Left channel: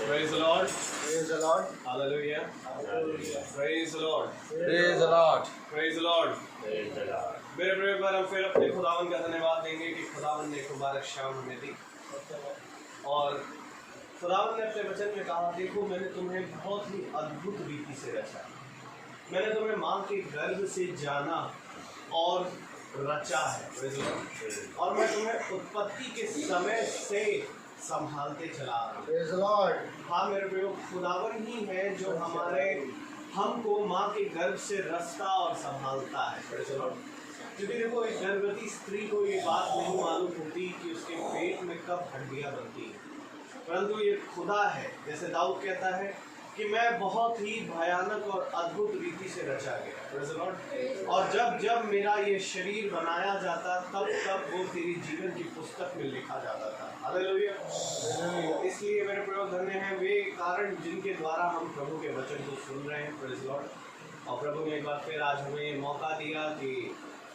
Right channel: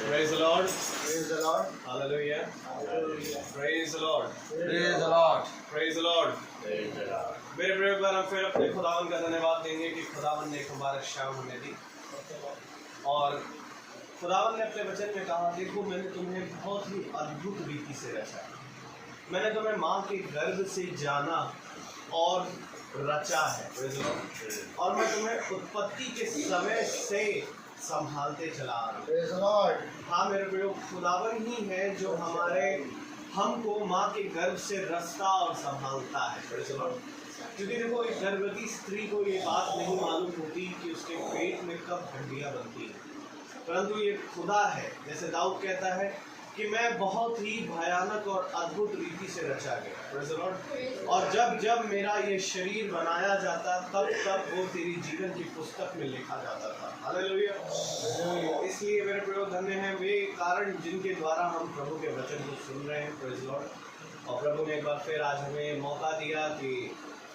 Praise the Lord. Praise the Lord. Hallelujah. Hallelujah. Praise the Lord. Praise the Lord. Praise the Lord. Praise the Lord. मेरे प्रिय पर हम फिर अपने खुदावन का धन्यवाद देंगे कि खुदावन ने एक मुबारक शाम हमें दी और खुदावन ने अपने वचन में कहा, देखो मैंने तुम्हें बहुत ही अद्भुत रीति से रचा, मैंने तुम्हें माँ के गर्भ से जाना और रचा है और मैं तुम्हें उत्पत्ति के समय से संभालते चला रहा हूँ। हाँ मेरे प्रिय, खुदावन ही है जो हमको माँ के गर्भ से रचता और संभालता है। क्योंकि देखो, एक गर्भवती स्त्री को ये बात नहीं मालूम होती कि उसके पेट में कब हड्डियाँ बनती हैं, परंतु ये खुदा है। जैसे दाऊद कहता है कि मैं बहुत ही भयानक और अद्भुत रीति से रचा गया, और जब जब मेरा ये शरीर बनाया जाता तब तब वो तेरी जीवन की पुस्तक में लिखा जाता था। हालेलुया। इसलिए मेरे प्रभु धन्य हैं वे कारण जिनके द्वारा हम प्रभु के वचन को सुन रहे हैं। Praise Lord. और प्रभु ने एक बार फिर आज हमें मौका दिया कि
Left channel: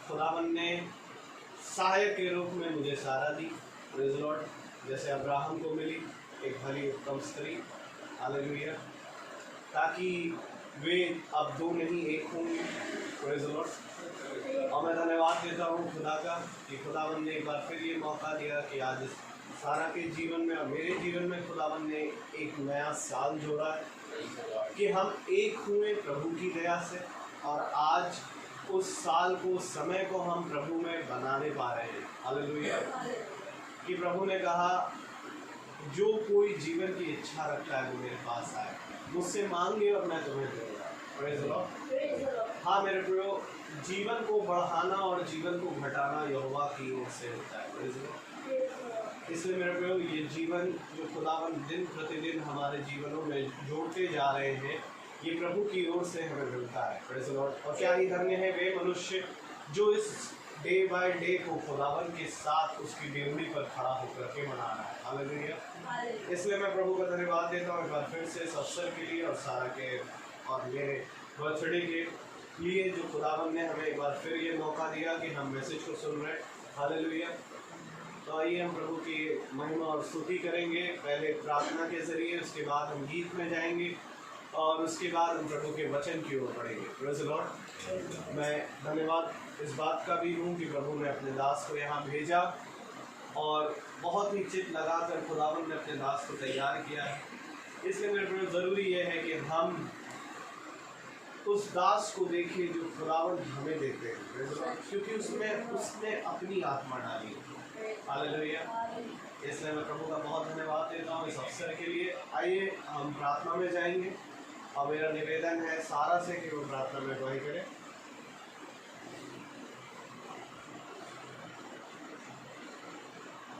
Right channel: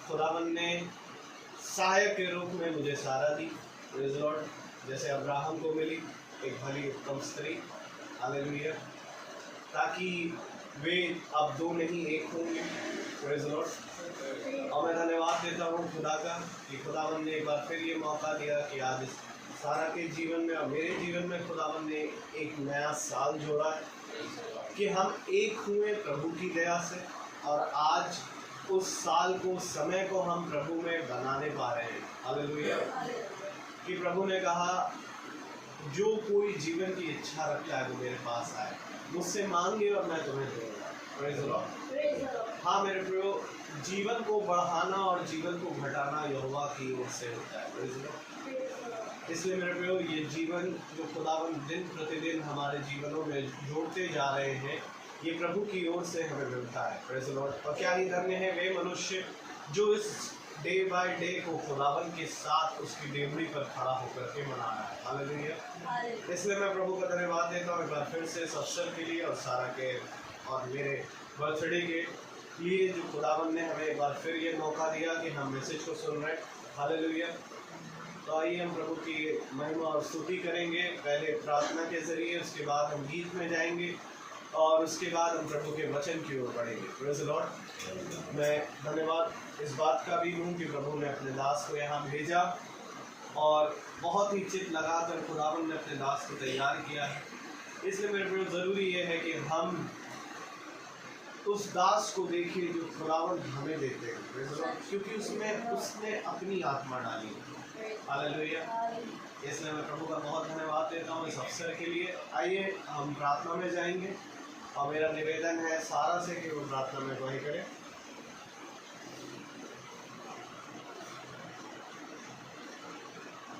खुदावन ने सहायक के रूप में मुझे सहारा दी। Praise lord. जैसे अब्राहम को मिली एक भली उत्तम स्त्री, हालेलुया, ताकि वे अब दो नहीं एक होंगे। Praise Lord. और मैं धन्यवाद देता हूँ खुदा का कि खुदावन ने एक बार फिर ये मौका दिया कि आज सारा के जीवन में और मेरे जीवन में खुदावन ने एक नया साल जोड़ा है कि हम एक हुए प्रभु की दया से, और आज उस साल को, समय को हम प्रभु में बनाने पा रहे हैं। हालेलुया। कि प्रभु ने कहा, जो कोई जीवन की इच्छा रखता है वो मेरे पास आए, मुझसे मांगे और मैं तुम्हें दूंगा। Praise the Lord. हाँ मेरे प्रियो, जीवन को बढ़ाना और जीवन को घटाना यहोवा की ओर से होता है। Praise the Lord. इसलिए मेरे प्रियो, ये जीवन जो खुदावन दिन प्रतिदिन हमारे जीवनों में जोड़ते जा रहे हैं, ये प्रभु की ओर से हमें मिलता है। Praise the Lord. और क्या ही धन्य है वे मनुष्य जो इस डे बाय डे को खुदावन के साथ उसकी डेवड़ी पर खड़ा होकर के मना रहा है। हालेलुया। इसलिए मैं प्रभु का धन्यवाद देता हूँ एक बार फिर से इस अवसर के लिए और सारा के और मेरे बर्थडे के लिए जो खुदावन ने हमें एक बार फिर ये मौका दिया कि हम मैसेज को सुन रहे हैं। हालेलुया। तो आइए हम प्रभु की महिमा और स्तुति करेंगे, पहले प्रार्थना के ज़रिए, उसके बाद हम गीत में जाएंगे और उसके बाद हम प्रभु के वचन की ओर बढ़ेंगे। Praise the Lord. मैं धन्यवाद इस बात का भी हूँ कि प्रभु ने अपने दास को यहाँ भेजा और बहुत ही चित्त लगाकर खुदावन ने अपने दास को तैयार किया है। इसलिए मेरे प्रभु ज़रूरी ये है कि हम उस दास को देखें जो खुदावन हमें देते हैं, क्योंकि उसने अपनी आत्मा डाली है। हालेलुया। इसलिए मैं प्रभु का बहुत धन्यवाद देता हूँ इस अवसर के लिए। आइए हम प्रार्थना में जाएंगे और मेरा निवेदन है सारा से कि वो प्रार्थना में अगुवाई करें।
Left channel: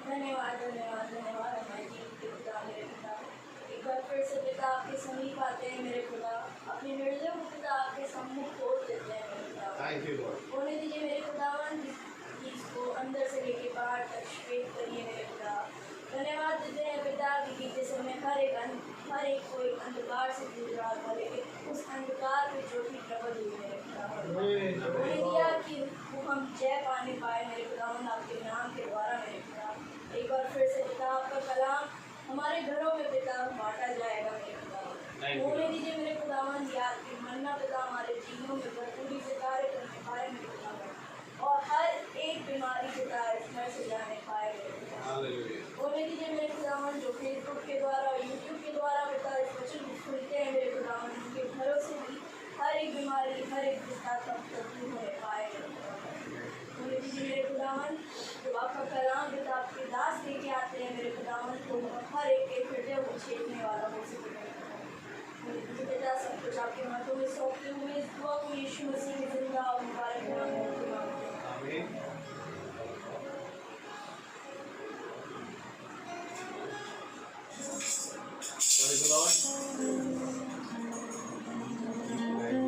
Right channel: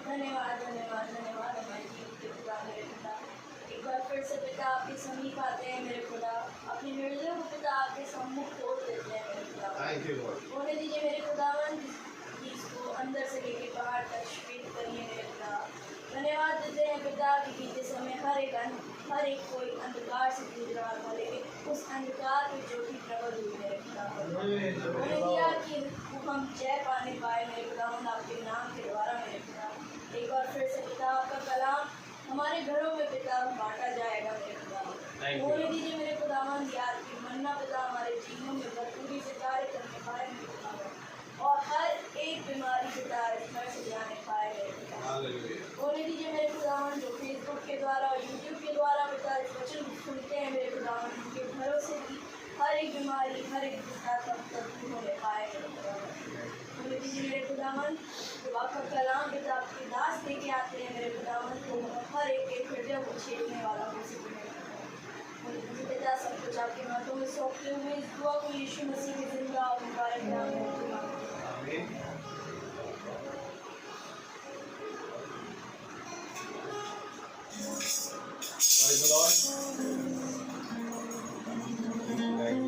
धन्यवाद धन्यवाद धन्यवाद एक बार फिर से पिता आपके समीप आते हैं मेरे खुदा, अपनी निर्जर को पिता आपके सम्मुख तोड़ देते हैं मेरे खुदा। Thank you Lord. होने दीजिए मेरे खुदावन, इसको अंदर से लेके बाहर तक शेप करिए मेरे खुदा। धन्यवाद देते हैं पिता कि बीते समय हर एक कोई अंधकार से जूझ रहा था, लेकिन उस अंधकार में ज्योति प्रकट हुई मेरे खुदा। होने दिया कि हम जय पाने पाए मेरे खुदावन आपके नाम के द्वारा मेरे खुदा। एक बार फिर से पिता आपका कलाम हमारे घरों में पिता बांटा जाएगा मेरे खुदा। होने दीजिए मेरे खुदावन, याद की मन्ना पिता हमारे जीवनों में भरपूरी से कार्य करने पाए मेरे खुदावन, और हर एक बीमारी पिता घर से जाने पाए मेरे खुदा। होने दीजिए मेरे खुदावन, जो फेसबुक के द्वारा और यूट्यूब के द्वारा पिता इस वचन को सुनते हैं मेरे खुदावन, उनके घरों से भी हर एक बीमारी, हर एक पिता सब दूर होने पाए मेरे खुदावन। होने दीजिए मेरे खुदावन, जब आपका कलाम पिता आपके दास लेके आते हैं मेरे खुदावन, तो हर एक के हृदय को छेड़ने वाला हो सके मेरे खुदावन। पिता सब कुछ आपके हाथों में सौंपते हुए इस दुआ को यीशु मसीह के जिंदा और मुबारक नाम में मांगते हैं। Praise the Lord. जिंदगी मेरी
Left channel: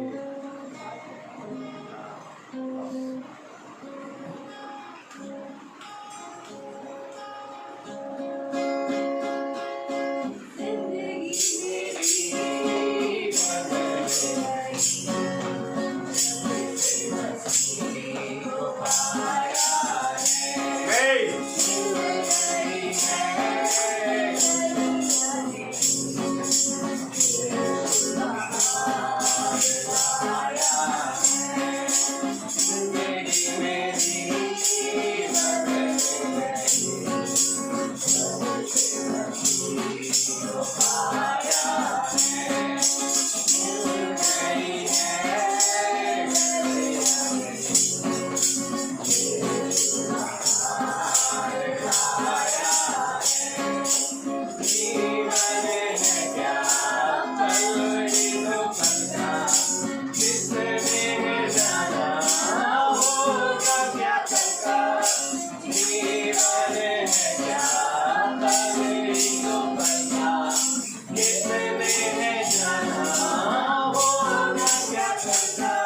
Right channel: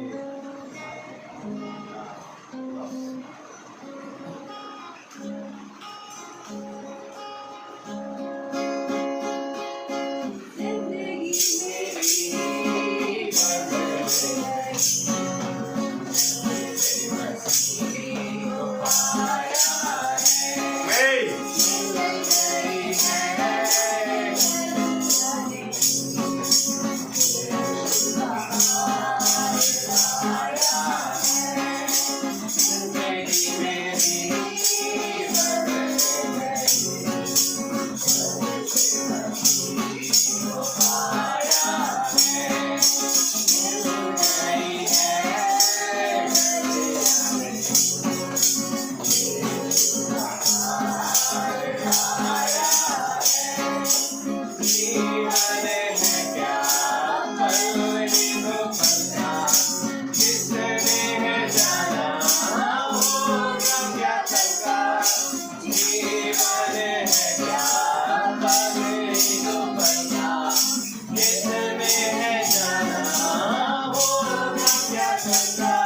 है क्या पल ही तो पलता, जिसने है जाना होगा क्या चलता। जीवन है क्या पल ही तो पलता, जिसने है जाना होगा क्या चलता।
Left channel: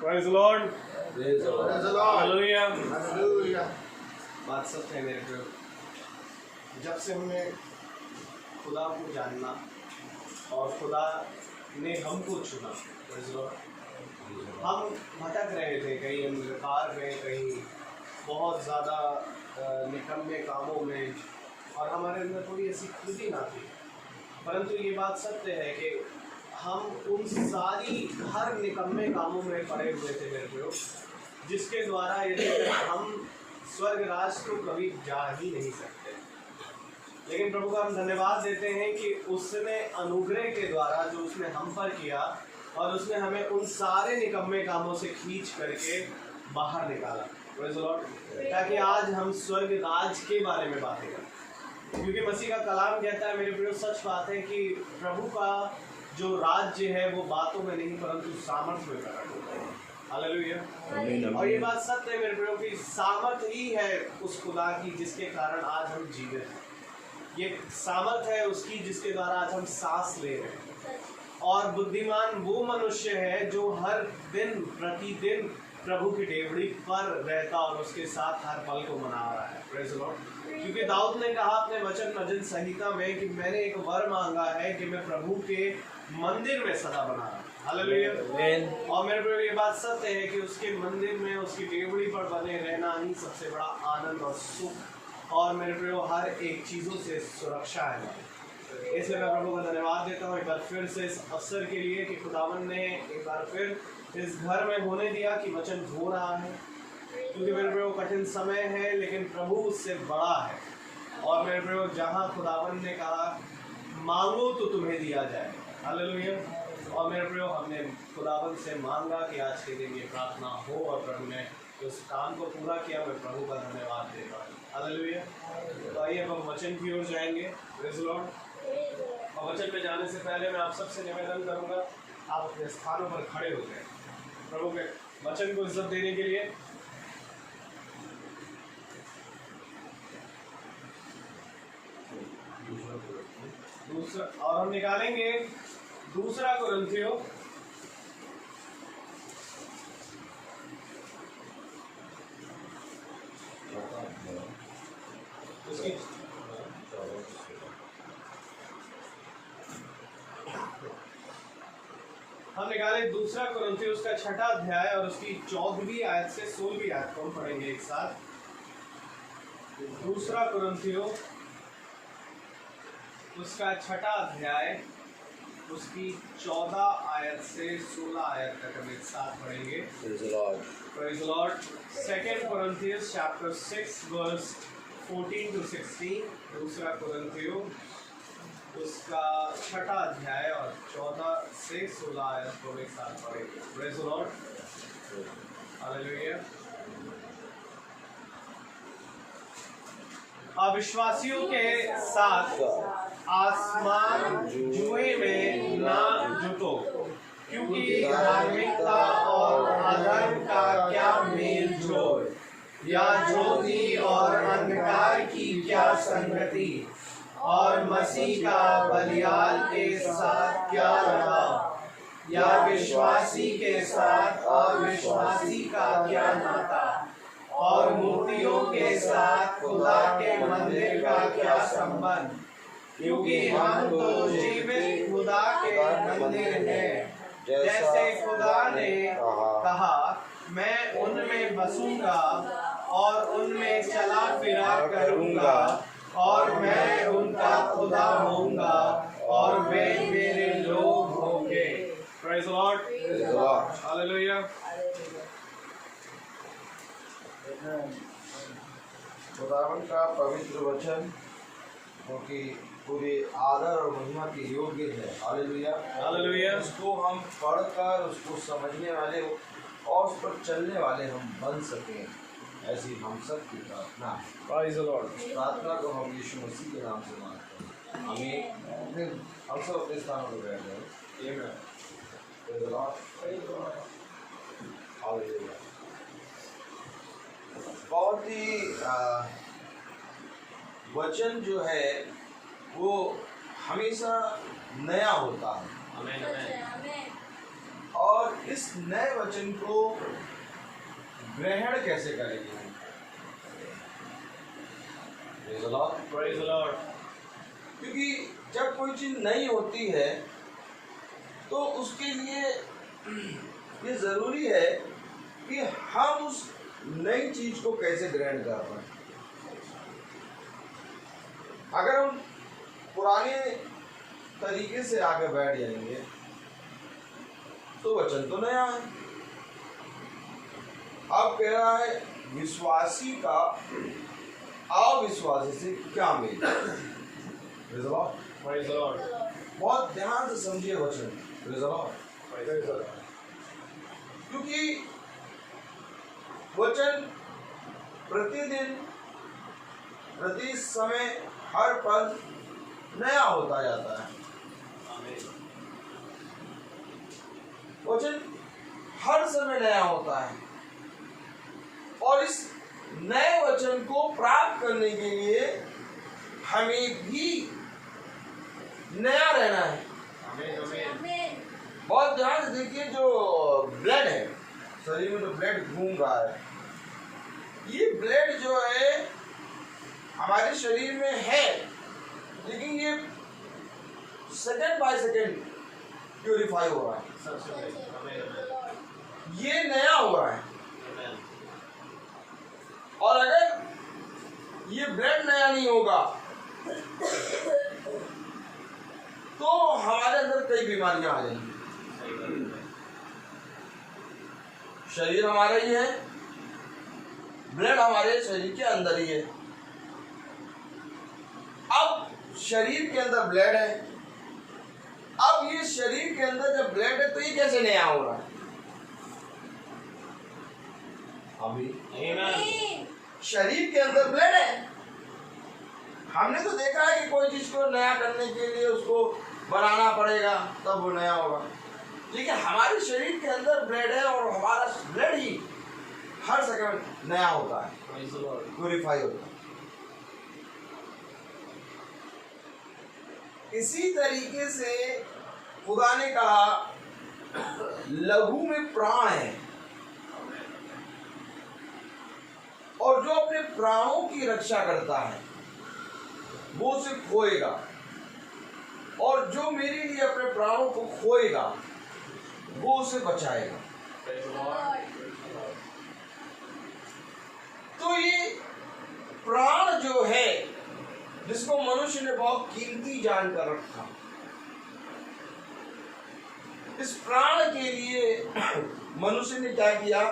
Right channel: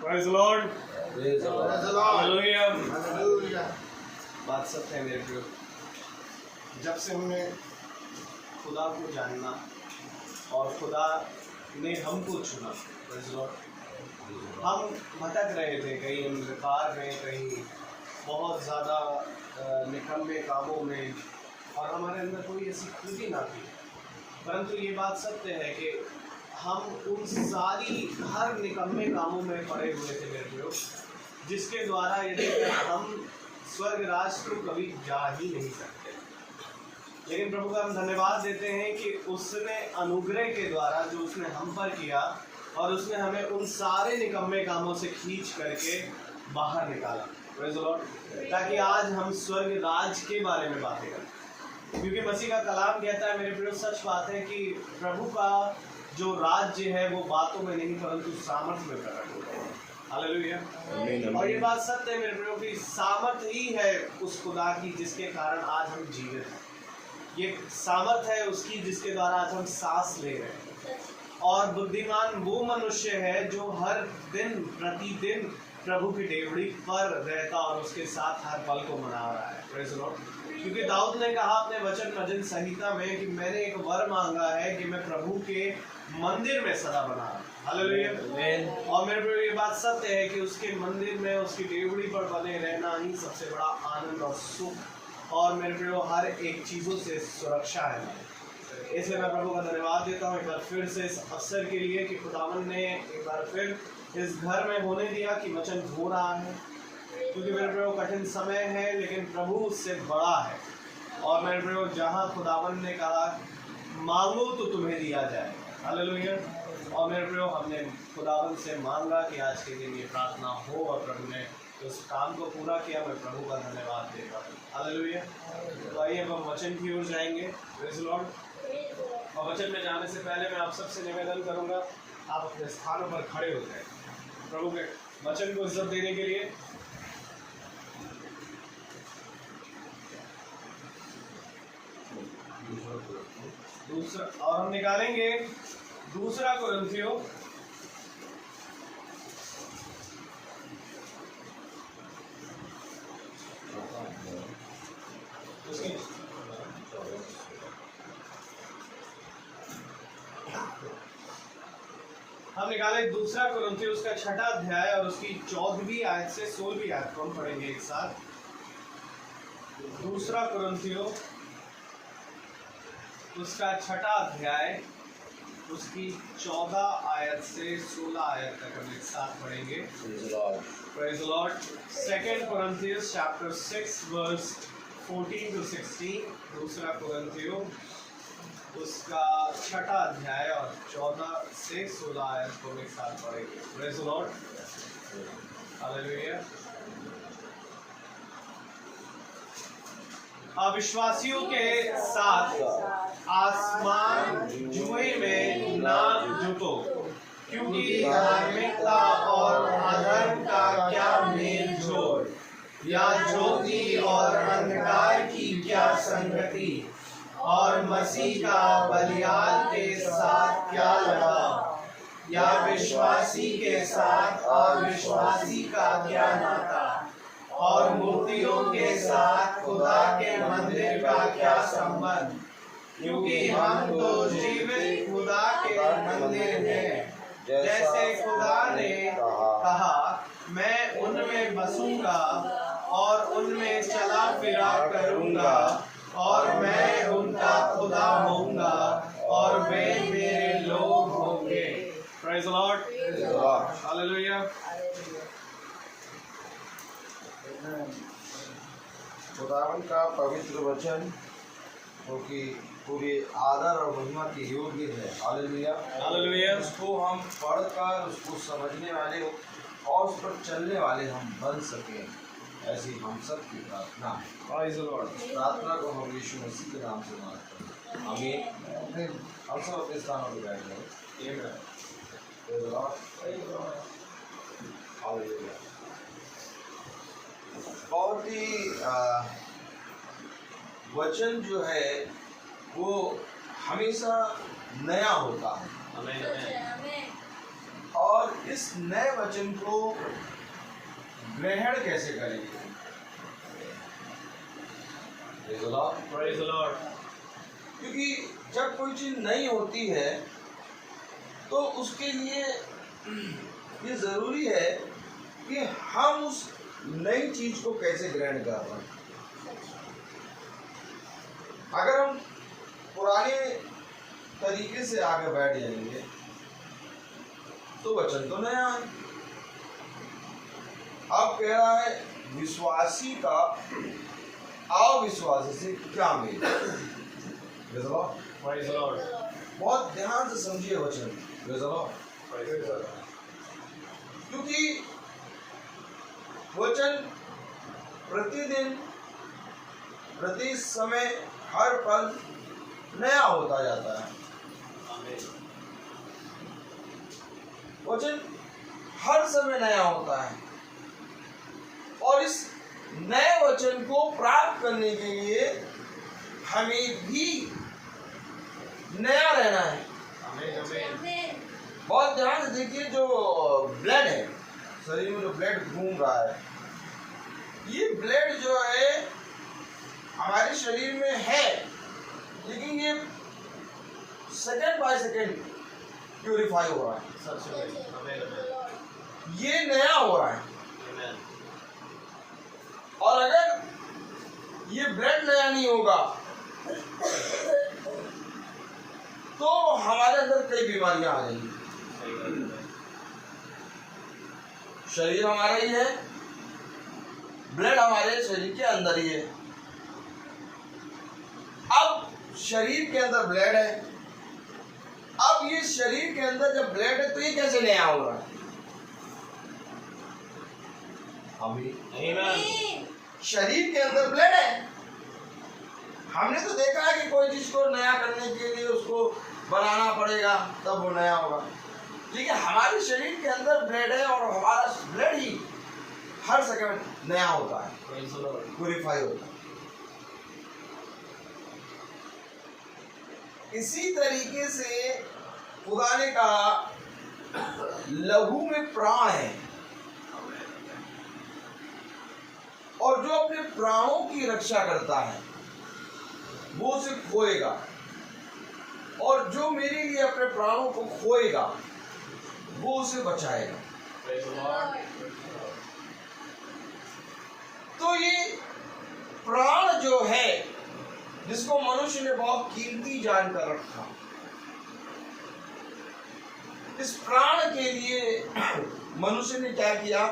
Praise the Lord. Praise the Lord. Hallelujah. Hallelujah. बात सत्य है मेरे प्रियो, जब से हमने खुदा को जानना और खुदा ने हमको चुना, Praise the Lord, हम भटक रहे थे, कहीं हम बेकार में, कहीं बहुत ज़्यादा निकम्मे कामों में, और हमारे अंदर कोई ऐसी कृति ना थी। परंतु ये बात सत्य है कि हम उन सारी हर निकम्मे कामों में पड़े हुए थे मेरे प्रियो, जिसके द्वारा यदि हम स्वर्ग राज को कभी जा ही नहीं सकते। लेकिन प्रभु का हम धन्यवाद देते हैं कि उसने अनुग्रह के द्वारा जो उसने हम पर किया, और उसने हमें उन सारे निकम्मे कामों से खींच करके बाहर निकाला, Praise the Lord, ताकि आज हम स्वर्ग राज के बारे में बातें करें। क्योंकि मसीह का कलाम कहता है मेरे प्रियो, सच बात है कि प्रभु का जो राज्य है वो बातों में नहीं परंतु सामर्थ्य में प्रकट होता है। हालेलुया। और ये बात सत्य है मेरे प्रियो कि सामर्थ्य ही है उस खुदा की जिसके कारण आज हम जीवित हैं। ये सामर्थ्य है उसकी जिसके द्वारा आज हम सांस ले रहे हैं। और बुद्धिमान वो मनुष्य है जो हर दिन प्रतिदिन प्रभु की डेवड़ी पर रहता और उसके साथ हर पल को मना रहा है। Praise the Lord. क्योंकि दाऊद ने कहा अपने वचन भजन संहिता में कि मैंने एक वर मांगा है कि मैं प्रभु के मंदिर में सदा बना रहूं। हालेलुया। और मेरे प्रिय ये बात सत्य है कि उसके मंदिर में उसकी डेवड़ी पर बने रहना ही सबसे बड़ा आनंद और सुख और मेरे प्रियो हर एक चीज़ों से सुरक्षा है हमारी। इसलिए मैं प्रभु का धन्यवाद देता हूँ एक बार फिर से इस अवसर के लिए कि खुदावन ने एक बार फिर इस घर में होने दिया कि वचन हो रहा है, क्योंकि मेरे प्रियो कठिन समय है लेकिन प्रभु उससे बड़ा है। और मेरे प्रियो जहाँ खुदावन ने कहा मांगो तो तुम्हें दिया जाए, हालेलुया। और मेरे प्रियो हमने खुदावन से मांगा कि आज के दिन ये प्रार्थना हो और प्रभु ने उस काम को पूरा किया। मैं प्रभु का धन्यवाद देता हूँ, हालेलुया। तो आइए अब हम वचन की ओर जाएंगे, प्रेज़ द लॉर्ड। और वचन में जाने से पहले मैं आप सबसे निवेदन करूँगा आप अपने स्थानों पर खड़े हो जाए प्रभु के वचन को इज्जत देने के लिए। दूसरा और हम निकालेंगे दूसरा कुरिन्थियों उसकी हम निकाले दूसरा कुरिन्थियों उसका 6वां अध्याय और उसकी 14वीं आयत से 16वीं आयत को हम पढ़ेंगे एक साथ। दूसरा कुरिन्थियों उसका 6वां अध्याय उसकी 14 आयत से 16 आयत तक हम एक साथ पढ़ेंगे। Praise the Lord. 2 Corinthians chapter 6 verse 14 to 16। दूसरा कुरिन्थियों उसका 6वां अध्याय और 14 से 16 आयत को एक साथ पढ़ेंगे। Praise the Lord. Hallelujah. अविश्वासियों के साथ आसमान जुए में ना जुटो, क्योंकि धार्मिकता और अधर्म का क्या मेल जोल, या ज्योति और अंधकार की क्या संगति, और मसीह का बलियाल के साथ क्या लगाव, या विश्वासी के साथ और विश्वासी का क्या नाता, और मूर्तियों के साथ खुदा के मंदिर का क्या संबंध, क्योंकि हम तो जीवित खुदा के मंदिर हैं। जैसे खुदा ने कहा मैं उनमें बसूंगा और उनमें चला फिरा करूंगा, और मैं उनका खुदा होऊंगा और वे मेरे लोग होंगे। Praise the Lord, hallelujah. खुदावन का पवित्र वचन क्योंकि पूरे आदर और महिमा के योग्य है, हालेलुया। हालेलुया। उसको हम पढ़कर उसको समझने वाले और उस पर चलने वाले हम बन सकें, ऐसी हम सब की प्रार्थना है। Praise the Lord. प्रार्थना को हम यीशु मसीह के नाम से मांगते हैं, आमीन। फिर हम सब अपने स्थानों पर बैठ जाएं। आमीन। Praise the Lord. हालेलुया। बहुत ही वचन जो है वो हमेशा नया होता है, आमीन। और इस नए वचन को ग्रहण कैसे करेंगे? Praise the Lord. Praise the Lord. क्योंकि जब कोई चीज नई होती है तो उसके लिए ये जरूरी है कि हम उस नई चीज को कैसे ग्रहण कर रहे हैं। अगर हम पुराने तरीके से आगे बैठ जाएंगे तो वचन तो नया है। अब कह रहा है विश्वासी का अविश्वासी से क्या mail. Praise the Lord. Praise the Lord. बहुत ध्यान से समझिए वचन। Praise the Lord. Praise the Lord. क्योंकि वचन प्रतिदिन प्रति समय हर पल नया होता जाता है। आमीन। वचन हर समय नया होता है, और इस नए वचन को प्राप्त करने के लिए हमें भी नया रहना है। आमीन। बहुत ध्यान से देखिए, जो ब्लड है शरीर में, जो ब्लड घूम रहा है, ये ब्लड जो है हमारे शरीर में है, लेकिन ये सेकंड बाय सेकंड प्यूरिफाई हो रहा है, सबसे पहले आमीन। ये नया हो रहा है। आमीन। और अगर ये ब्लड नया नहीं होगा तो हमारे अंदर कई बीमारियां आ जाएंगी। शरीर हमारा ही है, ब्लड हमारे शरीर के अंदर ही है। अब शरीर के अंदर ब्लड है, अब ये शरीर के अंदर जब ब्लड है तो ये कैसे नया हो रहा है? अभी शरीर के अंदर ब्लड है। हमने तो देखा है कि कोई चीज को नया करने के लिए उसको बनाना पड़ेगा तब वो नया होगा, लेकिन हमारे शरीर के अंदर ब्लड है और हमारा ब्लड ही हर सेकंड नया होता है, प्यूरिफाई होता है। इसी तरीके से खुदा ने कहा लहू में प्राण है और जो अपने प्राणों की रक्षा करता है वो उसे खोएगा, और जो मेरे लिए अपने प्राणों को खोएगा वो उसे बचाएगा। तो ये प्राण जो है जिसको मनुष्य ने बहुत कीमती जानकर रखा, इस प्राण के लिए मनुष्य ने क्या किया?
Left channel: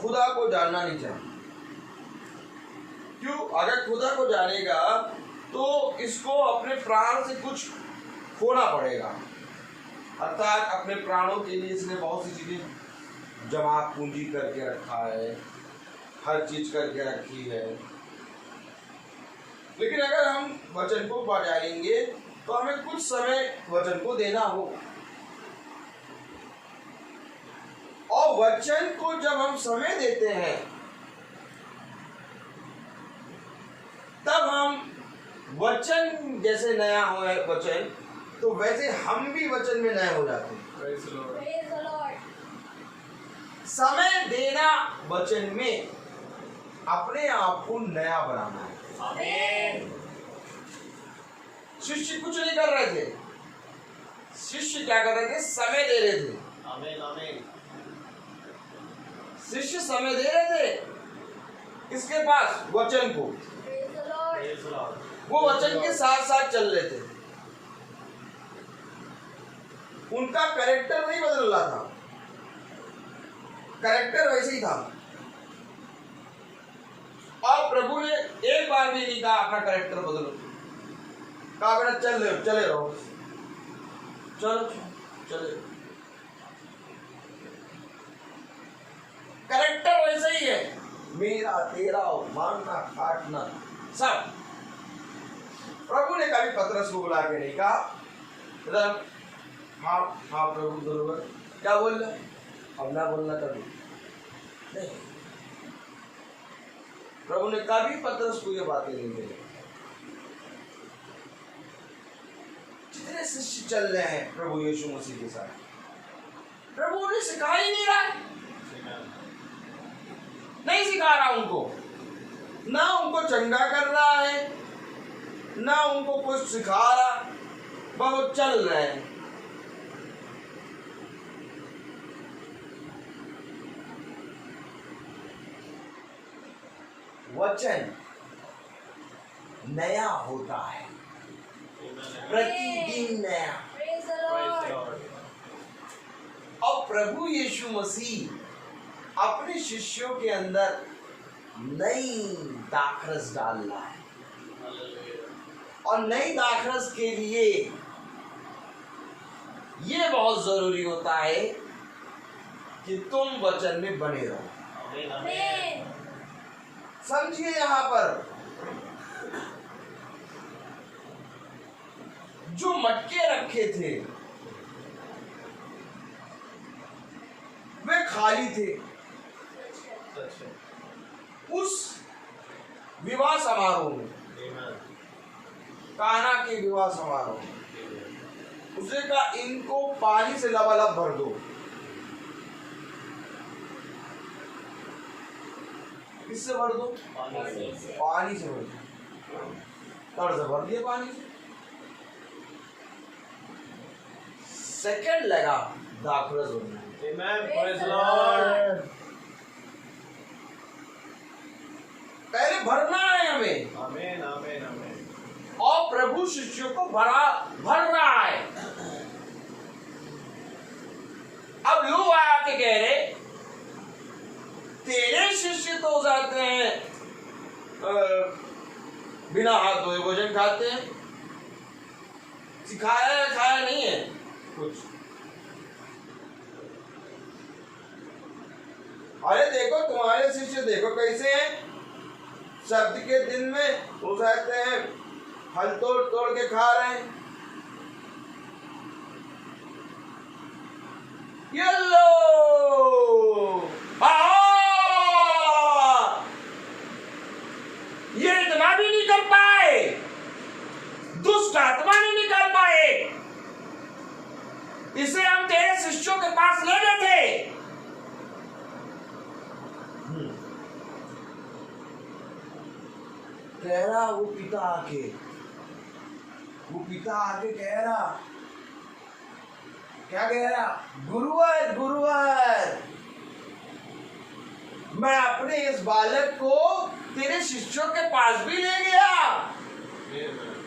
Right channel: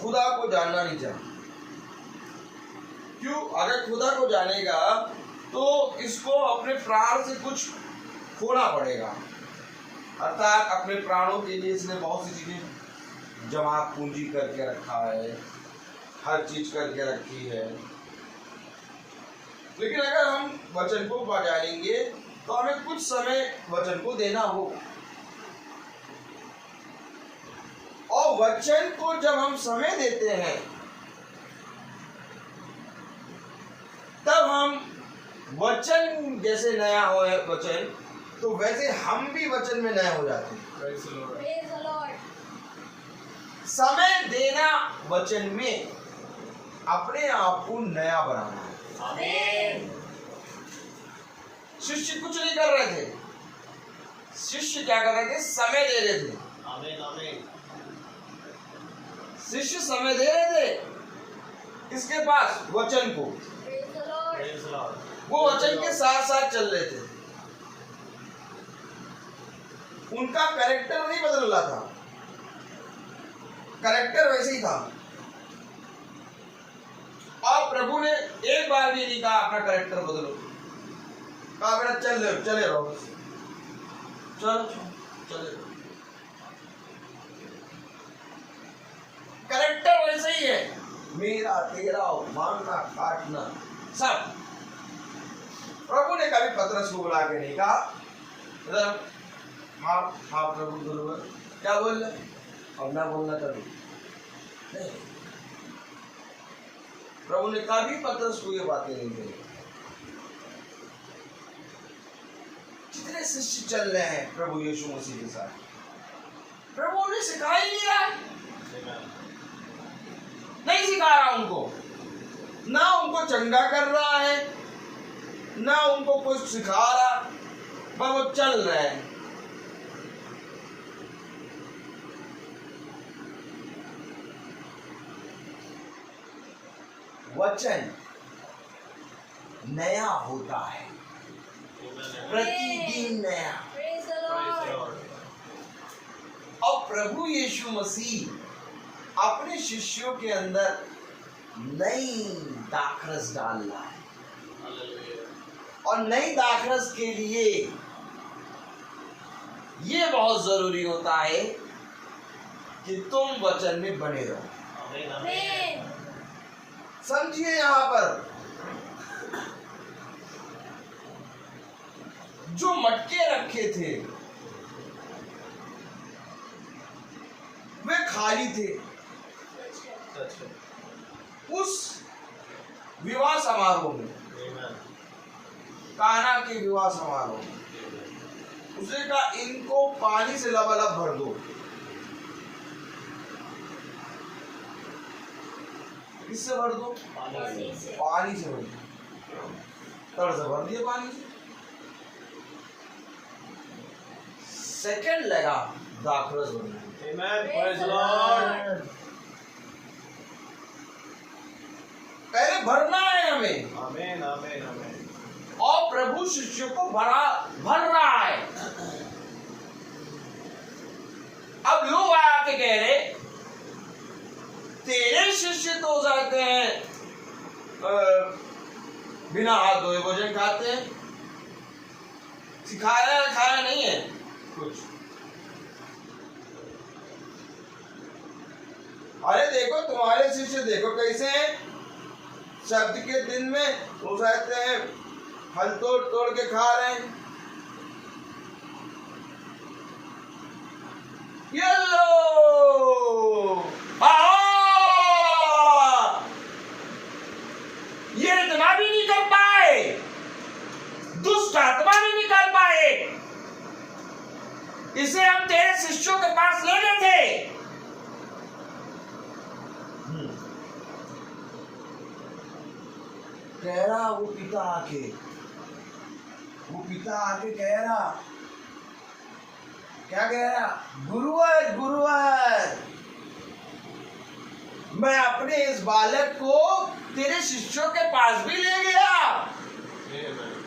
खुदा को जानना नहीं चाहा। क्यों? अगर खुदा को जानेगा तो इसको अपने प्राण से कुछ खोना पड़ेगा, अर्थात अपने प्राणों के लिए इसने बहुत सी चीजें जमा पूंजी करके रखा है, हर चीज करके रखी है। लेकिन अगर हम वचन को पा जानेंगे तो हमें कुछ समय वचन को देना हो, और वचन को जब हम समय देते हैं तब हम वचन जैसे नया हो वचन, तो वैसे हम भी वचन में नए हो जाते हैं। समय देना वचन में अपने आप को नया बनाना है। शिष्य कुछ नहीं कर रहे थे, शिष्य क्या कर रहे थे? समय दे रहे थे। शिष्य समय दे रहे थे इसके पास वचन को, वो वचन के साथ साथ चल रहे थे। उनका कैरेक्टर नहीं बदल रहा था, कैरेक्टर वैसे ही था। और प्रभु ने एक बार भी नहीं कहा अपना कैरेक्टर बदलो, कहा बेटा चले रहो, चलो चले। कैरेक्टर वैसे ही है, मेरा तेरा मारना काटना सब। प्रभु ने कभी पतरस को बुला के नहीं कहा हाँ हाँ प्रभु बरोबर, क्या बोल रहे अब ना बोलना कभी नहीं। प्रभु ने कभी पतरस को ये बातें नहीं कही। जितने शिष्य चल रहे हैं प्रभु यीशु मसीह के साथ, प्रभु उन्हें सिखा ही नहीं रहा, नहीं सिखा रहा उनको, ना उनको चंगा कर रहा है, ना उनको कुछ सिखा रहा, बस वो चल रहे हैं। वचन नया होता है, प्रतिदिन नया। और प्रभु यीशु मसीह अपने शिष्यों के अंदर नई दाखरस डाल रहा है, और नई दाखरस के लिए ये बहुत जरूरी होता है कि तुम वचन में बने रहो। समझिए, यहां पर जो मटके रखे थे वे खाली थे। उस विवाह समारोह में, काना के विवाह समारोह में उसने कहा इनको पानी से लबालब भर दो। किससे भर दो? पानी से भर दो। तर्ज भर दिए पानी से। सेकंड लगा दाखरस भरने। Amen. Praise the Lord. पहले भरना है हमें, आमीन आमीन आमीन। और प्रभु शिष्यों को भर रहा है। अब लोग आके कह रहे तेरे शिष्य तो हो जाते हैं बिना हाथ धोए भोजन खाते हैं, सिखाया खाया नहीं है कुछ। अरे देखो तुम्हारे शिष्य देखो कैसे हैं, शब्द के दिन में वो कहते हैं फल तोड़ तोड़ के खा रहे हैं। ये लो ये इतना भी नहीं कर पाए, दुष्ट आत्मा नहीं निकाल पाए, इसे हम तेरे शिष्यों के पास ले गए थे। कह रहा वो पिता आके कह रहा, क्या कह रहा, गुरुवर गुरुवर मैं अपने इस बालक को तेरे शिष्यों के पास भी ले गया,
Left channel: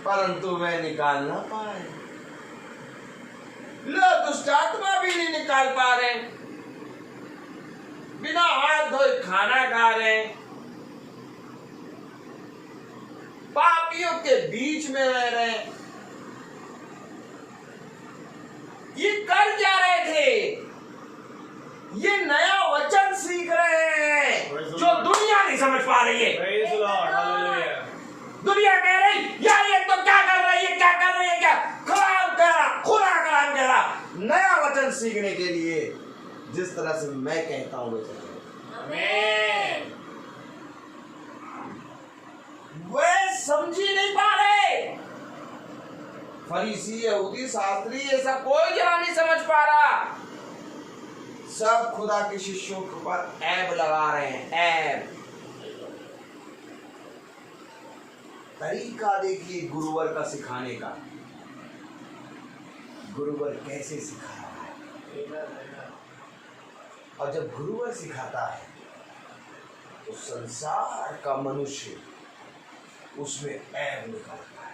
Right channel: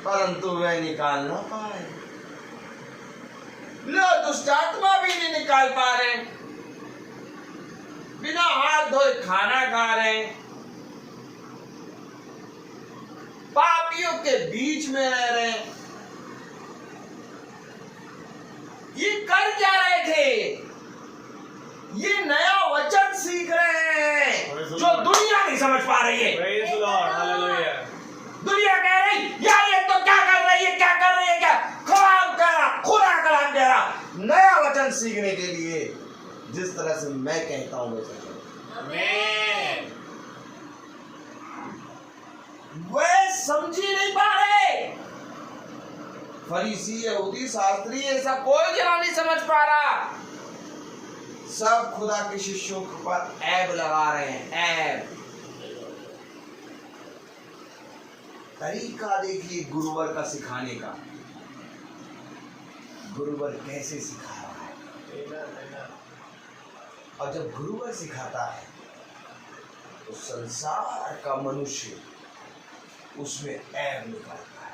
परंतु वह निकाल ना पाए। लो दुष्ट आत्मा भी नहीं निकाल पा रहे, बिना हाथ धोए खाना खा रहे, पापियों के बीच में रह रहे। ये कर क्या रहे थे? ये नया वचन सीख रहे हैं जो दुनिया नहीं समझ पा रही है। Praise the Lord, hallelujah। दुनिया कह रही यार ये तो क्या कर रही है, क्या कर रही है, क्या कलाम कह रहा, खुदा कलाम कह रहा। नया वचन सीखने के लिए जिस तरह से मैं कहता हूं वैसे आमीन। वे समझी नहीं पा रहे। फरीसी यहूदी शास्त्री ऐसा कोई जरा नहीं समझ पा रहा। सब खुदा के शिष्यों पर ऐब लगा रहे हैं, ऐब। तरीका देखिए गुरुवर का सिखाने का, गुरुवर कैसे सिखा रहा है। और जब गुरुवर सिखाता है तो संसार का मनुष्य उसमें ऐब निकालता है।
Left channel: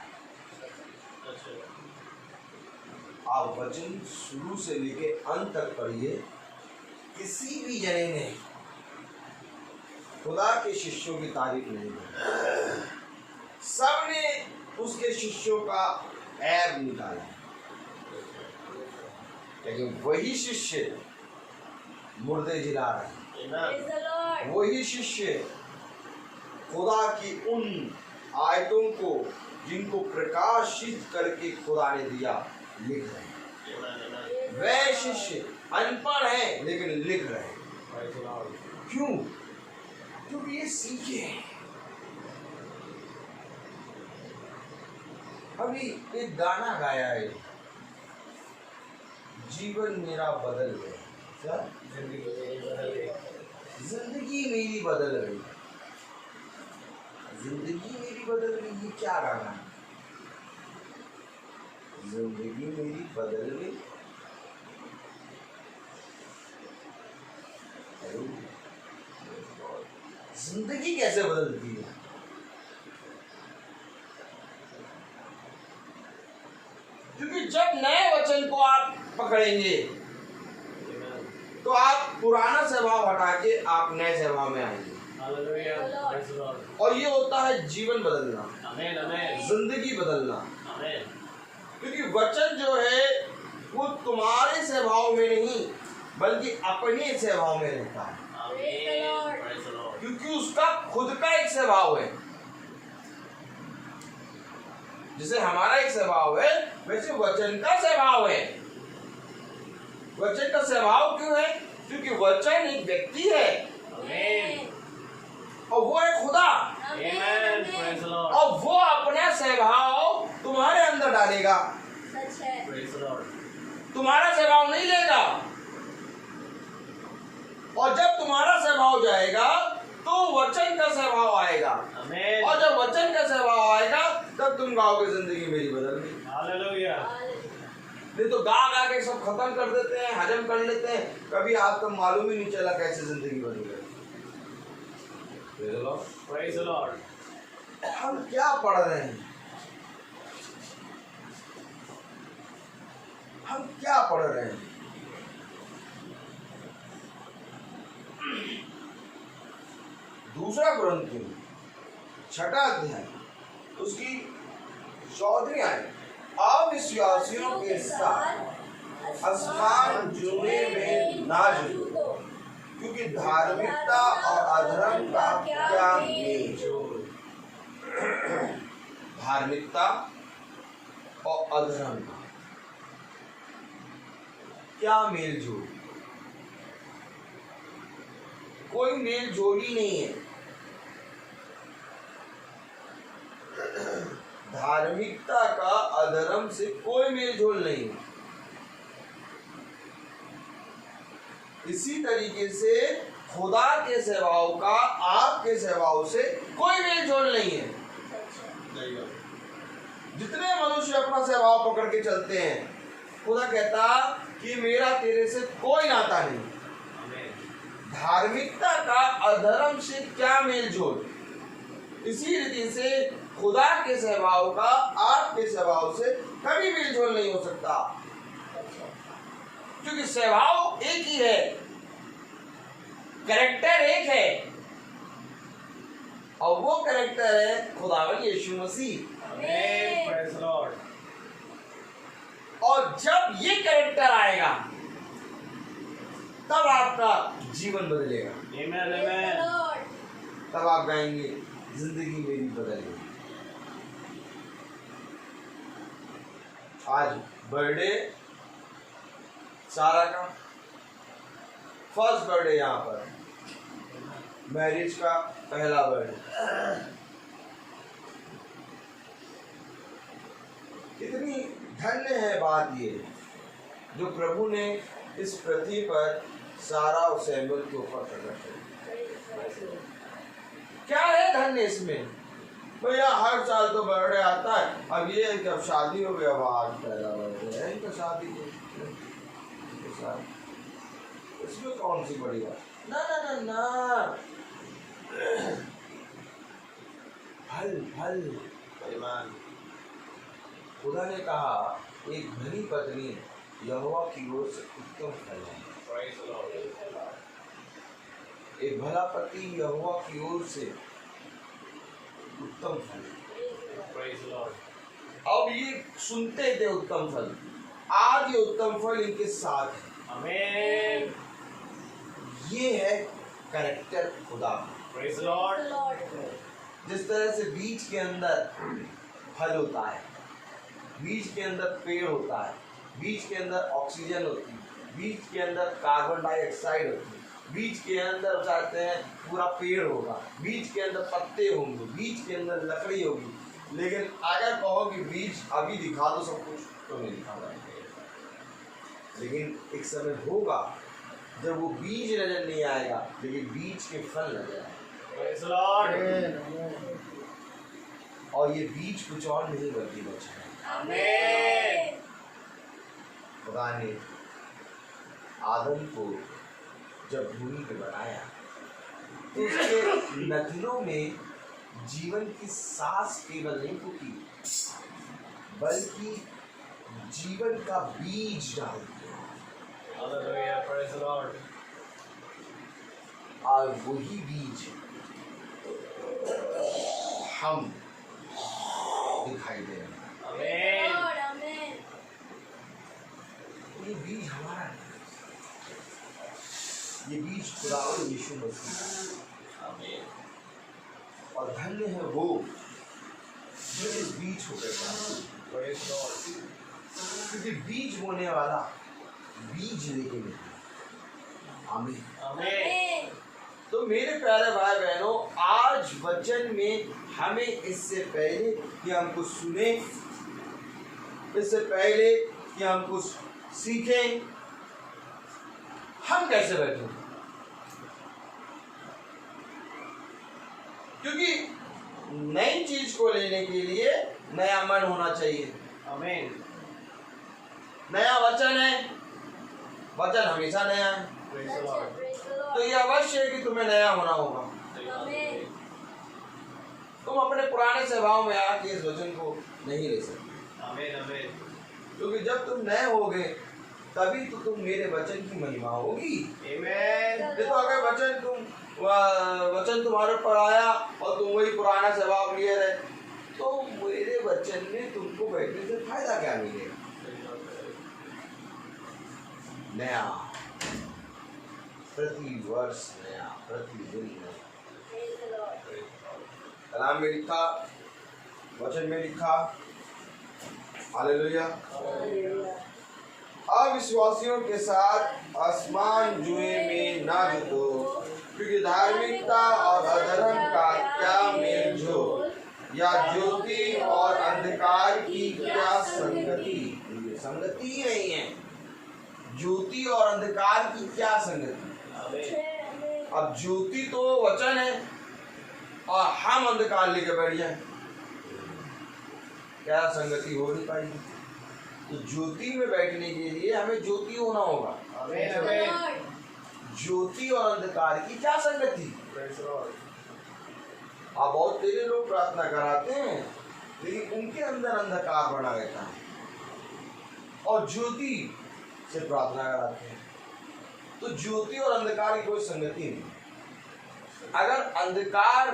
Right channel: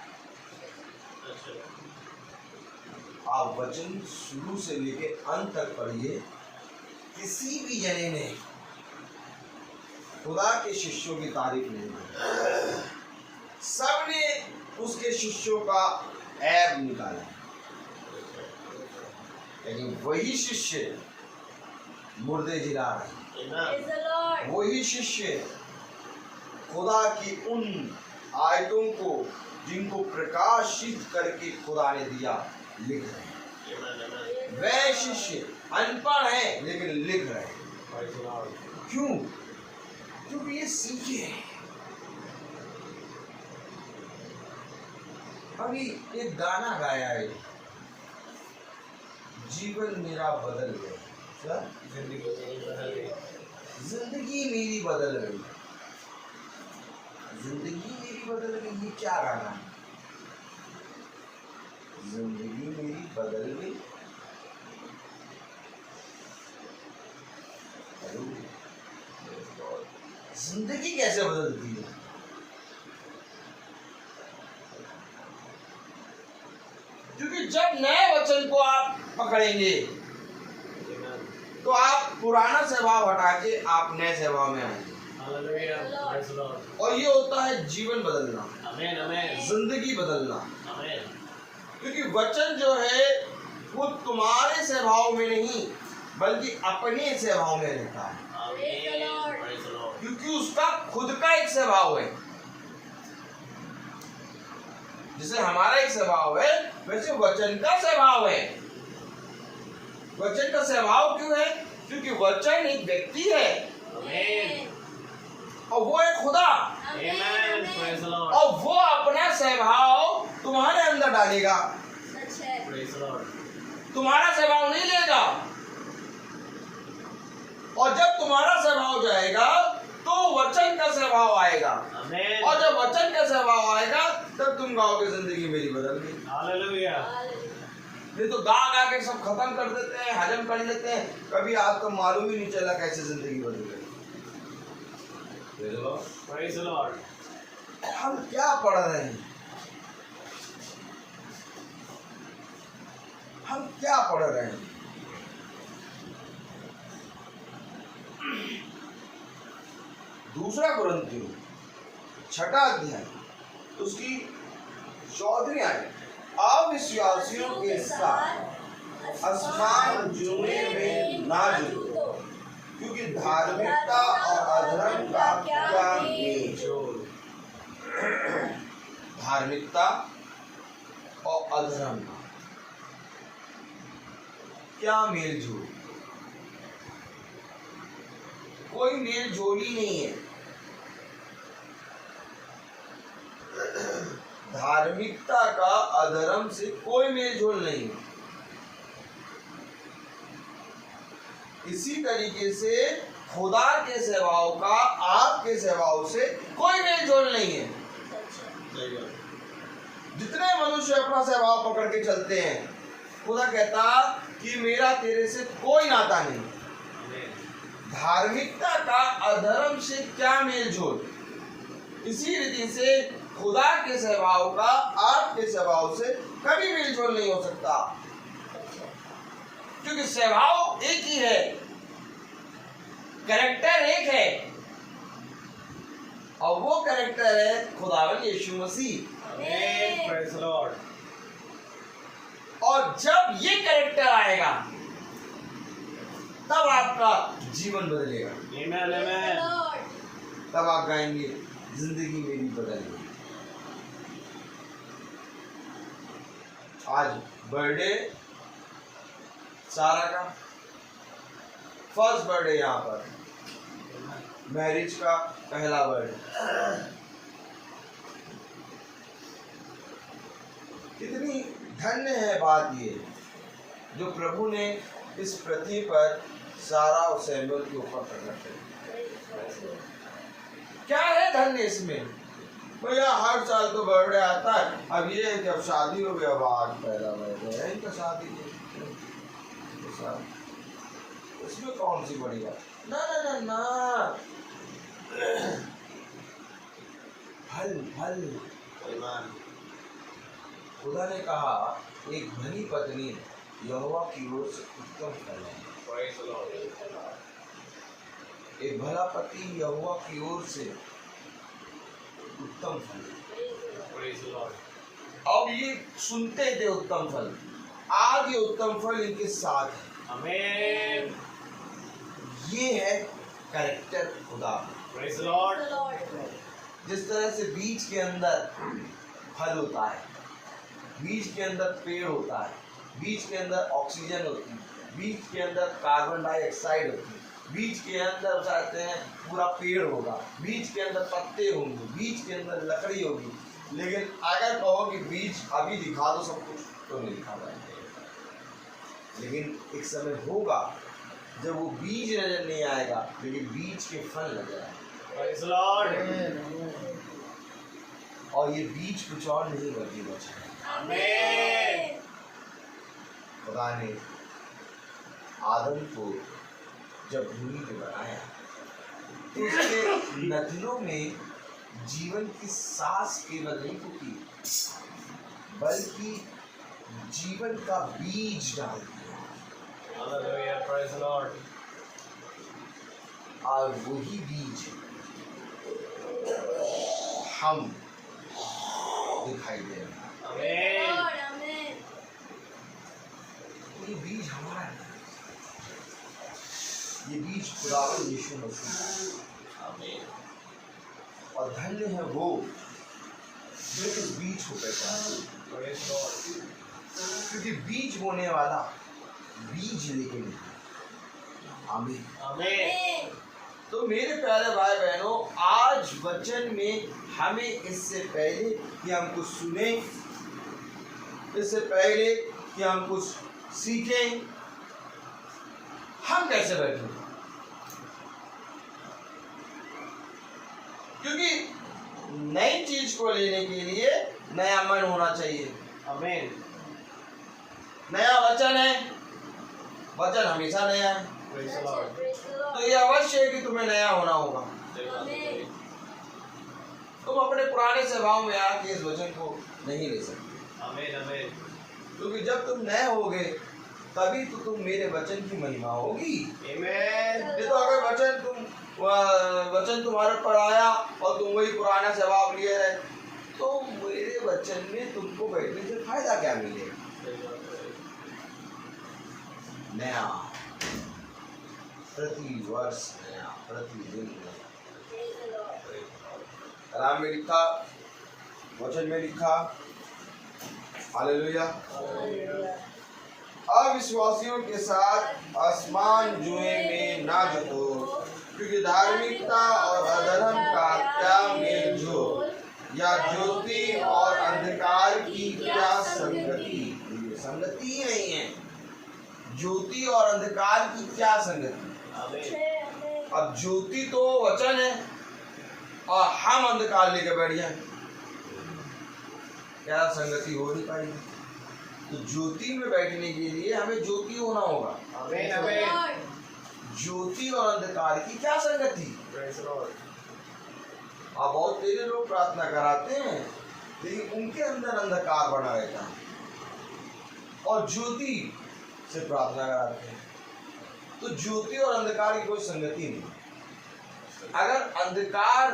आप वचन शुरू से लेके अंत तक पढ़िए, किसी भी जने ने खुदा के शिष्यों की तारीफ नहीं की, सबने उसके शिष्यों का ऐब निकाला। लेकिन वही शिष्य मुर्दे जिला रहे, Praise the Lord। वही शिष्य खुदा की उन आयतों को जिनको प्रकाशित करके खुदा ने दिया लिख रहे हैं। वे शिष्य अनपढ़ हैं लेकिन लिख रहे हैं। क्यों? क्योंकि ये सीखे हैं। अभी एक गाना गाया है, जीवन मेरा बदल गया। क्या? जिंदगी मेरी बदल गई, जिंदगी मेरी बदल गई। ये क्या गाना है? जिंदगी मेरी बदल गई। जिंदगी कैसे बदलती है? क्योंकि जब नए वचन को आप पकड़ेंगे तो आप पुराना स्वभाव हटा के आप नए स्वभाव में आएंगे। और ये होता है जीवन बदलना, जिंदगी बदलना। क्योंकि वचन जो है वो तुम्हारे स्वभाव में नहीं बल्कि अपने स्वभाव में रहता है। क्योंकि उसका खुद का एक स्वभाव है। जैसे हमारा एक स्वभाव है वैसे वचन का स्वभाव है। वचन का स्वभाव क्यों है? क्योंकि वचन एक व्यक्ति है और वो है खुदा। और वो अपना स्वभाव तुम्हारे अंदर डालेगा, तुम्हारा स्वभाव नहीं लेगा। और जब तुम्हारा स्वभाव जाएगा तो वचन का स्वभाव आएगा। और जब वचन का स्वभाव आएगा तब तुम गाओगे जिंदगी मेरी बदल गई। हालेलुया। नहीं तो गा के सब खत्म कर देते हैं, हजम कर लेते हैं, कभी आपको मालूम ही नहीं चला कैसे जिंदगी बदल गई। Praise the Lord. हम क्या पढ़ रहे हैं? हम क्या पढ़ रहे हैं? दूसरा कुरिन्थियों 6 अध्याय उसकी 14वीं आयत, अविश्वासियों के साथ असमान जुड़ने में ना जुड़ो, क्योंकि धार्मिकता और अधर्म का क्या मेल जोल। धार्मिकता और अधर्म का क्या मेल जोल? कोई मेल जोल ही नहीं है। धार्मिकता का अधर्म से कोई मेल जोल नहीं है। इसी तरीके से खुदा के स्वभाव का आपके स्वभाव से कोई मेल जोल नहीं है। जितने मनुष्य अपना स्वभाव पकड़ के चलते हैं, खुदा कहता कि मेरा तेरे से कोई नाता नहीं। धार्मिकता का अधर्म से क्या मेल जोल? इसी रीति से खुदा के स्वभाव का आपके स्वभाव से कभी मेल जोल नहीं हो सकता, क्योंकि स्वभाव एक ही है, कैरेक्टर एक है, और वो कैरेक्टर है खुदावन यीशु मसीह। Praise the Lord. और जब ये कैरेक्टर आएगा तब आपका जीवन बदलेगा। Amen, amen. तब आप गाएंगे जिंदगी मेरी बदल गई। आज बर्थडे सारा का, फर्स्ट बर्थडे यहाँ पर, मैरिज का पहला बर्थडे। कितनी धन्य है बात ये जो प्रभु ने इस पृथ्वी पर सारा और सैमुअल के ऊपर प्रकट किया। क्या है धन्य इसमें? भैया हर साल तो बर्थडे आता है, अब ये जब शादी हो गया, अब आज पहला बर्थडे है इनका, शादी इसमें कौन सी बड़ी बात? ना ना ना ना, फल फल। खुदा ने कहा एक धनी पत्नी यहोवा की ओर से उत्तम फल है। Praise the Lord. एक भला पति यहोवा की ओर से उत्तम फल। Praise the Lord. अब ये सुनते थे उत्तम फल, आज ये उत्तम फल इनके साथ है। Amen. ये है कैरेक्टर खुदा। Praise the Lord. जिस तरह से बीज के अंदर फल होता है, बीज के अंदर पेड़ होता है, बीज के अंदर ऑक्सीजन होती है, बीज के अंदर कार्बन डाइऑक्साइड होती है, बीज के अंदर चाहते हैं पूरा पेड़ होगा, बीज के अंदर पत्ते होंगे, बीज के अंदर लकड़ी होगी। लेकिन अगर कहो कि बीज अभी दिखा दो सब कुछ, तो नहीं दिखा पाएंगे। लेकिन एक समय होगा जब वो बीज नजर नहीं आएगा, लेकिन बीज के फल नजर आएगा। Praise the Lord. और ये बीज कुछ और नहीं बल्कि वचन है। Amen. खुदा ने आदम को जब भूमि पे बनाया तो उसके नथनों में जीवन की सांस केवल नहीं फूकी, बल्कि जीवन का बीज डाल दिया। Hallelujah. Praise the Lord. और वही बीज हम दिखाई दे रहे हैं। Amen. ये बीज हमारा है, ये बीज खुदावंद यीशु मसीह। Amen. और धन्य है वो जो इस बीज को पहचाने, Praise the Lord. क्योंकि बीज बोने वाला बीज लेके नहीं। आमीन। Amen. तो मेरे प्यारे भाई बहनों, आज वचन में हमें इससे पहले कि हम कुछ सुने, इससे पहले कि हम कुछ सीखें, हम कैसे बैठे? क्योंकि नई चीज को लेने के लिए नया मन होना चाहिए। Amen. नया वचन है, वचन हमेशा नया है, Praise the Lord. तो ये अवश्य है कि तुम्हें नया होना होगा। Amen. तुम अपने पुराने स्वभाव में आके इस वचन को नहीं ले सकते। आमीन आमीन। क्योंकि जब तुम नए होगे तभी तो तुम मेरे वचन की महिमा होगी। आमीन। नहीं तो अगर वचन तुम्हारे ऊपर आया और तुम वही पुराना स्वभाव लिए रहे तो मेरे वचन में तुमको बैठने से फायदा क्या मिलेगा? नया, प्रति वर्ष नया, प्रतिदिन नया। कलाम में लिखा, वचन में लिखा, हालेलुया। अविश्वासियों के साथ आसमान जुए में ना जुटो, क्योंकि धार्मिकता और अधर्म का क्या मेल जोल, या ज्योति और अंधकार की क्या संगति। ये संगति ही नहीं है, ज्योति और अंधकार की क्या संगति। अब ज्योति तो वचन है और हम अंधकार लेके बैठ जाए, क्या संगति हो नहीं पाएगी। तो ज्योति में बैठने के लिए हमें ज्योति होना होगा। आमीन आमीन। ज्योति और अंधकार की क्या संगति। आप बहुत तेरे लोग प्रार्थना कराते हैं लेकिन उनके अंदर अंधकार बना रहता है, और ज्योति से प्रार्थना कराते हैं तो ज्योति और अंधकार की कोई संगति नहीं। अगर अंधकार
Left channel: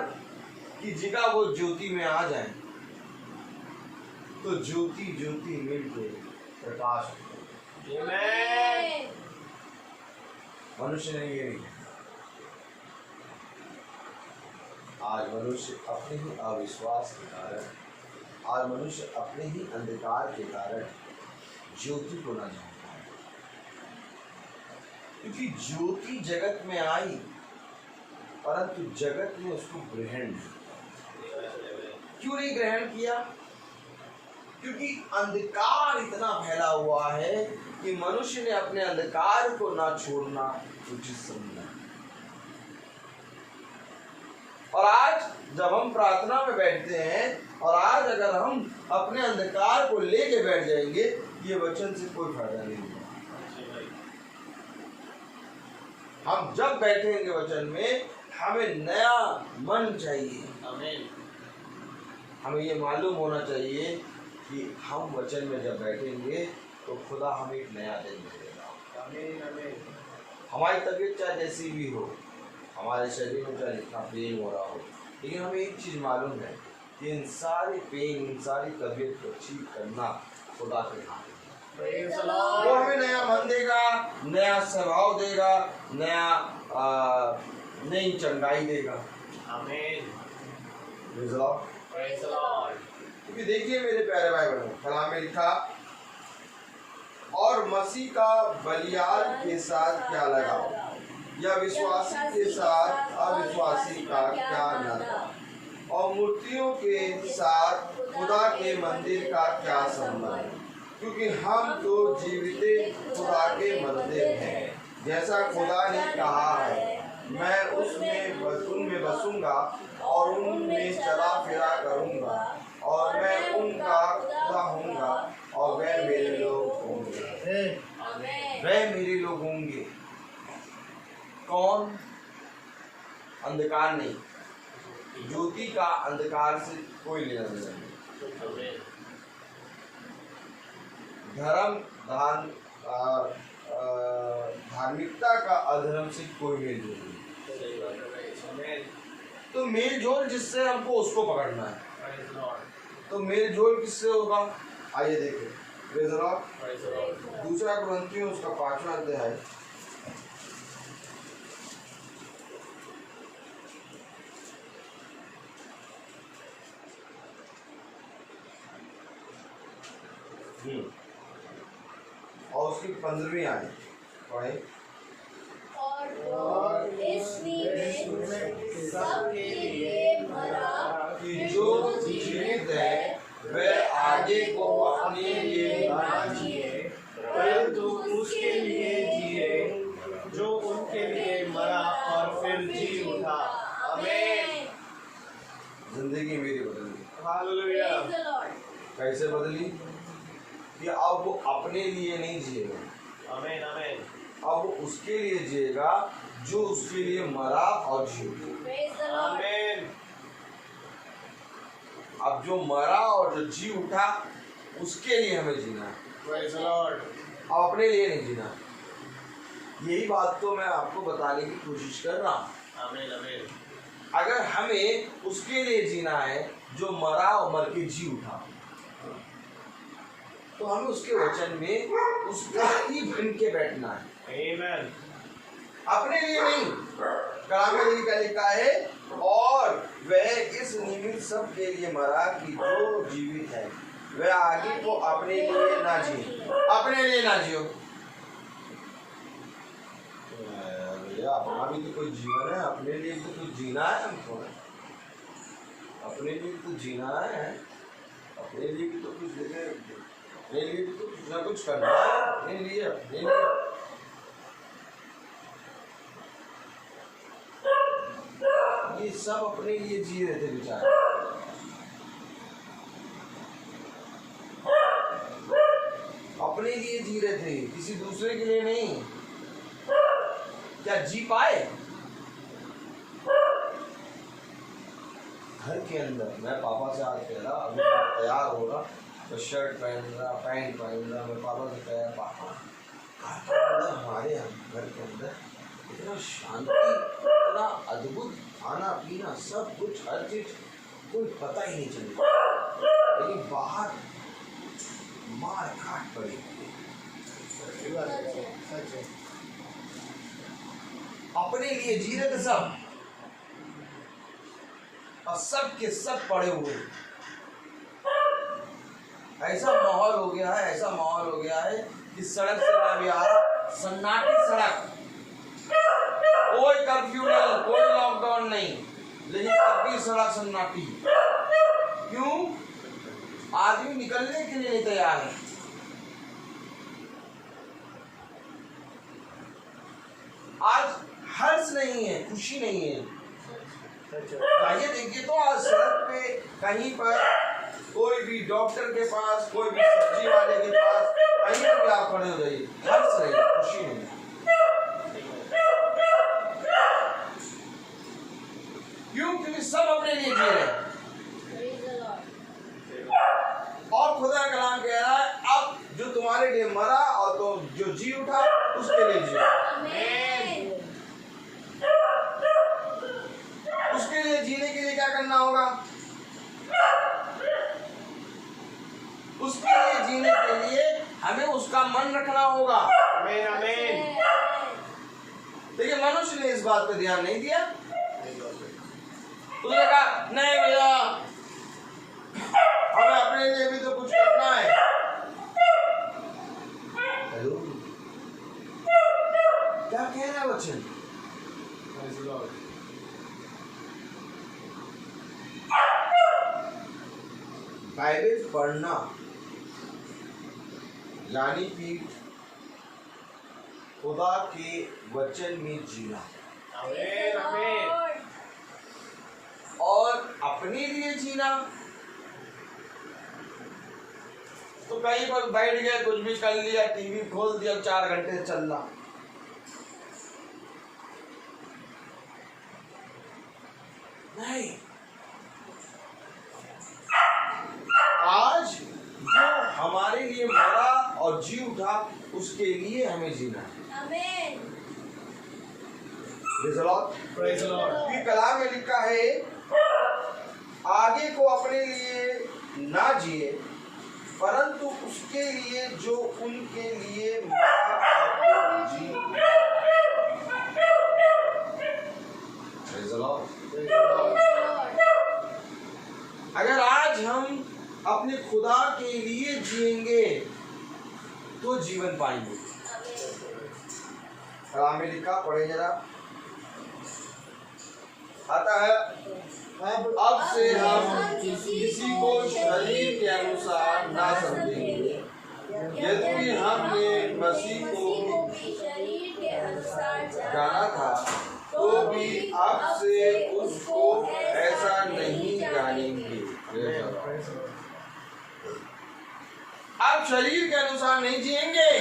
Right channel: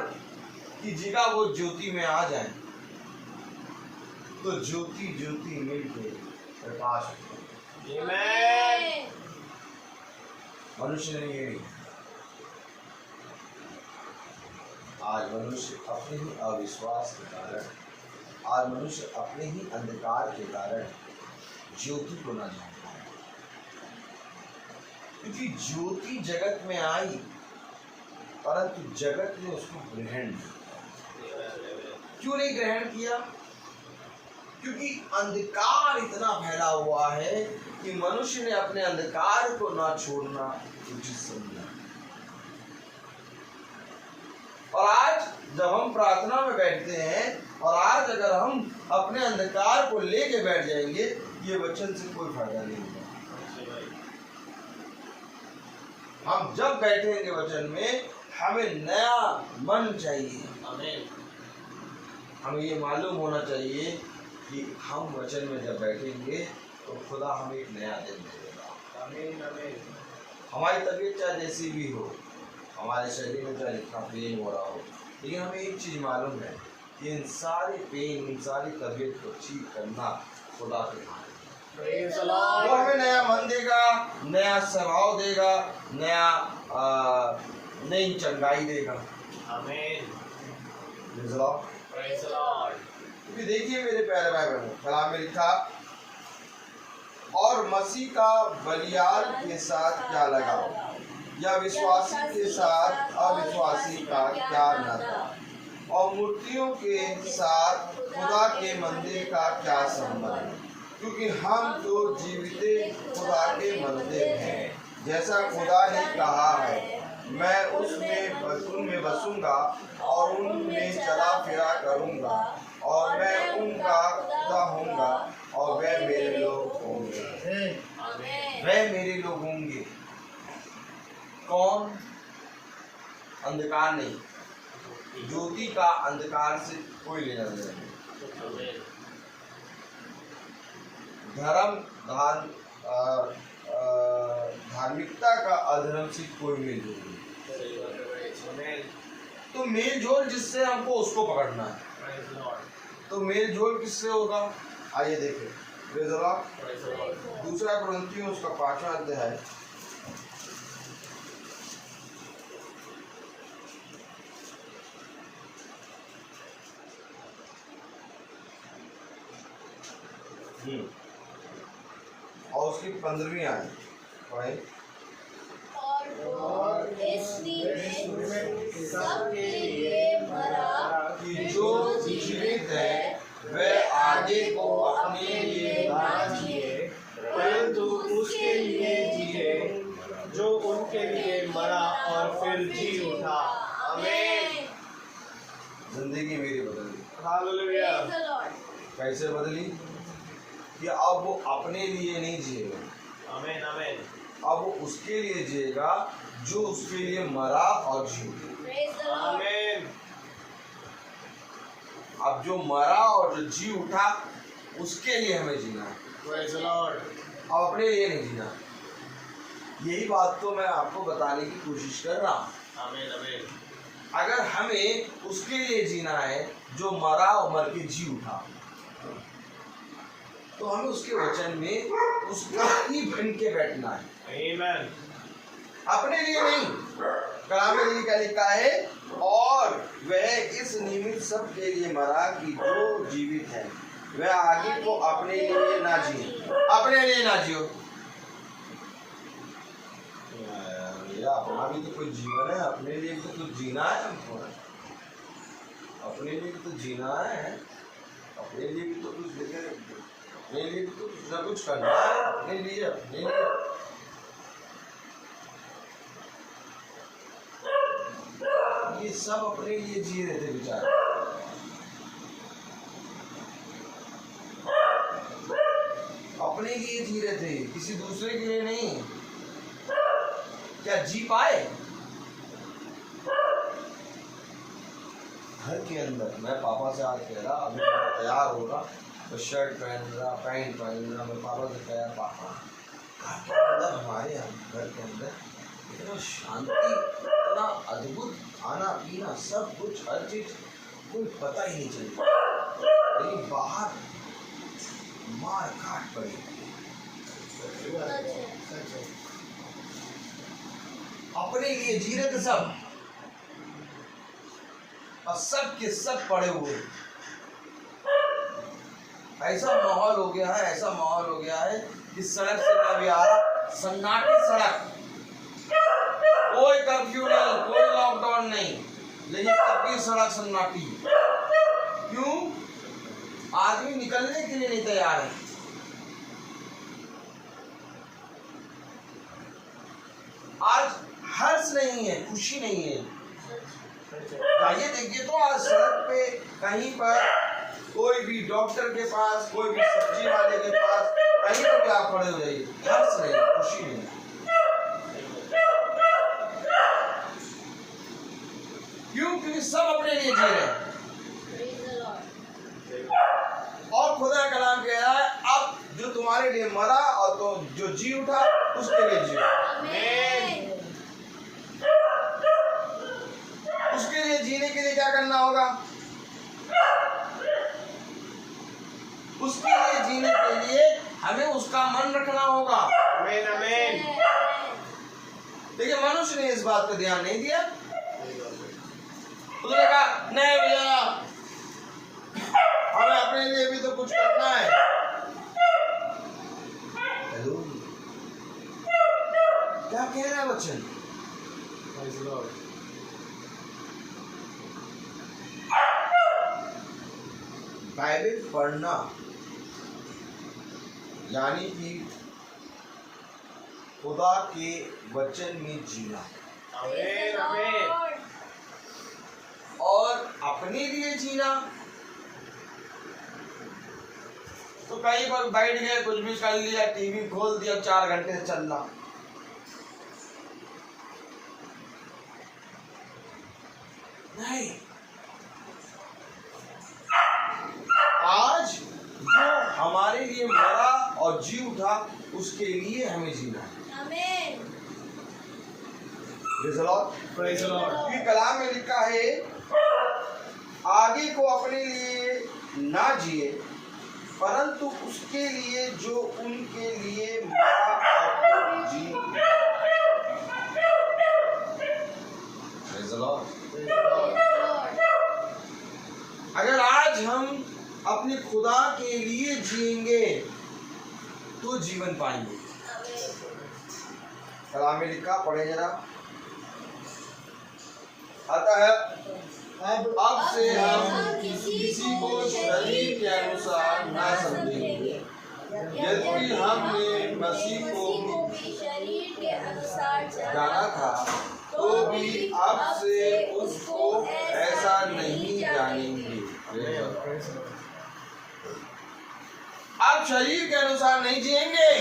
की जगह वो ज्योति में आ जाए तो ज्योति ज्योति मिलके प्रकाश होता है। आमीन। मनुष्य ने ये नहीं, आज मनुष्य अपने ही अविश्वास के कारण, आज मनुष्य अपने ही अंधकार के कारण ज्योति को न जानता है। क्योंकि ज्योति जगत में आई परंतु जगत ने उसको ग्रहण नहीं। क्यों नहीं ग्रहण किया? क्योंकि अंधकार इतना फैला हुआ है कि मनुष्य ने अपने अंधकार को ना छोड़ना उचित समझा। और आज जब हम प्रार्थना में बैठते हैं और आज अगर हम अपने अंधकार को लेके बैठ जाएंगे, ये वचन से कोई फायदा नहीं होगा। हम जब बैठेंगे वचन में, हमें नया मन चाहिए। आमीन। हमें ये मालूम होना चाहिए कि हम वचन में जब बैठेंगे तो खुदा हमें एक नया दिन देगा। आमीन आमीन। हमारी तबीयत चाहे जैसी भी हो, हमारे शरीर में चाहे इतना पेन हो रहा हो, लेकिन हमें एक चीज़ मालूम है कि इन सारे पेन, इन सारी तबीयत को ठीक करना खुदा के हाथ में। वो हमें नया मन देगा, नया स्वभाव देगा, नई चंगाई देगा। आमीन। Praise the Lord. क्योंकि देखिए मेरे प्यारे भाई बहनों, कलाम में लिखा, और मसीह का बलियाल के साथ क्या लगाओ, या विश्वासी के साथ अविश्वासी का क्या नाता, और मूर्तियों के साथ खुदा के मंदिर का क्या संबंध, क्योंकि हम तो जीवित खुदा के मंदिर हैं, जैसा खुदा ने कहा है, मैं उनमें बसूंगा और उनमें चला फिरा करूंगा, और मैं उनका खुदा होऊंगा और वे मेरे लोग होंगे। वे मेरे लोग होंगे। कौन? अंधकार नहीं, ज्योति का अंधकार से कोई लेना देना नहीं। धार्मिकता का अधर्म से कोई मेल जोल नहीं। तो मेल जोल जिससे हमको उसको पकड़ना है। तो मेल जोल किससे होगा? आइए देखें, प्रेज़ द लॉर्ड। दूसरा कुरिन्थियों उसका 5वां अध्याय, और उसकी 15वीं आयत पढ़े। और इसलिए सबके लिए मरा कि जो जीवित है वह आगे को अपने लिए ना जिए, परंतु उसके लिए जिए जो उनके लिए मरा और फिर जी उठा। आमीन। जिंदगी मेरी बदली। हालेलुया। Praise the Lord. कैसे बदली? कि अब वो अपने लिए नहीं जिएगा, आमीन आमीन। अब वो उसके लिए जिएगा जो उसके लिए मरा और जी उठा। Praise the Lord. आमीन। अब जो मरा और जो जी उठा उसके लिए हमें जीना है, Praise the Lord. अब अपने लिए नहीं जीना। यही बात तो मैं आपको बताने की कोशिश कर रहा हूँ। Amen, amen. अगर हमें उसके लिए जीना है जो मरा और मर के जी उठा, तो हमें उसके वचन में उसका ही बन के बैठना है, Amen. अपने लिए नहीं। कलाम में क्या लिखा है, और वह इस निमित्त सब के लिए मरा कि जो जीवित है वह आगे को अपने लिए ना जिए, अपने लिए ना जियो। भैया अपना भी तो कोई जीवन है, अपने लिए भी तो कुछ जीना है हमको, अपने लिए भी तो जीना है, अपने लिए भी तो कुछ देखे, अपने लिए भी तो कुछ ना कुछ करना है, अपने लिए, अपने लिए। ये सब अपने लिए जी रहे थे बेचारे, अपने लिए जी रहे थे, किसी दूसरे के लिए नहीं। क्या जी पाए? घर के अंदर मैं पापा से आज कह रहा, अभी मैं तैयार हो रहा, तो शर्ट पहन रहा, पैंट पहन रहा, मैं पापा से कह रहा, पापा घर के अंदर, हमारे घर के अंदर इतना शांति, इतना अद्भुत खाना पीना, सब कुछ, हर चीज, कोई पता ही नहीं चलता, लेकिन बाहर मार काट पड़ी। अपने लिए जी रहे थे सब, और सब के सब पड़े हुए। ऐसा माहौल हो गया है, ऐसा माहौल हो गया है कि सड़क से मैं भी आ रहा, सन्नाटी सड़क, कोई कर्फ्यू नहीं, कोई लॉकडाउन नहीं, लेकिन तब भी सड़क सन्नाटी। क्यों? आदमी निकलने के लिए नहीं तैयार है। आज हर्ष नहीं है, खुशी नहीं है। जाइए देखिए तो आज सड़क पे कहीं पर कोई भी डॉक्टर के पास, कोई भी सब्जी वाले के पास, कहीं पर भी आप खड़े हो जाइए, हर्ष नहीं, खुशी नहीं। क्यों? क्योंकि सब अपने लिए जी रहे हैं। और खुदा का कलाम कह रहा है, अब जो तुम्हारे लिए मरा और तो जो जी उठा उसके लिए जियो। उसके लिए जीने के लिए क्या करना होगा? उसके लिए जीने के लिए हमें उसका मन रखना होगा। Amen, amen. देखिए मनुष्य ने इस बात पर ध्यान नहीं दिया। उसने कहा नहीं भैया, हमें अपने लिए भी तो कुछ करना है। हेलो, क्या कह रहा है वचन? Praise the Lord. बाइबल पढ़ना यानी कि खुदा के वचन में जीना Amen, amen. और अपने लिए जीना। तो कहीं पर बैठ गए, कुछ भी कर लिया, टीवी खोल दिया, 4 घंटे चलना। नहीं, आज जो हमारे लिए मरा और जी उठा उसके लिए हमें जीना है। Praise the Lord. Praise the Lord. कि कलाम में लिखा है, आगे को अपने लिए ना जिए, परंतु उसके लिए जो उनके लिए मरा और जी। Praise the Lord. अगर आज हम अपने खुदा के लिए जिएंगे तो जीवन पाएंगे। कलाम में लिखा, पढ़े जरा। अतः अब से हम किसी को शरीर के अनुसार ना समझेंगे, यदि हमने मसीह को शरीर के अनुसार जाना था तो भी अब से उसको ऐसा नहीं जानेंगे। अब शरीर के अनुसार नहीं जिएंगे।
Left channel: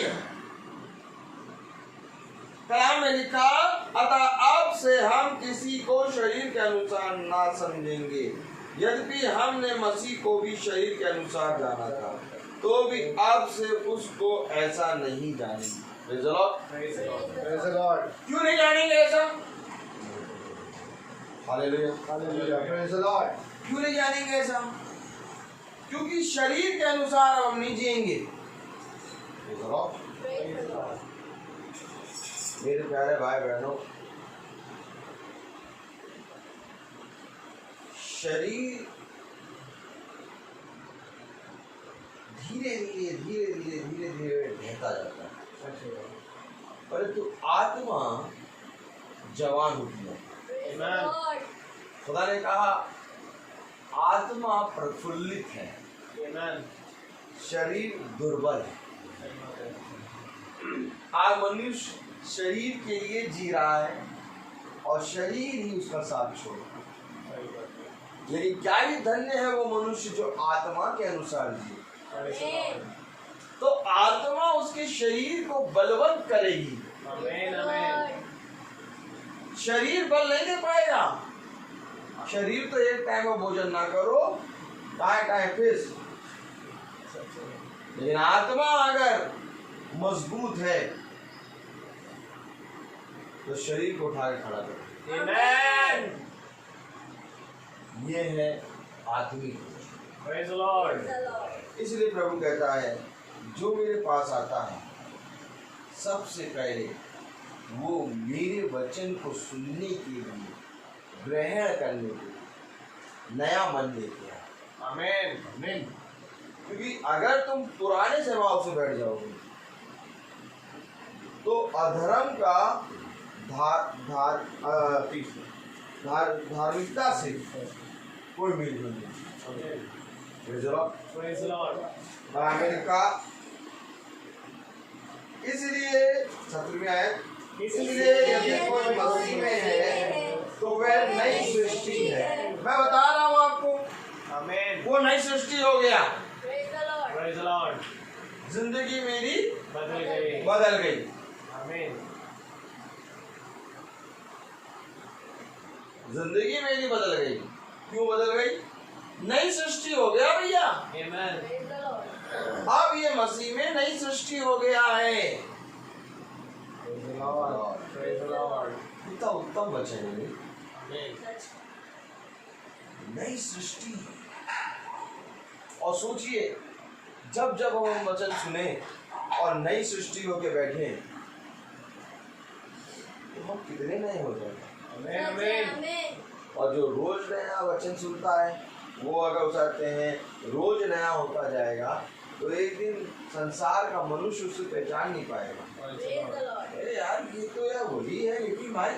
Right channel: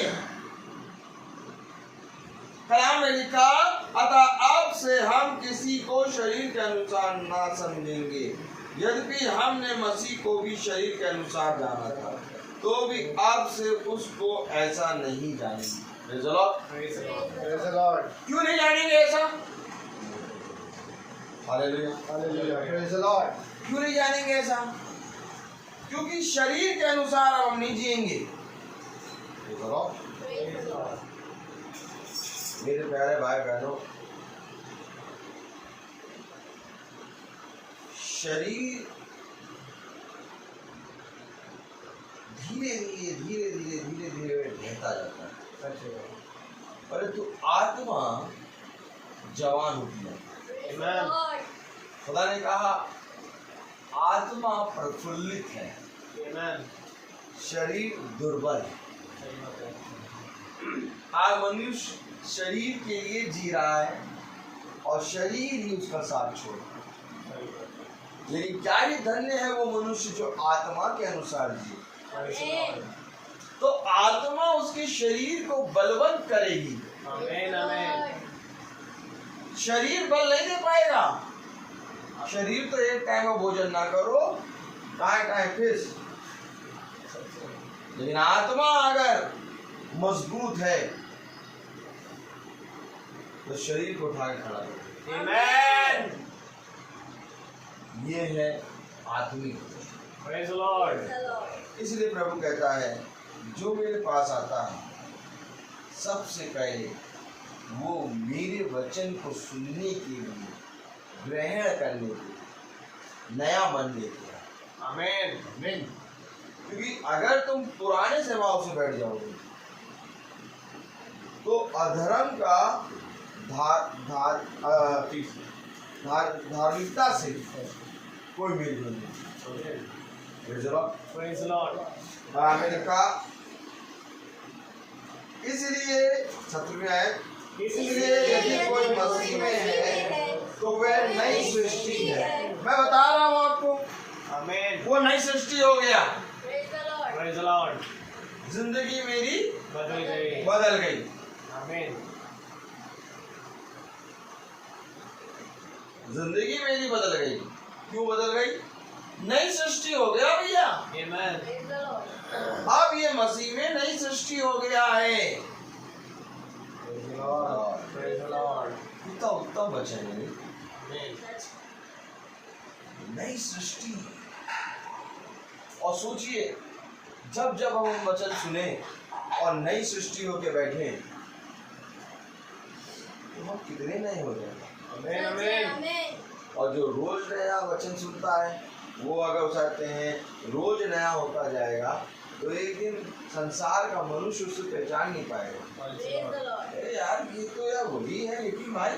कलाम में लिखा, अतः अब से हम किसी को शरीर के अनुसार ना समझेंगे, यद्यपि हमने मसीह को भी शरीर के अनुसार जाना था, तो भी अब से उसको ऐसा नहीं जानेंगे। Praise the Lord. Praise the Lord. क्यों नहीं जानेंगे ऐसा? Hallelujah. Hallelujah. Praise the Lord. क्यों नहीं जानेंगे ऐसा? क्योंकि शरीर के अनुसार हम नहीं जिएंगे। Praise the Lord. मेरे प्यारे भाई बहनों, शरीर धीरे धीरे ढहता जाता है, परंतु आत्मा जवान होती है। खुदा ने कहा आत्मा प्रफुल्लित है, शरीर दुर्बल है। आज मनुष्य शरीर के लिए जी रहा है और शरीर ही उसका साथ छोड़, लेकिन क्या ही धन्य है वो मनुष्य जो आत्मा के अनुसार जिए। तो आत्मा उसके शरीर को बलवंत करेगी। शरीर बल नहीं दे पाएगा। शरीर तो एक टाइम में भोजन ना करो, टाइम फिर, लेकिन आत्मा अगर मजबूत है तो शरीर को उठा के खड़ा करो। Amen. ये है आत्मिक। Praise the Lord. इसलिए प्रभु कहता है जो मेरे पास आता है सबसे पहले वो मेरे वचन को सुनने के लिए, ग्रहण करने के लिए नया मन लेते हैं। Amen. आमीन। क्योंकि अगर तुम पुराने स्वभाव से बैठ जाओगे तो अधर्म का धार्मिकता से कोई मेल नहीं। Praise the Lord. मैंने कहा इसलिए 17वीं आयत, इसलिए यदि कोई मसीह में है तो वह नई सृष्टि है। मैं बता रहा हूँ आपको, Amen. वो नई सृष्टि हो गया। Praise the Lord. जिंदगी मेरी बदल गई। बदल गई। Amen. जिंदगी मेरी बदल गई। क्यों बदल गई? नई सृष्टि हो गया भैया। Amen. अब ये मसीह में नई सृष्टि हो गया है। Praise the Lord. Praise the Lord. कितना उत्तम वचन है। Amen. नई सृष्टि। और सोचिए जब जब हम वचन सुने और नई सृष्टि होके बैठे तो हम कितने नए हो जाएंगे। Amen. Amen. और जो रोज नया वचन सुनता है वो अगर चाहते हैं रोज नया होता जाएगा तो एक दिन संसार का मनुष्य उसे पहचान नहीं पाएगा। अरे यार ये तो यार वही है, ये माई,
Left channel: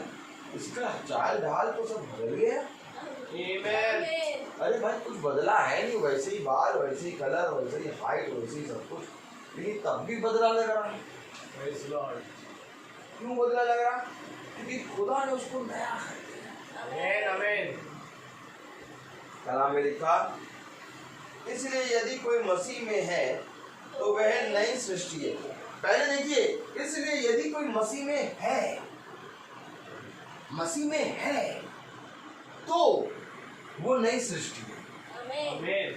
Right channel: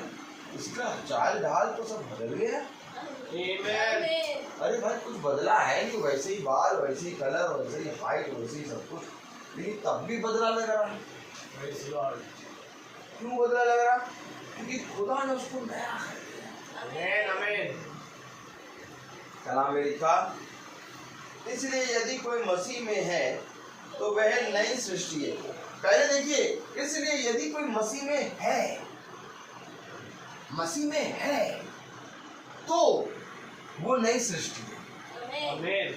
इसका चाल ढाल तो सब बदल गया। Amen. अरे भाई कुछ बदला है नहीं, वैसे ही बाल, वैसे ही कलर, वैसे ही हाइट, वैसे ही सब कुछ, लेकिन तब भी बदला लग रहा है। Praise the Lord. क्यों बदला लग रहा? क्योंकि खुदा ने उसको नया कर दिया। Amen. Amen. कलाम में लिखा इसलिए यदि कोई मसीह में है तो वह नई सृष्टि है। पहले देखिए, इसलिए यदि कोई मसीह में है, मसीह में है तो वो नई सृष्टि है। Amen.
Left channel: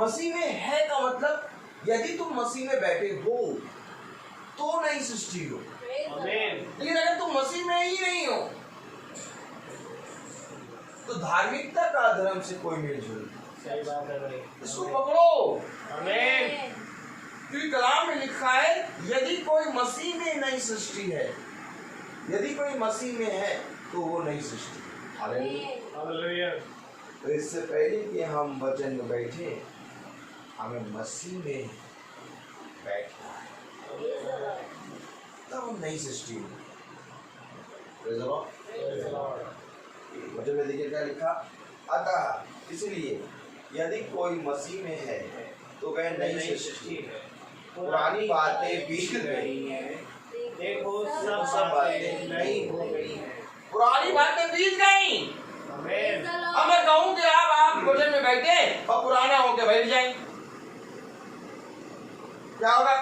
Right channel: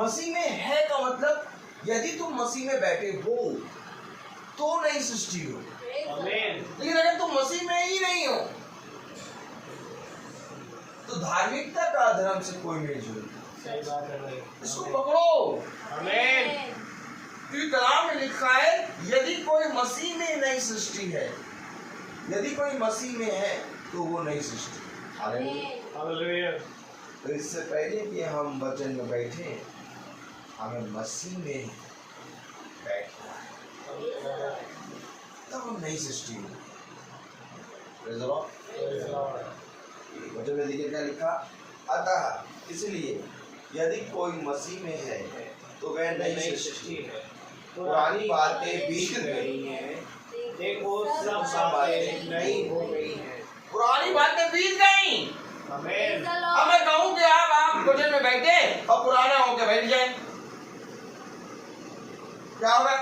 मसीह में है का मतलब यदि तुम मसीह में बैठे हो तो नई सृष्टि हो। Amen. लेकिन अगर तुम मसीह में ही नहीं हो तो धार्मिकता का धर्म से कोई मेल जोल नहीं। सही बात है भाई। इसको पकड़ो। Amen. क्योंकि कलाम में लिखा है यदि कोई मसीह में नई सृष्टि है, यदि कोई मसीह में है तो वो नई सृष्टि है। हालेलुया। Hallelujah. तो इससे पहले कि हम वचन में बैठे हमें मसीह में बैठना है, तब हम नई सृष्टि में। Praise the Lord. Praise the Lord. वचन में देखिए क्या लिखा, अतः इसलिए यदि कोई मसीह में है तो वह नई सृष्टि है, पुरानी बातें बीत गई हैं, देखो सब बातें नई हो गई हैं। पुरानी बातें बीत गई। Amen. अब मैं कहूँ कि आप वचन में बैठे और पुराना होकर बैठ जाए, क्या होगा?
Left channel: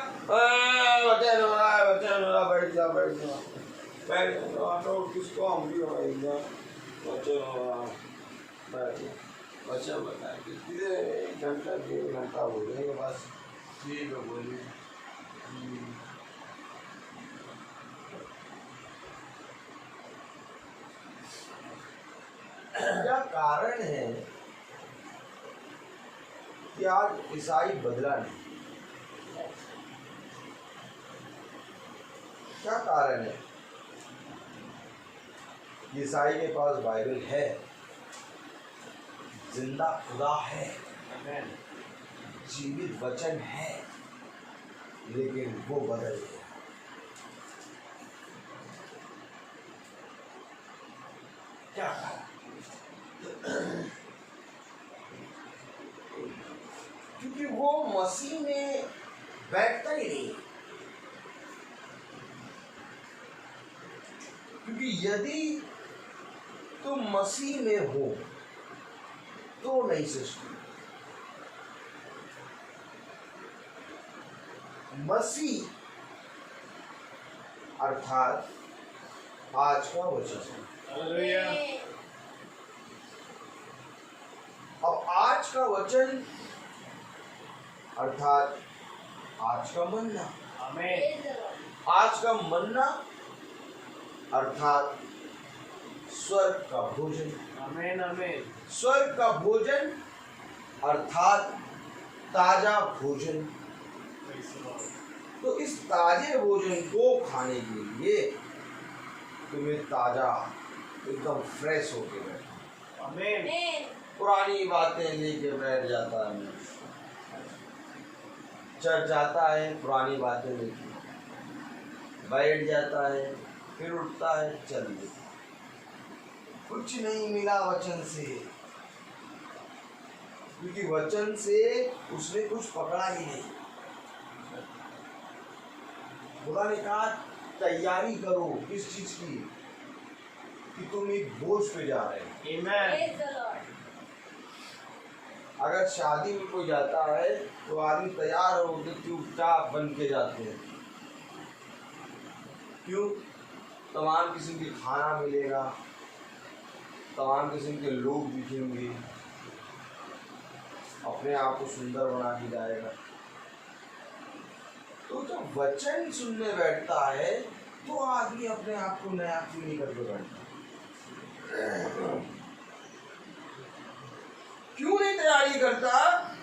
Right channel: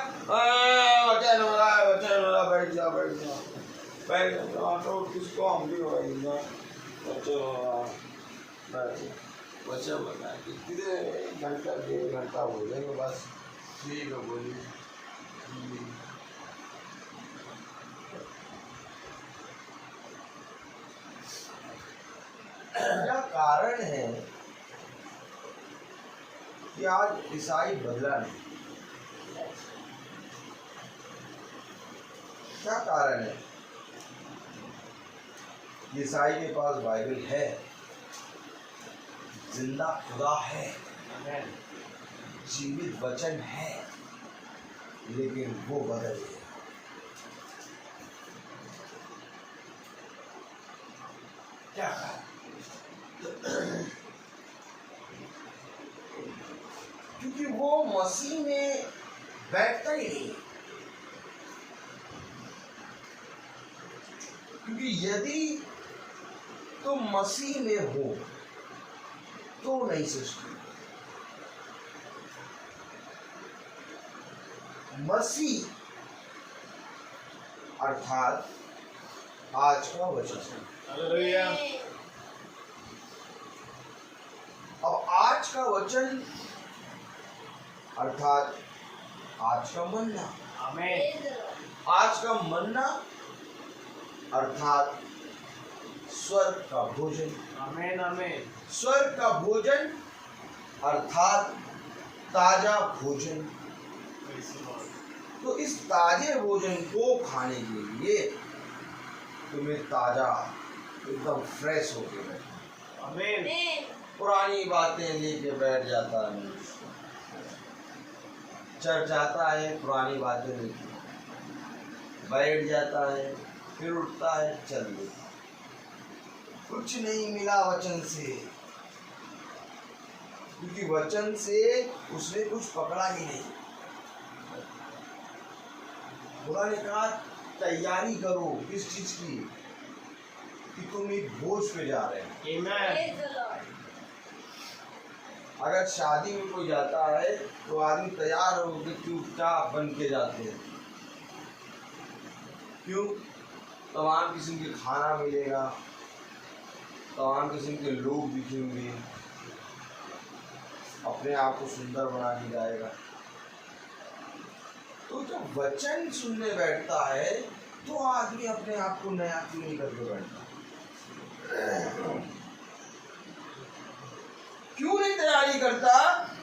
वचन हो रहा है, वचन हो रहा, बैठ जाओ बैठ जाओ बैठ जाओ, तो किसको हम भी हो रही है, वचन हो रहा, वचन बताए कितने 1 घंटा 1.5 घंटा बोलेंगे बस। ठीक है बोलिए। क्या कारण है कि आज ईसाई बदला नहीं? क्या कारण है? ईसाई के पास बाइबल है, जिंदा खुदा है, जीवित वचन है, लेकिन वो बदल गया। क्या कारण? क्योंकि वो मसीह में बैठता ही नहीं। क्योंकि यदि तुम मसीह में हो तो नई सृष्टि। मसीह अर्थात आज का वचन। हालेलुया। अब आज का वचन अर्थात आज का मन्ना। आमीन। आज का मन्ना अर्थात स्वर्ग का भोजन। आमीन आमीन। स्वर्ग का भोजन अर्थात ताजा भोजन। तो इस ताजे भोजन को खाने के लिए तुम्हें ताजा एकदम फ्रेश होके बैठना। आमीन। पुरानी बातें लेके बैठ जाता है मनुष्य, चर्च जाता है, पुरानी बातें लेके बैठ जाता है, फिर उठता है, चल देता। कुछ नहीं मिला वचन से, क्योंकि वचन से उसने कुछ पकड़ा ही नहीं। खुदा ने कहा तैयारी करो किस चीज की, कि तुम एक बोझ पे जा रहे हो। आमीन। अगर शादी में कोई जाता है तो आदमी तैयार होकर चुपचाप बन के जाते हैं। क्यों? तमाम किस्म के खाना मिलेगा, तमाम किस्म के लोग दिखेंगे, अपने आप को सुंदर बना के जाएगा। तो जब वचन सुनने बैठता है तो आदमी अपने आप को नया क्यों नहीं करके बैठता? क्यों नहीं तैयारी करता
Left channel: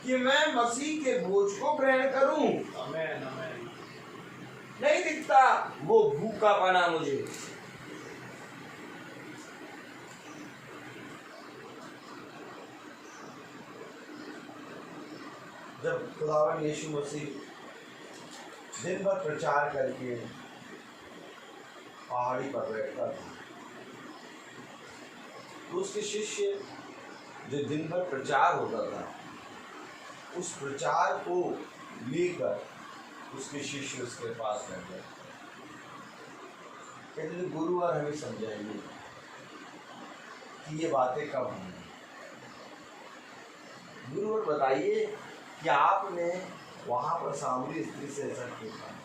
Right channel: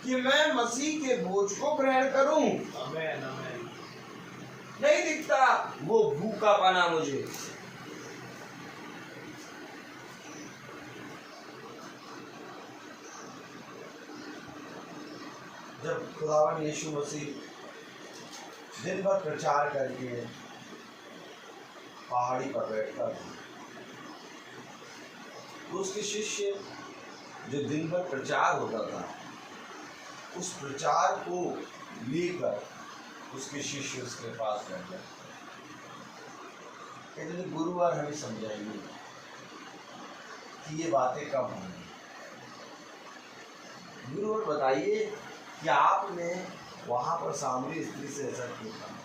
कि मैं मसीह के बोझ को ग्रहण करूं? आमीन आमीन। नहीं दिखता वो भूखा पाना मुझे। जब खुदावन यीशु मसीह दिन भर प्रचार करके पहाड़ी पर बैठता था, तो उसके शिष्य जो दिन भर प्रचार होता था, उस प्रचार को लेकर उसके शिष्य उसके पास बैठ गए। कहते थे गुरुवार हमें समझाइए कि ये बातें कब होंगी। गुरुवार बताइए कि आपने वहां पर सामरी स्त्री से ऐसा क्यों कहा।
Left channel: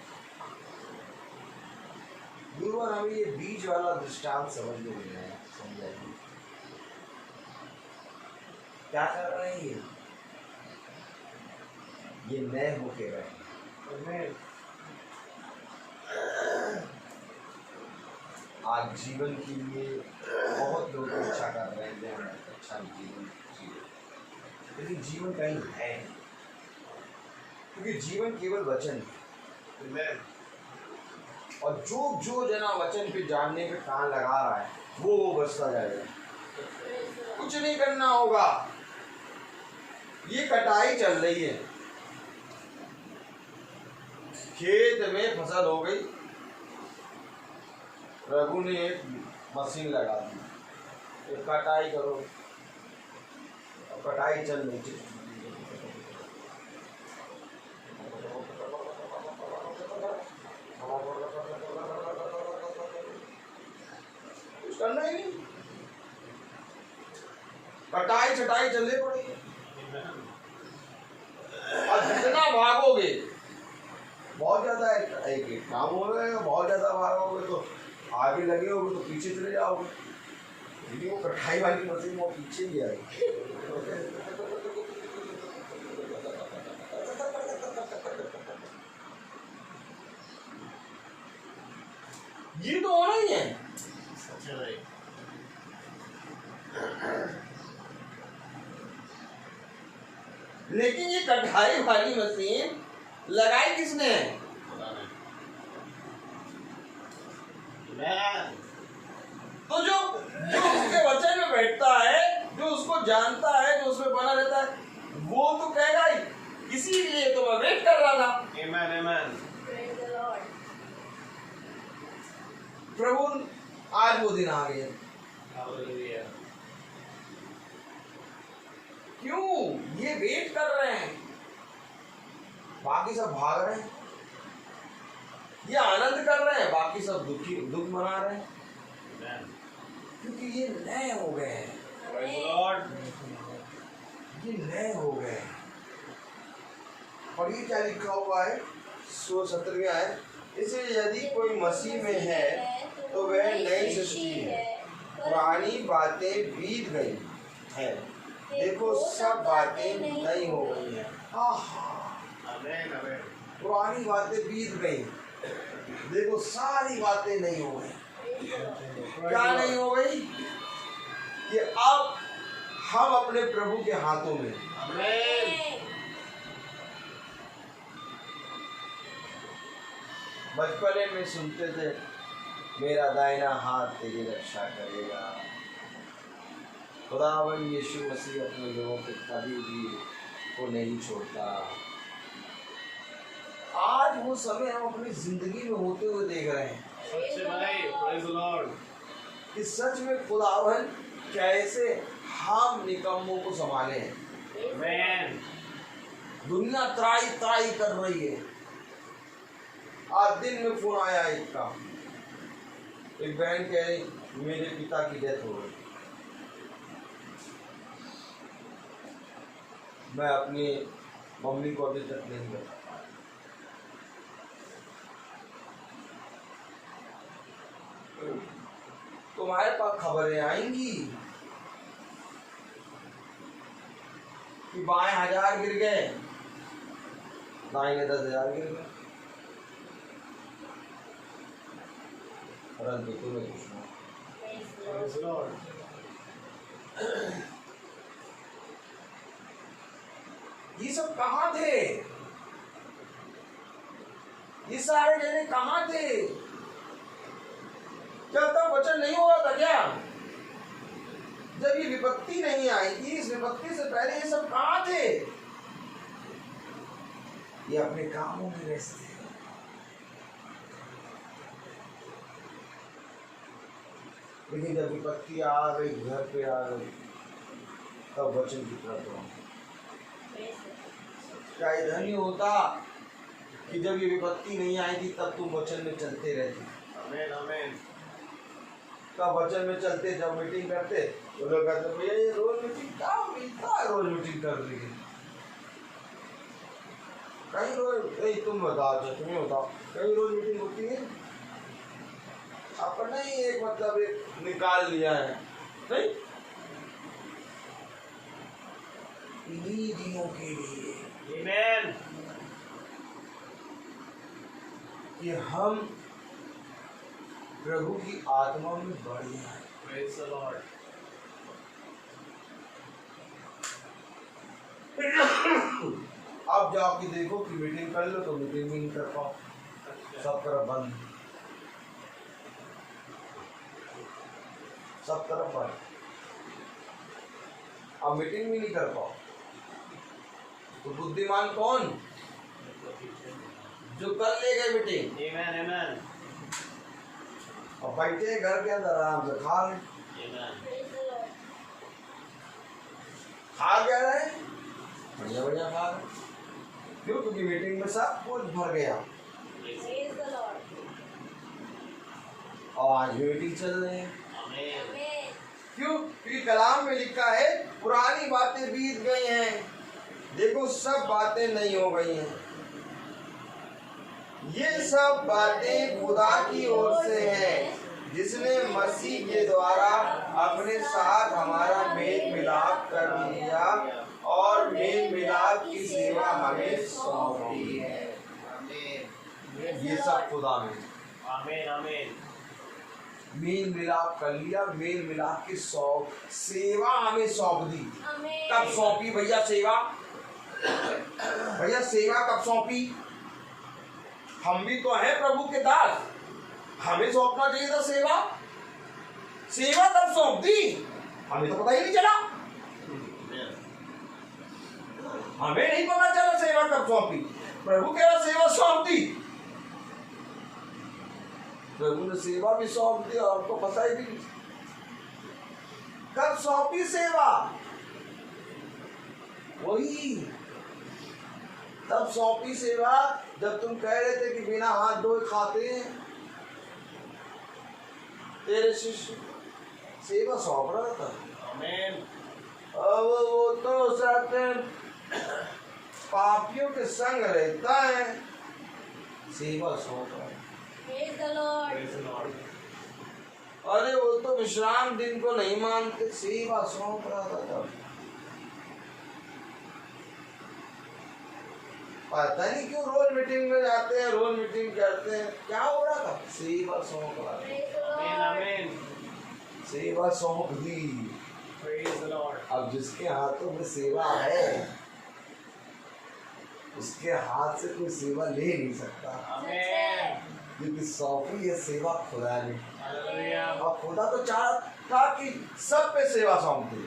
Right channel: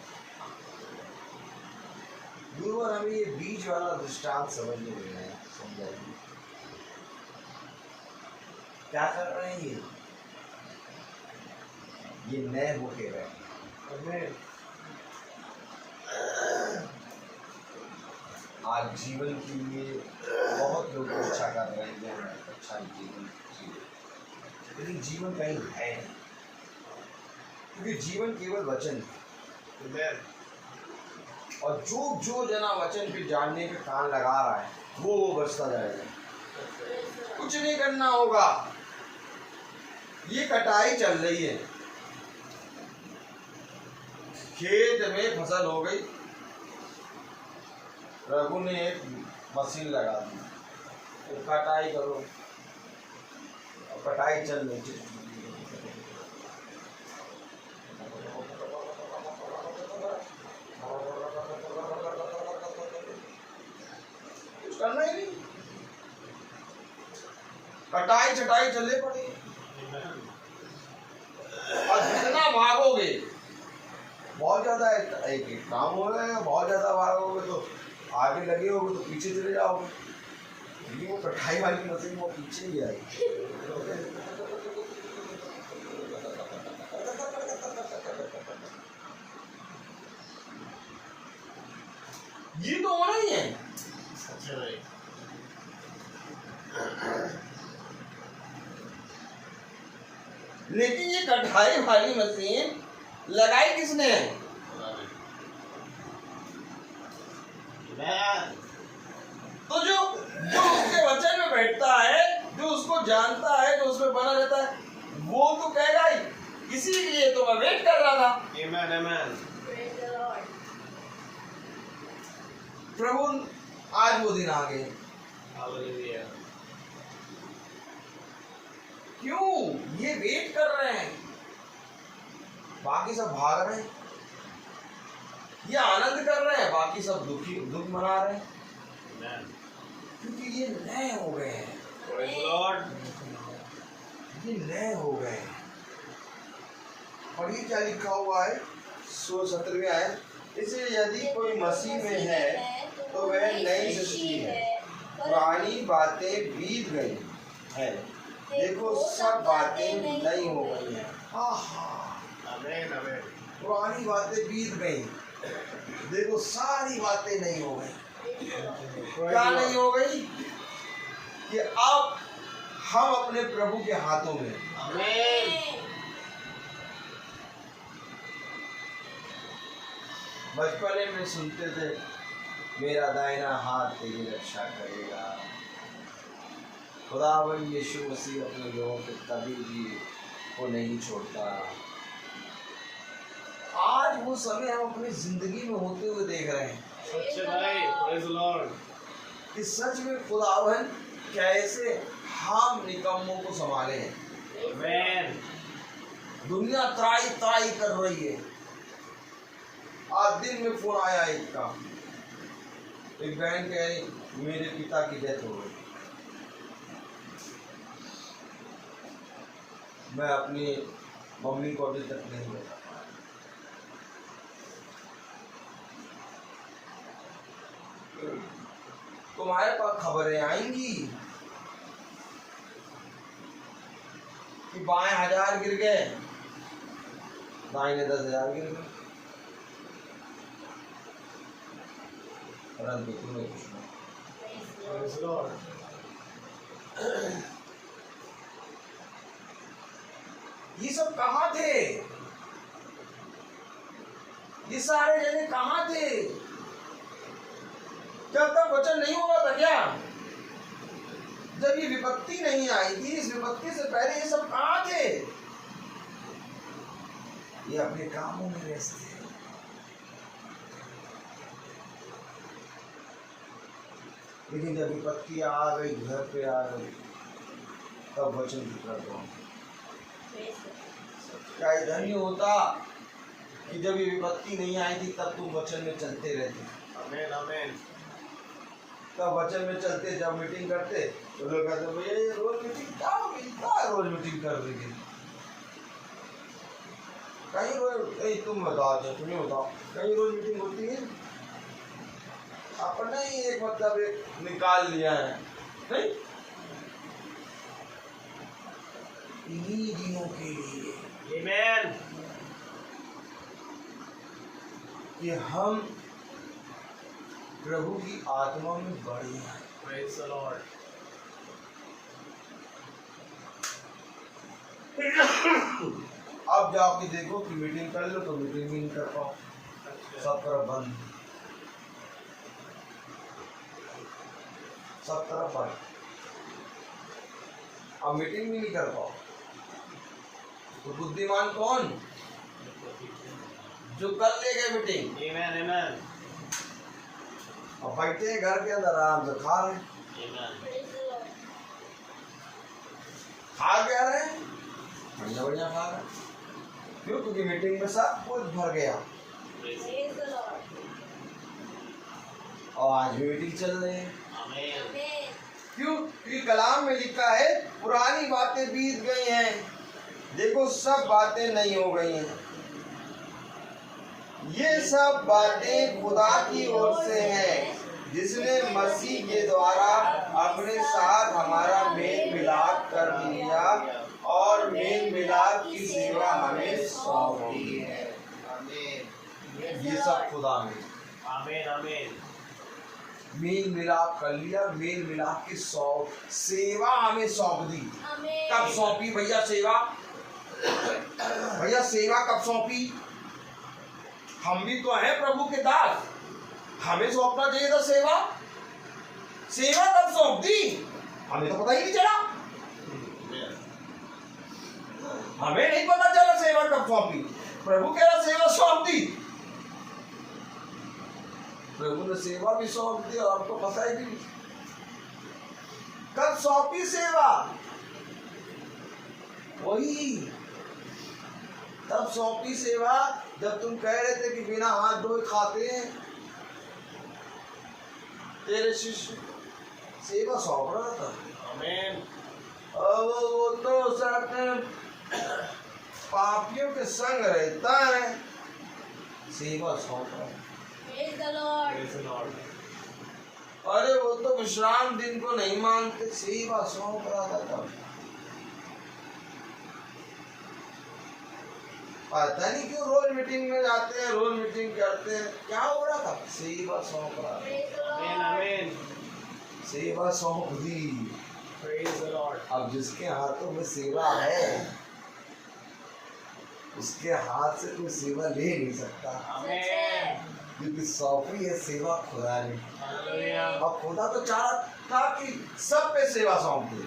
गुरुवार हमें ये बीज वाला दृष्टांत समझने में आया, समझाइए क्या कर रहे हैं ये नए होके रहे। आज जीवन के लिए बहुत लोग इच्छा कर रहे हैं कि हम अच्छा जीवन जिए, लेकिन जीवन कहीं है नहीं, क्योंकि जीवन केवल वचन है। और जो जना वचन पे जानने पे कान लगा रहा है वो बचता जाएगा। कुछ नहीं करना होगा। ये कटाई चल रही है, खेत में फसल हो गई, रघु ने एक मशीन लगा दी, तो कटाई करो। कटाई चल रही थी, कुछ करना ही नहीं, कटाई छटाई चलने पड़ी। और जितना भागोगे बहुत ज्यादा एक काम हो रहा है, बहुत ज्यादा भागोगे तो आगे लगे होगे तो पीछे चले जाओगे। ये वो कढ़ाई वाली मशीन वो पीछे ही आई। ये तो होना ही है। अच्छा भाई, लेकिन ये कढ़ाई वाली मशीन लगाई किसने है? मैं तो जो जो उसके वचन में बैठता है, जो उसको जानता है, जो उसमें बना रहता है, वो तो कहेगा ही, इसीलिए तो मैं वेट कर रहा था। Amen, amen. Praise the Lord. प्रभु आज वो दिन आ गए। Hallelujah. क्यों ये वेट कर रहे हैं? बाकी सब भाग रहे हैं, ये आनंद कर रहे हैं, बाकी सब दुख मना रहे हैं, Amen. क्योंकि ये नए हो गए हैं। Praise the Lord. ये नए हो गए हैं। और ये क्या लिखा हुआ है 17वें आयत, इसलिए यदि कोई मसीह में है तो वह नई सृष्टि है, पुरानी बातें बीत गई है, देखो सब बातें नई हो गई हैं। Amen, amen. पुरानी बातें बीत गई, देखो सारी बातें नहीं हो गई। क्या नहीं हो गई? कि अब हम अपने प्रभु के हाथों में। Amen. बचपन में सुनते थे, मेरा दाहिना हाथ तेरी रक्षा करेगा। खुदावन यीशु मसीह अपने लोगों को कभी भी को नहीं छोड़ता। आज वो समय हम अपनी जिंदगी में होते हुए देख रहे हैं सच्चे भाई, praise the Lord. कि सच में खुदावन कैसे हम निकम्मों को संभाले हैं। Amen. दुनिया त्राई त्राई कर रही है। आज दिन में फोन आया एक का, एक बहन कह रही मेरे पिता की डेथ हो गई। मैं अपनी मम्मी को अभी तक नहीं बता पाया। तुम्हारे पास खबरें आएंगी कि बाएं 1000 गिर गए, दाएं 10,000 गिर गए, परंतु तुम्हें कुछ नहीं। Praise the Lord. ये सब कहाँ थे? ये सारे जने कहाँ थे? जब तक वचन नहीं हो रहा था क्या? जब ये विपत्ति नहीं आई थी, इस विपत्ति से पहले ये सब कहाँ थे? ये अपने कामों में व्यस्त थे। लेकिन जब विपत्ति आ गई, घर पे आ गई, तब वचन की तरफ आओ। क्या ये धन्य होता कि जब ये विपत्ति नहीं आई थी तब तुम वचन में चलते रहते। Amen, amen. तब वचन में चलते, जब मीटिंग करते तो लोग कहते भैया ये रोज मीटिंग क्या होगी, क्या रोज मीटिंग कर रही है? कहीं रोज तुम बताओ, तुम्हें बताओ कहीं रोज मीटिंग होती है? अपन नहीं एक मतलब एक निकाल लिया है, नहीं इन्हीं दिनों के लिए Amen. कि हम प्रभु की आत्मा में बढ़े हैं। Praise the Lord. अब जाके देखो कि मीटिंग कर लो तो मीटिंग भी नहीं कर पाओ, सब तरफ बंद, सब तरफ बंद। अब मीटिंग भी नहीं कर पाओ तो बुद्धिमान कौन? जो कर ले गए मीटिंग, Amen, amen. और बैठे घर के अंदर आराम से खा रहे, Amen. खा क्या रहे, बढ़िया बढ़िया खा रहे। क्यों? क्योंकि मीटिंग में सब कुछ भर गया Praise the Lord. और आज भी मीटिंग चल रही है। Amen. Amen. क्यों? क्योंकि कलाम में लिखा है पुरानी बातें बीत गई हैं, देखो सब बातें नई हो गई हैं। ये सब बातें खुदा की ओर से हैं जिसने मसीह के द्वारा अपने साथ हमारा मेल मिलाप कर लिया और मेल मिलाप की सेवा हमें सौंपी है। ये सब खुदा ने आमीन आमीन। मेल मिलाप कर लिया, मेल मिलाप की सेवा हमें सौंप दी। कब सौंपी भैया सेवा? भैया सेवा कब सौंपी? हम भी तो हैं प्रभु के दास, हमें सौंपना चाहिए था सेवा। सेवा कब सौंप दी? हमें तो पता ही नहीं चला, हमें नहीं पता चला सेवा कब सौंपी। प्रभु कह रहा सेवा सौंप दी, प्रभु ने सेवा भी सौंप दी और आपको पता ही नहीं कब सौंपी सेवा। वही तब सौंपी सेवा जब तुम कह रहे थे कि बिना हाथ धोए खाते हैं। तेरे शिष्य सेवा सौंप रहा था। आमीन। अब वो तो सब पापियों के संग रहता है, सेवा सौंप रहा है। Praise the Lord. Praise the Lord. अरे वो तो विश्राम दिन को नहीं मानते, सेवा सौंप रहा था। पता नहीं क्यों रोज मीटिंग में जाते हैं, रोज मीटिंग करते हैं, क्या हो रहा था? सेवा सौंप रहा था। Praise the आमीन Lord. आमीन। सेवा सौंप दी। Praise the Lord. अब जिसके हाथों में सेवा है उसके हाथ से कोई सेवा ले नहीं सकता, आमीन। क्योंकि सौंपी है सेवा खुदा ने। हालेलुया। और खुदा तो चाहता था कि सब पे सेवा सौंप दे,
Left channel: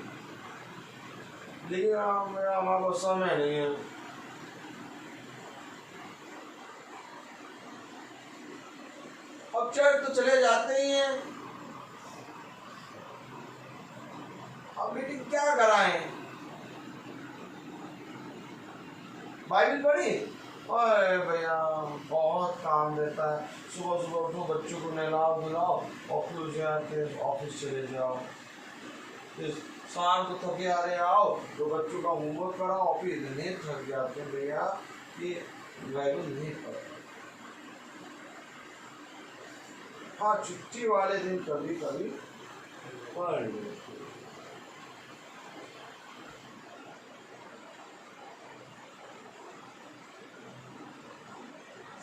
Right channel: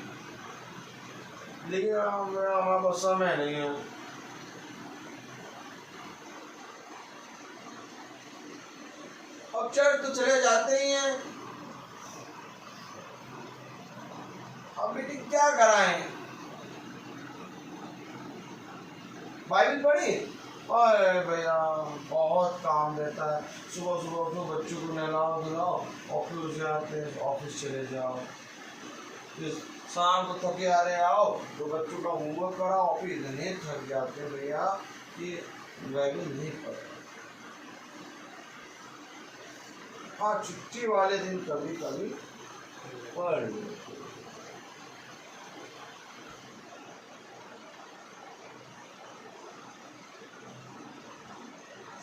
लेकिन हमारे पास समय नहीं है। अब चर्च तो चले जाते ही हैं, अब मीटिंग क्या कराएं? बाइबल पढ़ी और भैया बहुत काम रहता है। सुबह सुबह उठो, बच्चों को नहलाओ धुलाओ, ऑफिस जाते ऑफिस चले जाओ, फिर शाम को थके आ रहे आओ तो बच्चों का होमवर्क कराओ, ऑफिस इतने थक जाते हैं भैया कि बाइबल नहीं पढ़ते। हाँ, छुट्टी वाले दिन कभी कभी पढ़ लेते।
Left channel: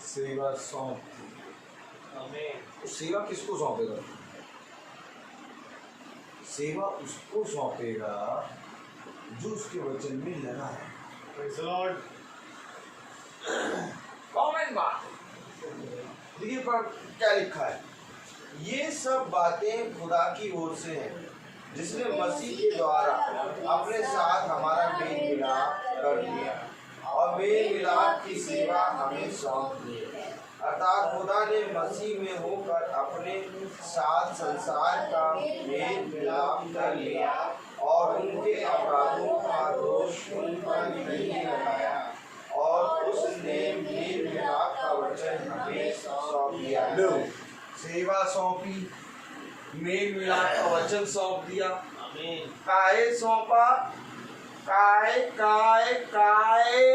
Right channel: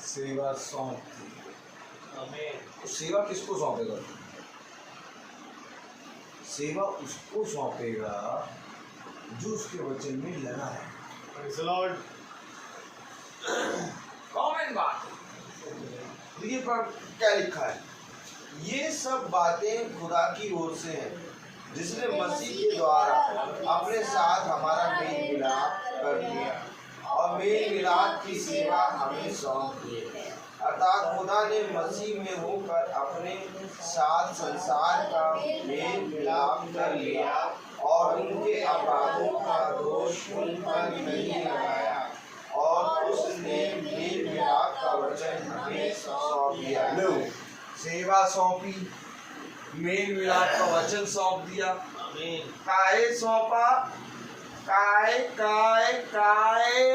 सेवा सौंप दी। आमीन। तो सेवा किसको सौंपेगा? सेवा उसको सौंपेगा जो उसके वचन में लगा है। Praise the Lord. कॉमन बात देखिए पर क्या लिखा है, ये सब बातें खुदा की ओर से हैं जिसने मसीह के द्वारा अपने साथ हमारा मेल मिलाप कर दिया और मेल मिलाप की सेवा हमें सौंप दी। अर्थात खुदा ने मसीह में होकर अपने साथ संसार का मेल मिलाप कर लिया और उनके अपराधों का दोष उन पर नहीं लगाया और उसने मेल मिलाप का वचन हमें सौंप दिया। लो, सेवा सौंपी, मेल मिलाप का वचन सौंप दिया। आमीन। काहे सौंपा? काहे काहे काहे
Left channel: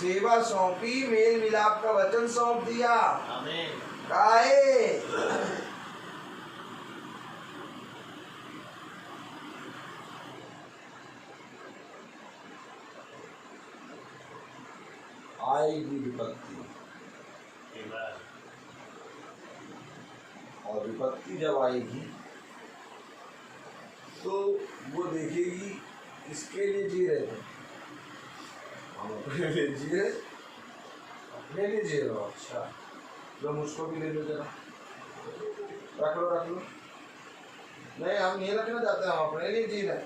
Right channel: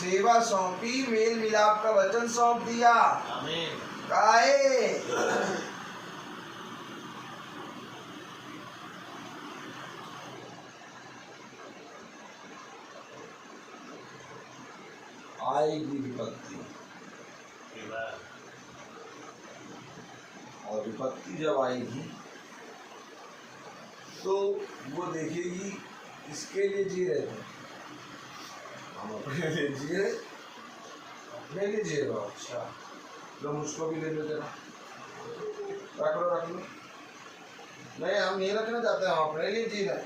सेवा सौंपी, मेल मिलाप का वचन सौंप दिया। आमीन। काहे? आएगी विपत्ति, Amen. और विपत्ति जब आएगी तो वो देखेगी किसके लिए जी रहे थे। हम अपने लिए जिए, अपने लिए जी रहे हो। अच्छा, लो मुझको भी ले लो जरा, रख लो रख लो। नहीं, हम नहीं रखना चाहते, हम अपने लिए जी रहे।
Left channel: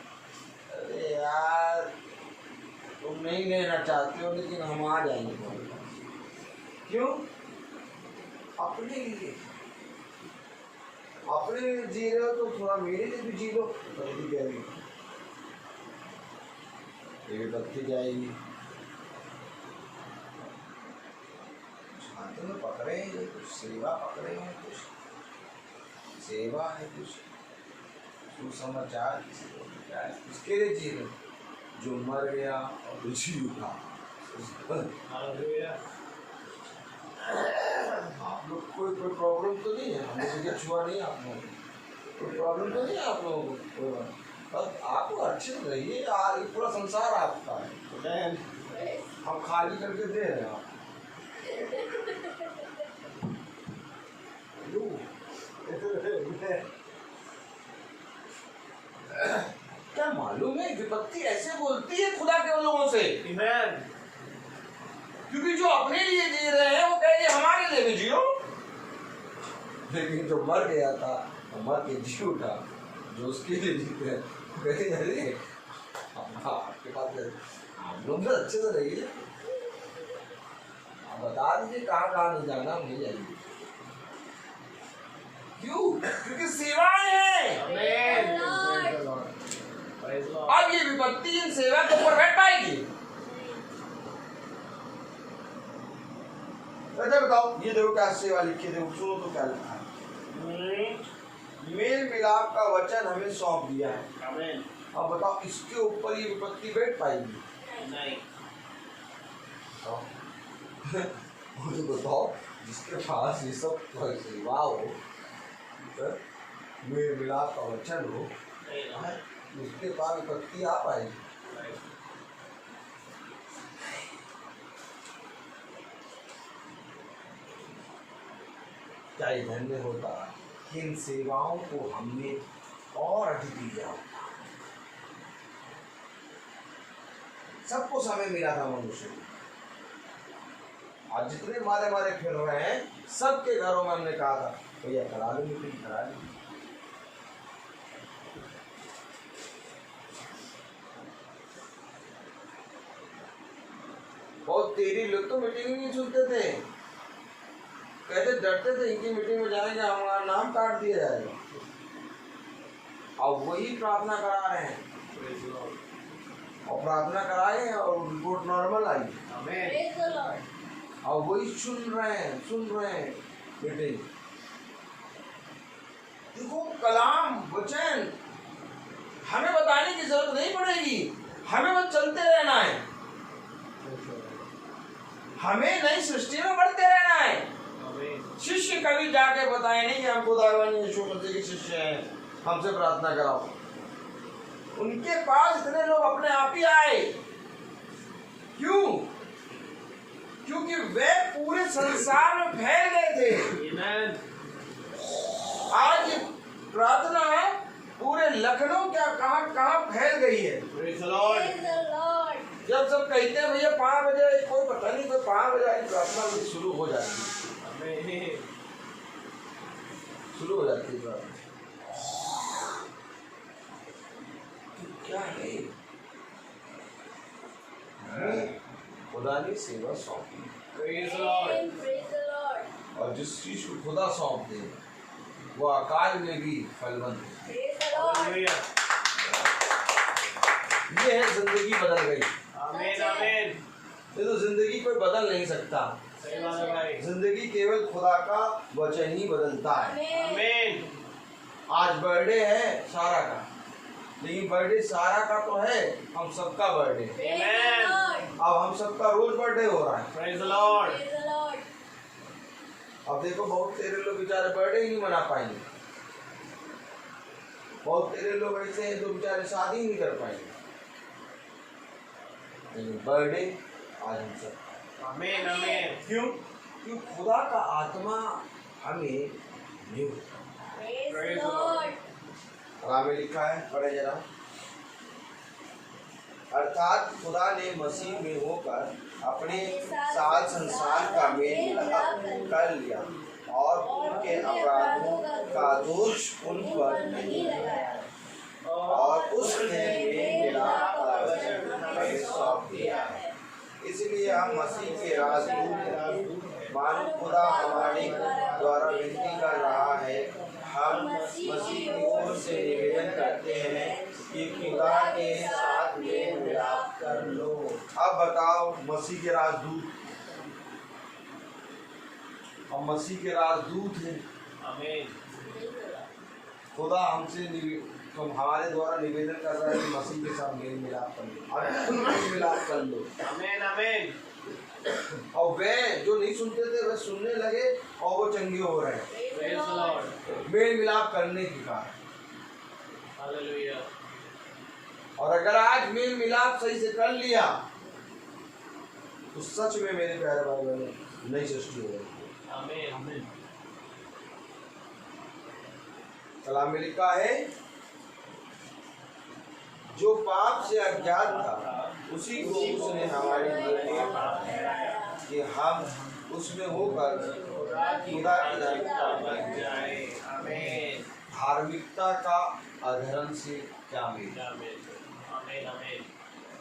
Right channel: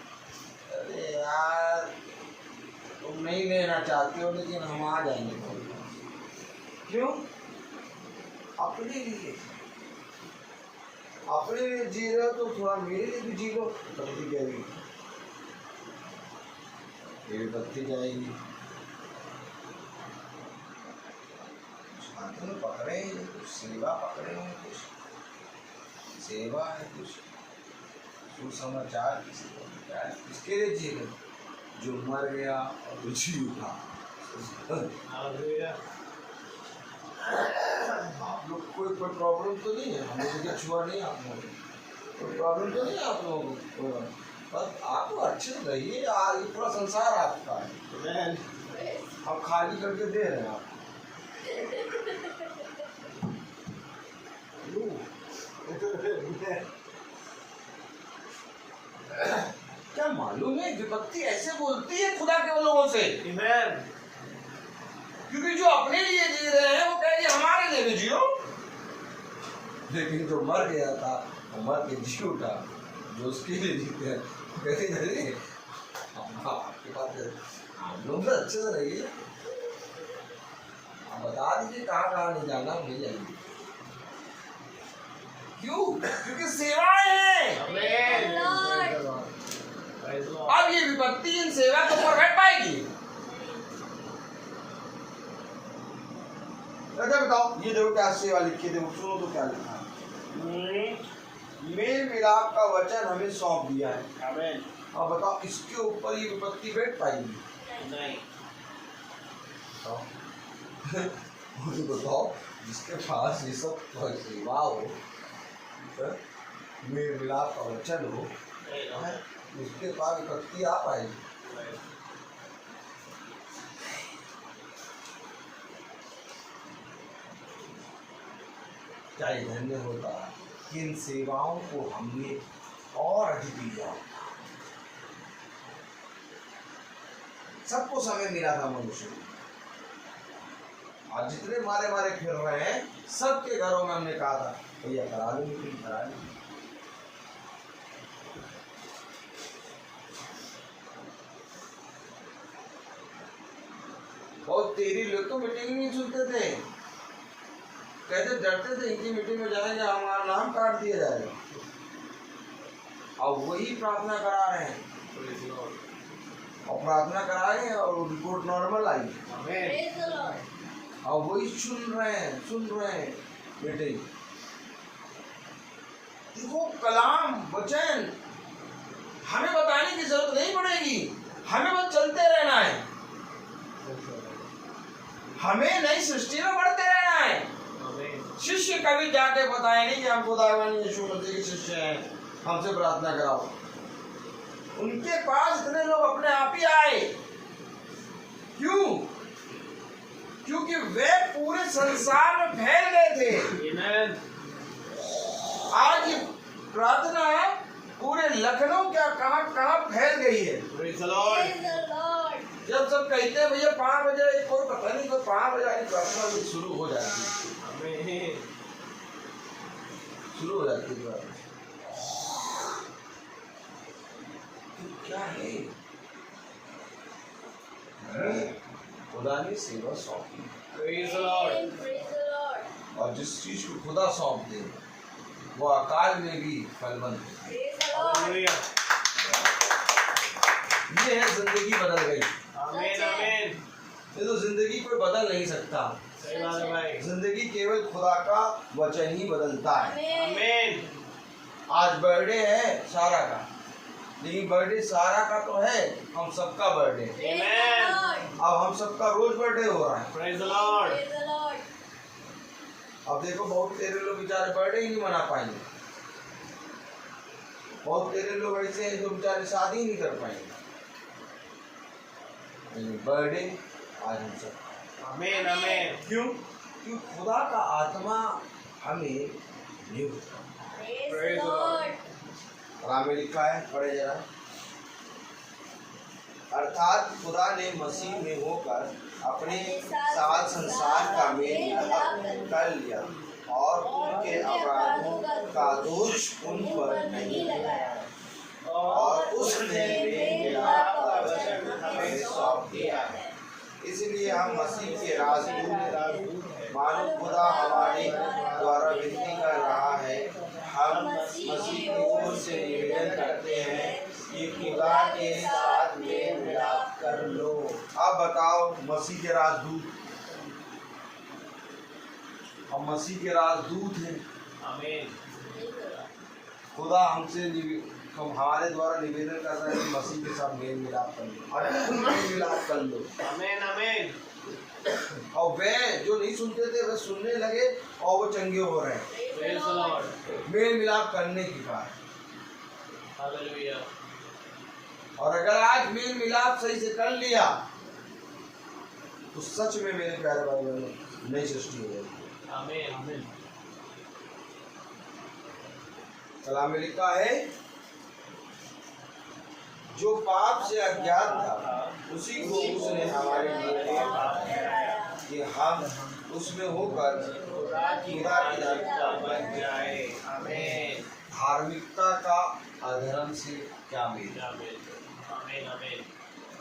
अरे यार, तुम नहीं लेना चाहते हो लेकिन हम आ जाएंगे। क्यों? अपने लिए, अपने लिए जी रहे हो तो थोड़ा मेरे लिए भी जी लो। बत्ती जाएगी, ये बत्ती जाएगी। हाथों में पकड़े हैं कुछ सेवा, पकड़े हैं कुछ सेवा है, कुछ सुसमाचार की सेवा है। उसके लिए जी लो जो मर गया और जो जी उठा। Hallelujah. आप लोग को कोई प्रॉब्लम तो नहीं है, हमें जगह छुआ नहीं आप लोगों को, कोई प्रॉब्लम तो नहीं है आप लोगों को, बस आप अच्छे से रहिए यार, ये पूरा संसार आपका है, हम खाली करके दे रहे हैं आपको। क्या मालूम है विपत्ति ऐसे बोलती है खुदा के लोगों से, Amen. क्योंकि जो अपने लिए जी रहे हैं वो कहेंगे हमारे लिए भी जियो, लेकिन जो मर गया था मर के जी उठा, जो उसके लिए जीते हैं कहते नहीं आपके पास आप लोग अच्छे से रहिए, आप बता दीजिए कहाँ कहाँ नहीं जाना, नहीं जाइए। क्यों? क्योंकि सेवाएं हैं। Amen. Lord. Praise the Lord. अब ये विपत्ति इन सेवा के ऊपर बैठ पाएगी। अच्छा बताओ, ये देखो क्या सेवा लिखी, देखो सुनो तो क्या लिखा है, मेल मिलाप का वचन हमें सौंप दिया है। Amen. अब बताओ इसके ऊपर ये विपत्ति बैठ पाएगी? नहीं। मुझे बताओ जिसके पास ये सब सेवा हो, मेल मिलाप का वचन हो, उसके पास विपत्ति आ पाएगी? क्या ये धन्य होता कि इन सेवाओं को हमने और अधिक लिया होता। सबको समय मिला था मनुष्य को, आज जितने मारे मारे फिर रहे हैं सबके घरों में हमने कहा था भैया करा लो मीटिंग, करा लो। बहुत तेरी लोग तो मीटिंग नहीं सुनते थे, कहते डरते थे इनकी मीटिंग में जाएंगे हमारा नाम काट दिया जाएगा, अब वही प्रार्थना करा रहे हैं, Praise the Lord. और प्रार्थना कराए और report normal I, Amen. Praise the Lord. अब वही सुन रहे हैं मीटिंग। देखो कलाम वचन हमें बताने की जरूरत नहीं पड़ेगी, हमें बस चलते रहना है, हमें नई सृष्टि में बढ़ते रहना है। Amen. शिष्य कभी जाके बताए नहीं कि हम खुदावन यीशु मसीह के शिष्य हैं, हमसे प्रार्थना कराओ। उनके पास इतने लोग अपने आप ही आए, क्यों? क्योंकि वे पूरे संसार में फैल गए थे। Amen. आज ये प्रार्थना है पूरे लखनऊ क्या कहाँ कहाँ फैल गई है। Praise the Lord. Praise the Lord. जब सब कहते हैं भैया 5 बजे, कोई पता नहीं कोई 5 बजे आगे प्रार्थना भी शुरू हो जाती है, Amen. शुरू हो जाती है प्रार्थना। तो क्या है, हमें खुदा ने सेवा सौंपी, Praise the Lord. Amen. Praise the Lord. और जिस चीज को खुदा सौंप दे वो अकाल में भी फलवंत है। Praise the Lord. Hallelujah. ये है जिंदगी बदल गई। Amen. Amen. ये तो जिंदगी कोई बदल नहीं सकता, सही बात है भाई। जिंदगी केवल खुदा का वचन ही बदलता है। Amen. Amen. आज बर्थडे है सारा का, लेकिन बर्थडे सारा का तो है, हम सबका बर्थडे, Praise the Lord. अब हम सबका रोज बर्थडे हो रहा है। Praise the Lord. Praise the Lord. अब देखो बहुत तेरे लोग बेचारे बर्थडे ही नहीं मना पाएंगे, बहुत तेरे लोग ऐसे हैं जो बेचारे शादी ही नहीं कर पाएंगे, लेकिन बर्थडे आज हम सब। Amen. Amen. क्यों? क्योंकि खुदा का आत्मा हमें new. Praise Praise the the Lord. Lord. और में लिखा है, पढ़े जरा। अर्थात खुदा ने मसीह में होकर अपने साथ संसार का मेल मिलाप कर लिया और उनके अपराधों का दोष उन पर नहीं लगाया, और उसने मेल मिलाप का वचन हमें सौंप दिया है। इसलिए हम मसीह के राजदूत मानो खुदा हमारे द्वारा विनती कर रहा है, हम मसीह की ओर से निवेदन करते हैं कि खुदा के साथ मेल मिलाप कर लो। अब बताओ मसीह के राजदूत, हम मसीह के राजदूत हैं, Amen. खुदा हमसे हमारे द्वारा निवेदन कर रहा है कि मसीह के साथ मेल मिलाप कर लो, और खुद मेल मिलाप कर लो। Amen. Amen. और वे जो नहीं सुनते थे वे सुनने लगे और वो चंगे हो रहे हैं Praise the Lord. मेल मिलाप करने के कारण। हालेलुया। और अगर आज मेल मिलाप सही से कर लिया तो सच में मेरे प्यारे भाई बहनों नई सृष्टि हो गई। आमीन। कलाम में लिखा है जो पाप से अज्ञात था उसी को उसने हमारे लिए दिया कि हम उसमें होकर खुदा की धार्मिकता बन जाए। आमीन। धार्मिकता का अधर्म से क्या मेल, आमीन।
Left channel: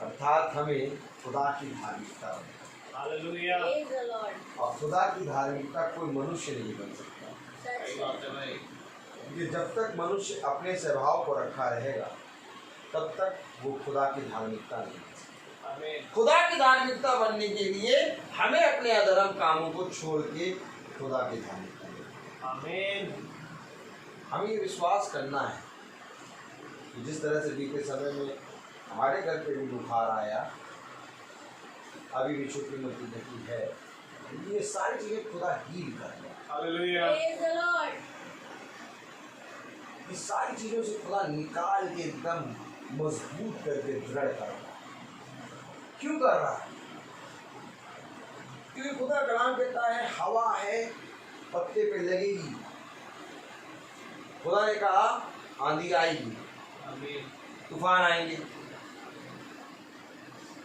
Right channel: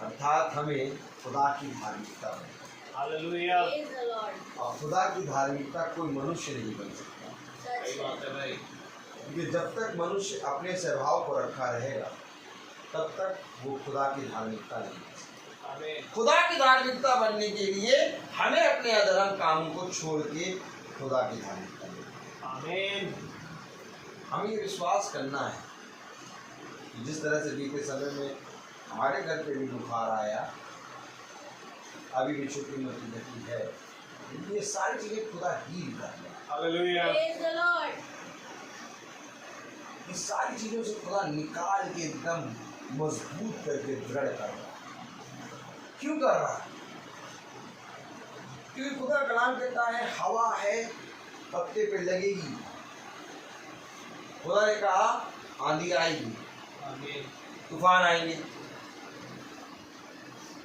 अर्थात हमें खुदा की धार्मिकता बने। हालेलुया। Praise the Lord. और खुदा की धार्मिकता कोई मनुष्य नहीं बन सकता, सही बात है भाई। क्योंकि जब तक मनुष्य अपने स्वभाव को रखा रहेगा तब तक वो खुदा की धार्मिकता नहीं बन सकता। आमीन। खुदा की धार्मिकता बनने के लिए हमें अपने अधर्म कामों को छोड़ के खुदा की धार्मिकता लेनी। आमीन। हमें ये विश्वास करना है कि जिस तरह से बीते समय में हमारे घर पे भी बुखार आया, अभी भी छोटी मोटी गति है, ये सारी चीजें खुदा ही कर रहा है। हालेलुया। Praise the Lord. इस सारी चीजों से खुदा निकाल के एकदम मजबूत करके दृढ़ कर रहा है। क्यों कर रहा है? क्योंकि खुदा कलाम कहता है हवा है पत्ते पे लगेगी। खुदा ने कहा आंधी आएगी, आमीन। तूफान आएंगे।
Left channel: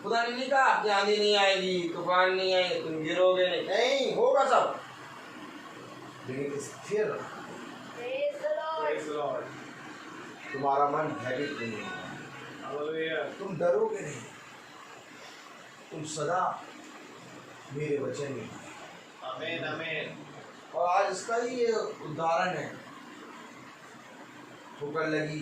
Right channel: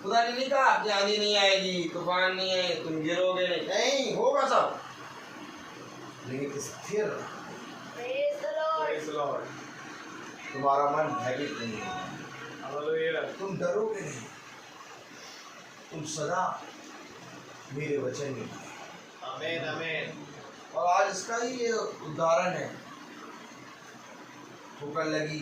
खुदा ने नहीं कहा कि आंधी नहीं आएगी, तूफान नहीं आएगी, तुम गिरोगे नहीं होगा सब, लेकिन स्थिर Praise the Lord. Praise the Lord. तुम्हारा मन भयभीत नहीं होगा, हालेलुया। तुम डरोगे नहीं, तुम सदा मेरे वचन में। आमीन। और आज इसका ही ये उदाहरण है, ठोकर लगी,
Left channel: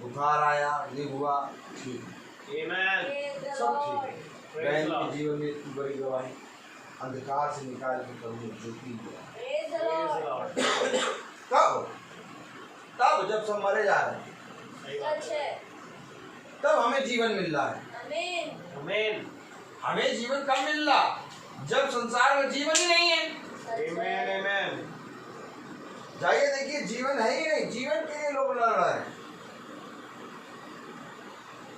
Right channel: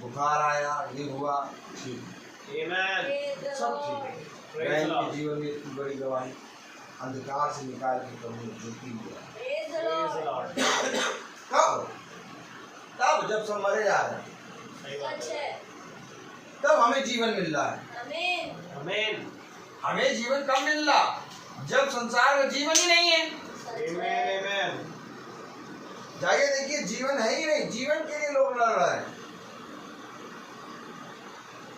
बुखार आया, ये हुआ, ठीक है, आमीन। Praise the सब ठीक है। Lord. Praise बहन Lord. के जीवन में इतनी बड़ी गवाही, अंधकार से निकाल के प्रभु ज्योति दिया। Praise the praise the Lord. Lord. तब जब सब मरे जा रहे हैं, सही बात सच है। है. तब हमें जीवन मिल रहा है। Amen. आमीन। हमें जीवन कब मिल रहा? जब संसार में जीवन ही नहीं है। सच आमीन। है. आमीन। जाइए देखिए, जीवन है ही नहीं, जीवन के लिए लोग लड़ रहे हैं,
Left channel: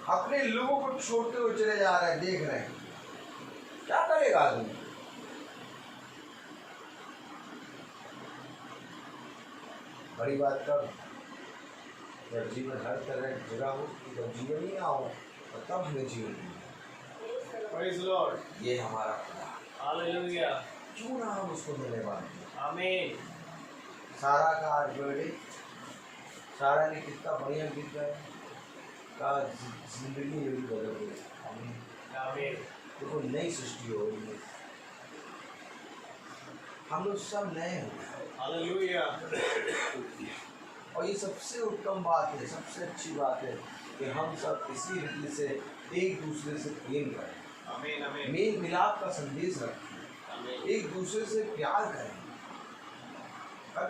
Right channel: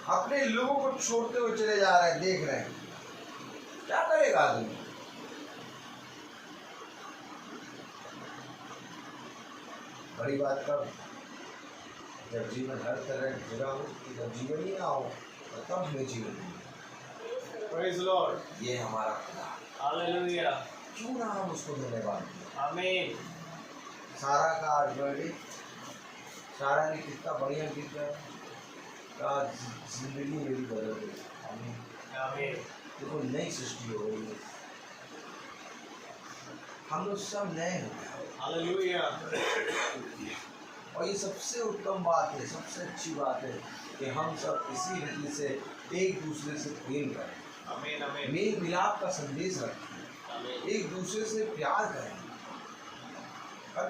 अपने लोगों को छोड़ते हुए चले जा रहे हैं, देख रहे हैं, क्या करेगा आदमी? बड़ी बात कब? जब जीवन हर तरह की जगह हो, जब जीवन ही ना हो तो तब हमें जीवन मिले। Praise the Lord. ये हमारा खुदा, हालेलुया। क्यों ना हम उसको धन्यवाद दें। आमीन। सारा का आज बर्थडे, सारा ने कितना बढ़िया गीत गाया, कहा जिंदगी मेरी बदल गई। आमीन। देखो नई सृष्टि हो रही है, हम लोग सब नए हो गए। हालेलुया। और ये सबसे उत्तम बात है, सबसे अच्छी बात है कि हम सब इसी रीति से एक दूसरे से प्रेम करें, आमीन। आमीन। मेल मिलाप का संदेश रखें, आमीन। एक दूसरे से प्यार करें।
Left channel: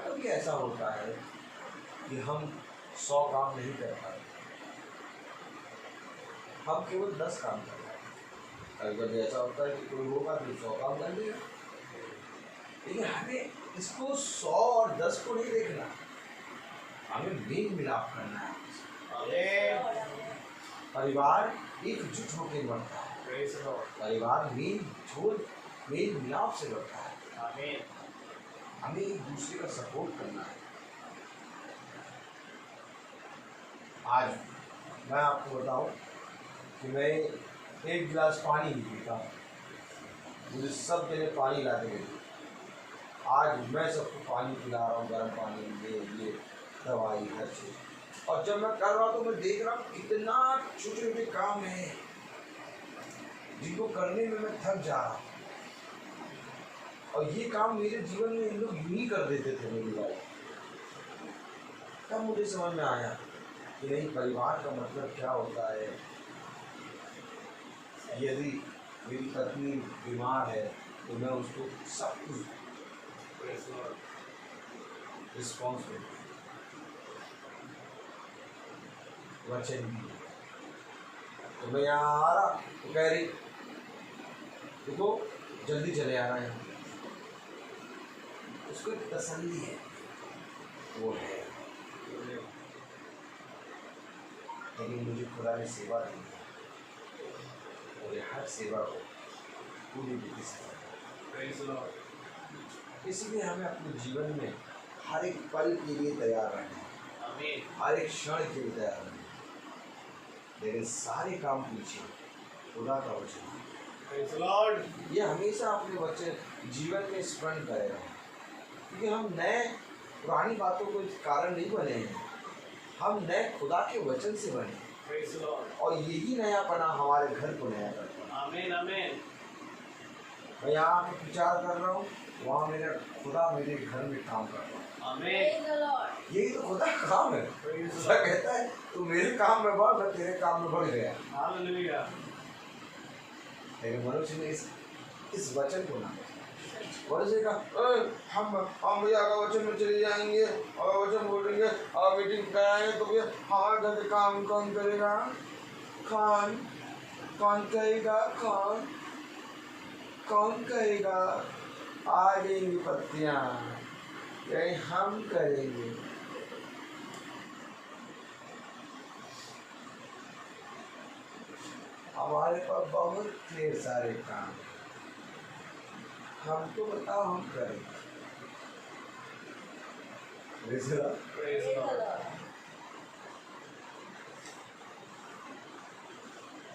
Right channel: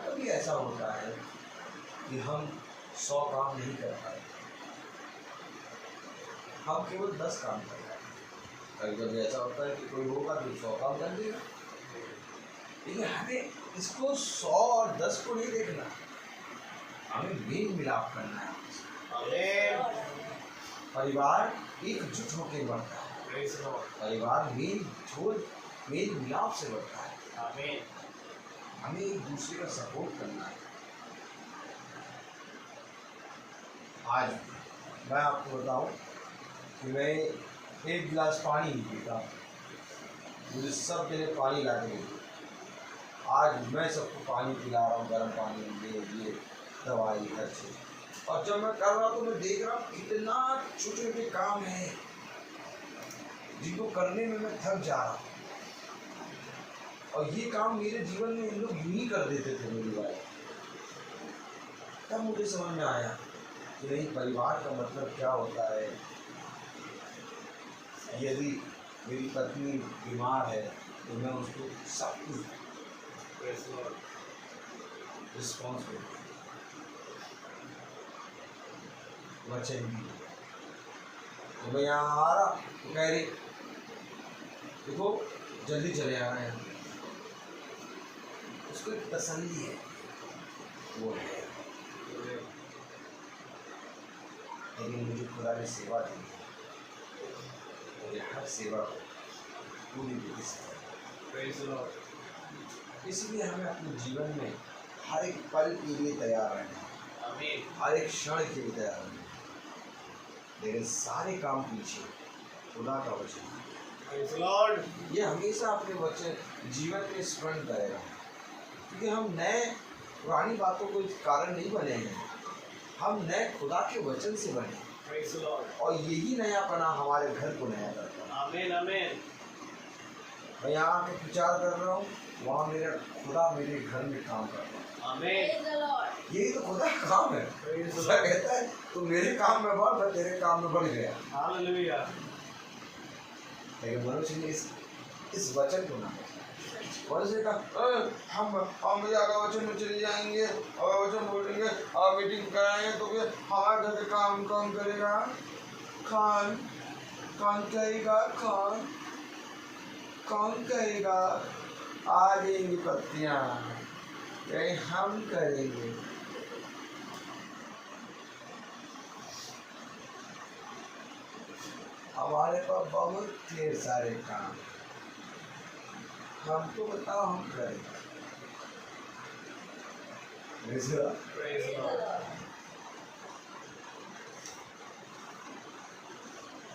कभी ऐसा होता है कि हम 100 काम नहीं कर पाते, हम केवल 10 काम कर पाते। कभी कभी ऐसा होता है कि कोई होगा तो 100 काम कर देगा, लेकिन हमें इसको 100 और 10 को नहीं देखना, हमें मेल मिलाप करना है। आमीन। परिवार एकजुट होकर बढ़ता है, प्रेज़ द लॉर्ड। परिवार मेल मिलाप से बढ़ता है। आमीन। हमें एक दूसरे का सपोर्ट करना है। आज मैं आपको बताऊं कि मैं एक गिलास पानी नहीं पीता, मुझे सब जने पानी ला के दे। आज मैं सबको पानी पिला रहा हूँ, गर्म पानी, ये दवाई, हर चीज़। और जब मैं कर रहा हूँ तो मैं देख रहा हूँ कितना छोटे छोटे काम है जिनको करने में मैं थक जा रहा हूँ। और ये काम मेरे जीवन में इन लोग यूं ही कर देते थे मेरी लाइफ। तब मुझे समझ में आया कि नहीं, परिवार का मतलब क्या होता है। यदि मेरी पत्नी बीमार है तो मैं उसको सब कुछ प्रेज़ द लॉर्ड। रिस्पॉन्सिबल वचन भी। तो मैं यहाँ आ रहा तो कह रही देखो जल्दी चले आना यहाँ। उसको एक तसल्ली है, वो है। लेकिन मुझे खुदा ने सेवा दी है, मुझे हर सेवा को पूरी विधि से करना है। इसलिए हमें अपने जीवन में हर एक पल के लिए तैयार रहना है, हर एक क्षण के लिए तैयार रहना है। लेकिन सारे काम पीछे खुदा का वचन, ये हमेशा अपने वचन जीवन में स्मरण करेगा, क्योंकि हम नए पुरानी बातों को कारण नहीं बने हैं, हम नए खुदा के वचन से बने, और यही नयापना हमारे घर को नया करता है। आमीन आमीन। मैं यहाँ आके विचार कर रहा हूँ, वहाँ मेरा खुदा मेरे घर में काम कर रहा है। आमीन। यही तो खुदा का काम है। खुदा कहता है तू मेरे काम में बढ़, मैं तेरे काम में बढ़ गया। हालेलुया। लेकिन मनुष्य ने इस वचन को ना, मनुष्य का हम भैया का वचन में चले जाएंगे और वचन बोलेंगे और मीटिंग कराएंगे तो फिर हमारे घर का काम कौन करेगा? कौन करेगा? कौन करेगा? आ जाएंगी पत्तियाँ, यही हम करेंगे। हमारे पास बहुत ढेर सारे काम, हमको बताओ हम करें।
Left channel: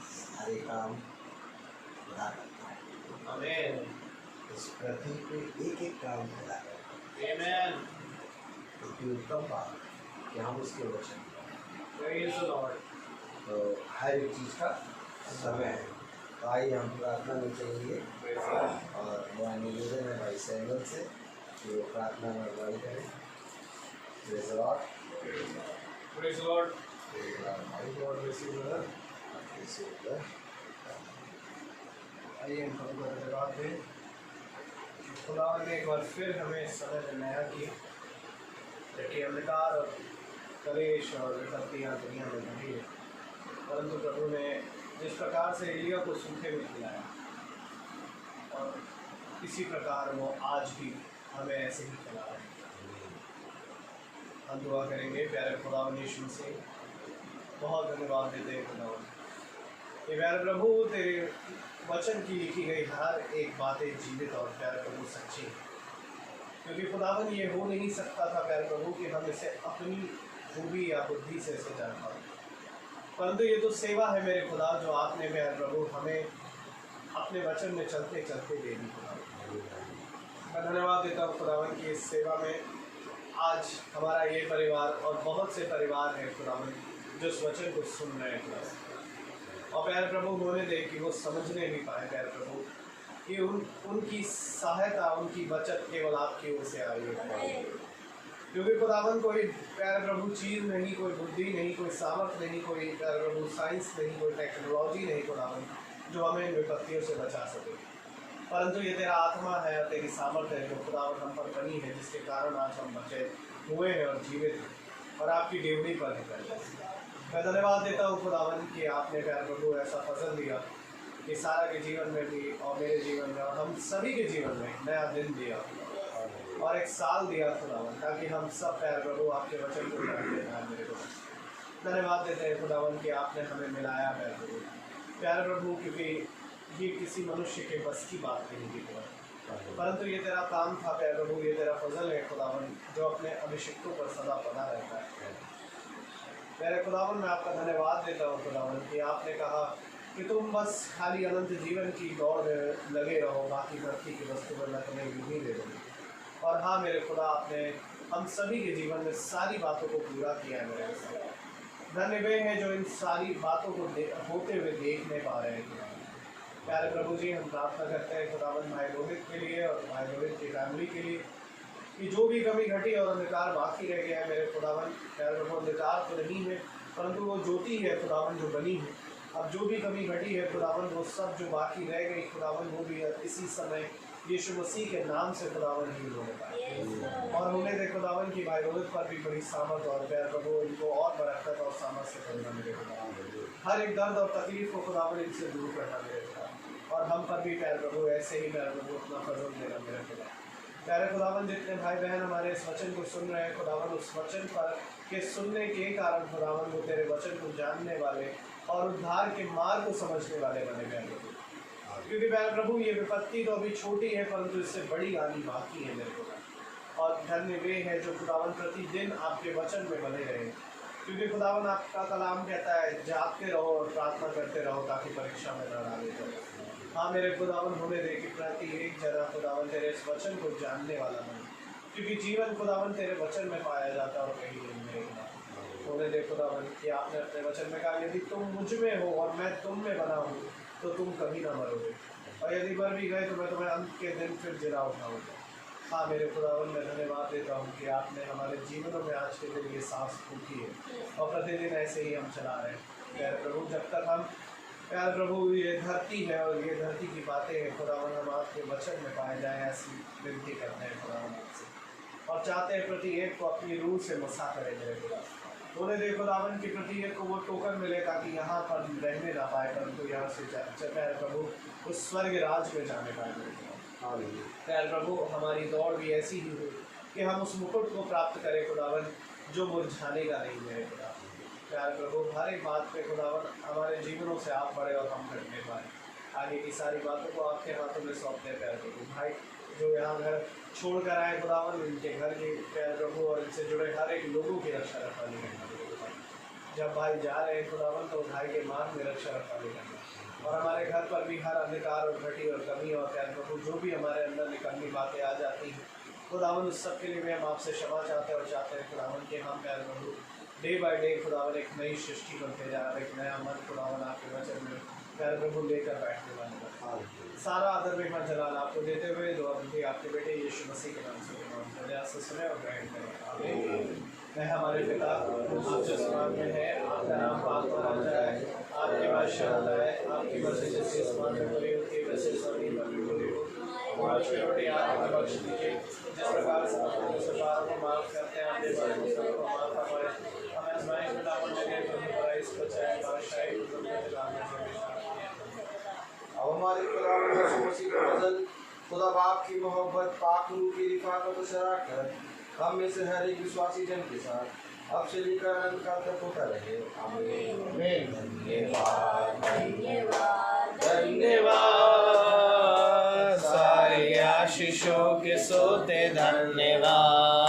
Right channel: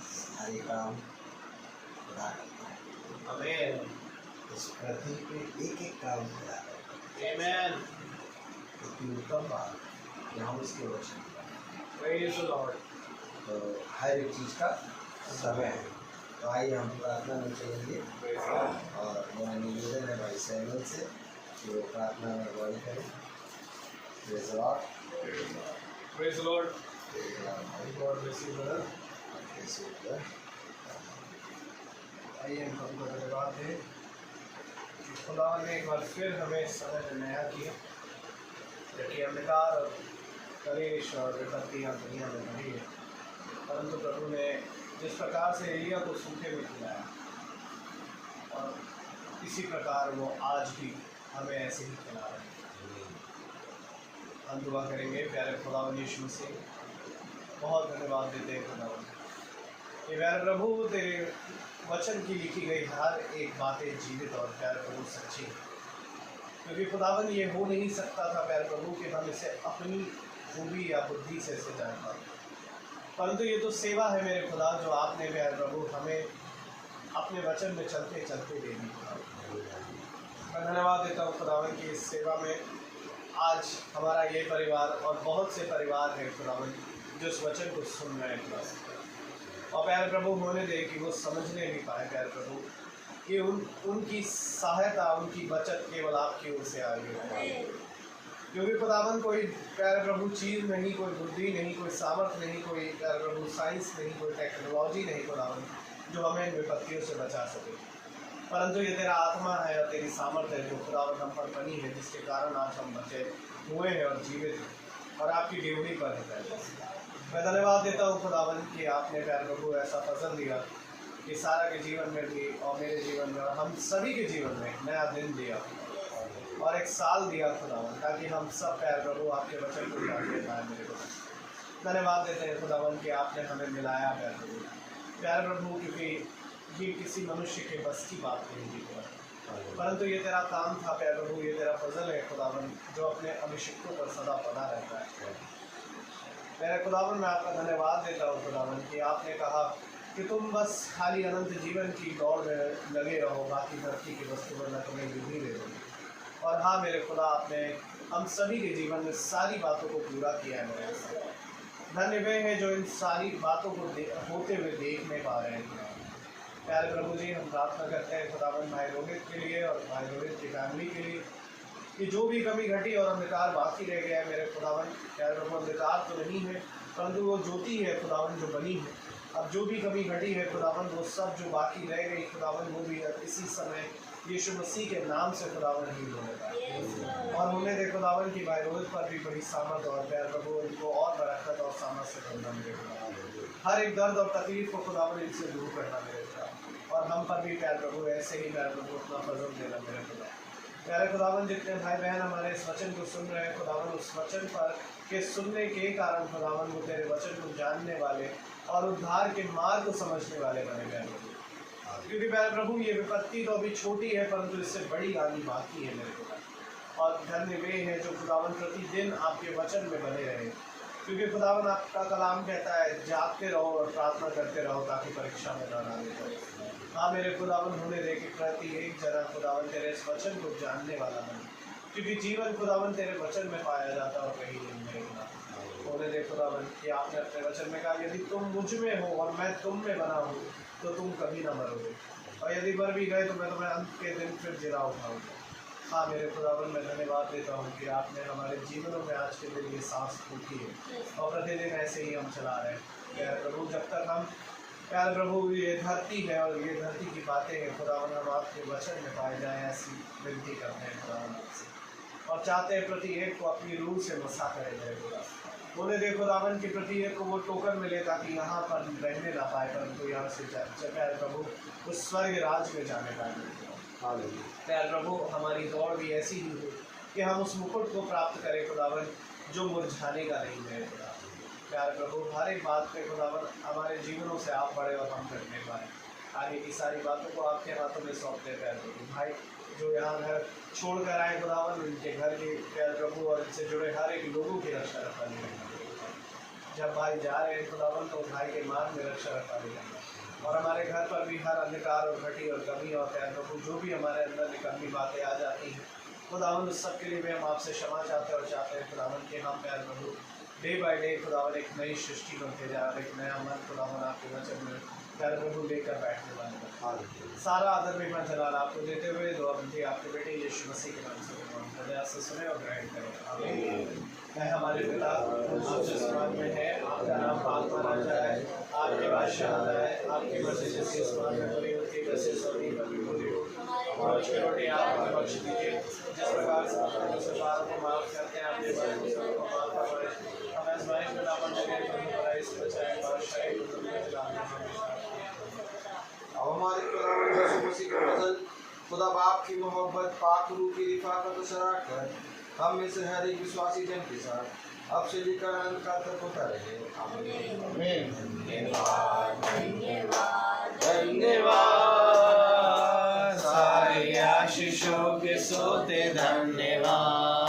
सारे काम खुदा करता है। आमीन। इस पृथ्वी पे एक एक काम खुदा करता है। आमीन। इतनी उत्तम बात कि हम उसके वचन प्रेज़ द लॉर्ड। तो हर एक चीज़ का समय है। तो आइए हम प्रार्थना में चलेंगे, और मेरा निवेदन है भाई सैमुअल से कि वो प्रार्थना में अगुवाई करें। Praise the Lord. Praise the Lord. God bless you brother. आइए हम प्रभु को धन्यवाद दें कि खुदा ने एक बार फिर हमें समय में नया किया, जबकि अंधकार और कलेश और विपत्तियाँ दुनिया में बढ़ी है, परंतु प्रभु ने जिस प्रकार से एलिया को सूखे में खिलाया, और इसी प्रकार वो आज भी हमें ऐसे ही खिला रहे हैं। हम दुआ करेंगे। प्यारे खुदावंद यीशु से बहुत धन्यवाद देते हैं खुदावंद, ये प्यारे प्रभु तेरे वचन की लिखी गई हर एक बातें जीवित और प्यारे प्रभु सच्ची है, क्योंकि खुदावन ये हो नहीं सकता था प्यारे प्रभु कि हम इसे अपनी खूबी या बुद्धि से इसे जान पाए, परंतु ये तो सेवा है मेरे खुदा जो आपने प्यारे प्रभु हमें अपने वचन में चलते चलते दे दी। मैं धन्यवाद देता हूँ खुदावन की इस सेवा में आज हमारा ये परिवार और बहुत से परिवार है खुदावन जो इस वचन को सुन रहे हैं खुदावन, और प्यारे प्रभु होने दे कि वो समझने भी पाए प्यारे प्रभु कि उनकी सहायता, उनकी बचत केवल आपकी ओर से आई है, क्योंकि खुदावन कोई प्यारे प्रभु चीज़ नहीं, कोई बुद्धि नहीं, कोई सामर्थ्य नहीं, कोई प्यारे प्रभु साइंस नहीं, कोई टेक्नोलॉजी नहीं खुदावन जो हमें इन विपत्तियों से बचा सके, परंतु ये तेरा आत्मा है और तेरी सामर्थ्य है जो खुदावन हम पर बनी है, जिसके कारण आज हम बचे हुए हैं और जीवित हैं और आपकी ड्यूटी पर है। मैं धन्यवाद देता हूँ खुदावन कि आपने प्यारे प्रभु ऐसा फजल दिया कि सारा के जीवन में भी और मेरे जीवन में और हम सभी के जीवन में नया दिन दिया और एक साल दिया खुदावन, ताकि हम सब प्यारे प्रभु आपके वचन को जानते पाए। मेरे को धन्यवाद देते हैं खुदावन कि आपने हमें मिलाया प्यारे प्रभु, क्योंकि ये किसी मनुष्य के बस की बात नहीं थी खुदा, परंतु ये तेरा काम था प्यारे प्रभु, ये तेरा फजल है खुदावन जो अपने अभिषिक्तों पर सदा पड़ा रहता है। मेरे खुदावन मैं आपका धन्यवाद देता हूँ खुदावन कि आपने कहा कि तुम बस खाली अनंत जीवन की दौड़ में लगे रहो, बाकी धरती की वस्तु में मैं तुम्हें विधि दे दूँगी। और हाँ मेरे खुदा, आपने हम सभी के जीवन में सारी बातों को पूरा किया है मेरे खुदा। धन्य वे हैं जो इन सारी बातों को होते हुए देख नहीं पा रहे हैं। प्यारे प्रभु जी, हम प्रार्थना करते हैं खुदावन भाई रोहित के लिए और भाई रोहित की फैमिली के लिए कि जो भी कमी घटी और अंधकार बाकी रह गया है मेरे खुदावन, प्यारे प्रभु अंधकार तो नहीं है परंतु वो ज्योति है खुदावन जो बनी है। अब जो भी कमी घटी है खुदावन, वो सब जो बाकी रह गई खुदावन, वो भी इसी समय यीशु मसीह के नाम से खुदावन ही होने पाए और होने दे खुदावन की भाई रोहित पर भी बड़ी सामर्थ और प्यार प्रभु इनको और बरकत और सामर्थ से करना मेरे खुदावन, हर एक दर्द और तकलीफ को खुदावन इनसे दूर करना मेरे खुदा, और हम पर भी प्यारे प्रभु ऐसे ही प्यारे प्रभु अपना फजल देना मेरे खुदा। प्यारे खुदावन जितने भाई बहन हमारे इस वचन को सुन रहे हैं खुदावन, उस वचन पर के सुनने के कारण खुदावन वो तेरे वचन को जानने वाले और उद्धार के मार्ग को समझने वाले बने प्यारे प्रभु। क्योंकि प्यारे प्रभु ये विपत्ति तो अभी छोटी है परंतु इससे बड़ी आनी बाकी है मेरे खुदा। और धन्य वे हैं जो खुदावन प्रतिदिन आपके वचन में बने रहे, क्योंकि खुदावन आपका कलाम कहता है जागते रहो और प्रार्थना करते रहो ताकि परीक्षा में न डाले जाओ। हाँ मेरे खुदावन होने दे कि प्रति एक जना खुदावन तेरे इस वचन को जानने वाला बने, क्योंकि जीवन खुदावन तेरे वचन में पाया जाता है और कहीं नहीं मेरे खुदा। होने दे खुदावन कि आपने अपने वचन में कहा यदि तुम मुझ में हो और मैं तुम में बना हूँ तो तुम कभी ना मरोगे, और यदि मर भी गए तो मैं तुम्हें अंत के दिन फिर जिला उठाऊंगा। हाँ मेरे खुदावन मैं धन्यवाद देता हूँ कि आपने हमारे जीवनों में आज के दिन ये सांस फूकी है और प्रतिदिन ऐसे ही हम चला रहे हैं प्यारे प्रभु। जब तक हम प्यारे प्रभु ये धरती है और ये धरती की बातें हैं खुदावन हम आपके वचन में पाए जाएँ, ऐसी विनती करते हैं खुदावन आपसे और चाहते हैं प्रति एक को अपनी रूह से मसा करे मेरे खुदा। बोले दे खुदावन के प्रति एक को वो टोकन मिले ताकि यहाँ पर रहने ना पाए परंतु यहाँ से प्यारे प्रभु उस स्वर्ग राज में जाने पाए। प्यारे प्रभु हमारी दौड़ भी ऐसी ही हो कि हम उस मुकुट को प्राप्त करें खुदावन जो मुरझाने का नहीं है खुदा। प्यारे प्रभु हर एक बात पे खुदावन हमारे जीवनों से आप बढ़े और हम करने पाए। आगे की सारी बातों को आपके हाथों में सौंपते हैं प्यारे प्रभु। भाई जो यहाँ घर छोड़ कर आए खुदावन इनके घर के प्यारे प्रभु और इनसे जुड़े हर एक लोगों की रक्षा रखा लेना। जब भाई जा रहे हैं खुदावन तो भाई के मार्ग में रक्षा रखा लेना और हमारे घर पर भी हर अंधकार और घटी और कमी और प्यारे प्रभु जो भी हमारे अंदर निकलनी बातें आ जाती हैं खुदावन उस सब के लिए भी हम आपसे क्षमा चाहते हैं और चाहते हैं खुदावन के हम प्यारे प्रभु डे बाय डे खुदावन एक नई सृष्टि बनते जा रहे, एक नया मन खुदावन आपके वचन में प्यारे प्रभु लेकर बैठने वाले सारा आदर में मैं जलाल आपको देते हुए दुआ बनती आपके बेटे यीशु मसीह के नाम से सुने और ग्रहण करें आमीन। मैं हमारे पिता जो आसमान में है आपका नाम पाक माना जाए, आपकी बादशाह आए, आपकी मर्जी जैसे आसमान में पूरी होती है वैसे जमीन पर भी पूरी हो। हमारी रोटी आप हमें बख्श दीजिए जिस प्रकार से आप हमारे पापों को माफ करते हैं आपके पापों को माफ फरमाएं, हमें आजमाइश में ना पड़ने दें पर बुराई से बचाएं, बादशाही को तुम्हें दिलाने अब हमारे खुदा यीशु मसीह का फजल, खुदा बाप की मोहब्बत, पाक रूह की रिफाकत और शराकत हम में से हर एक विश्वासी जन के साथ अब से लेकर अनंत काल तक होता रहे। आमीन। धन्यवाद सारे आशीषों के सोते धन्यवाद।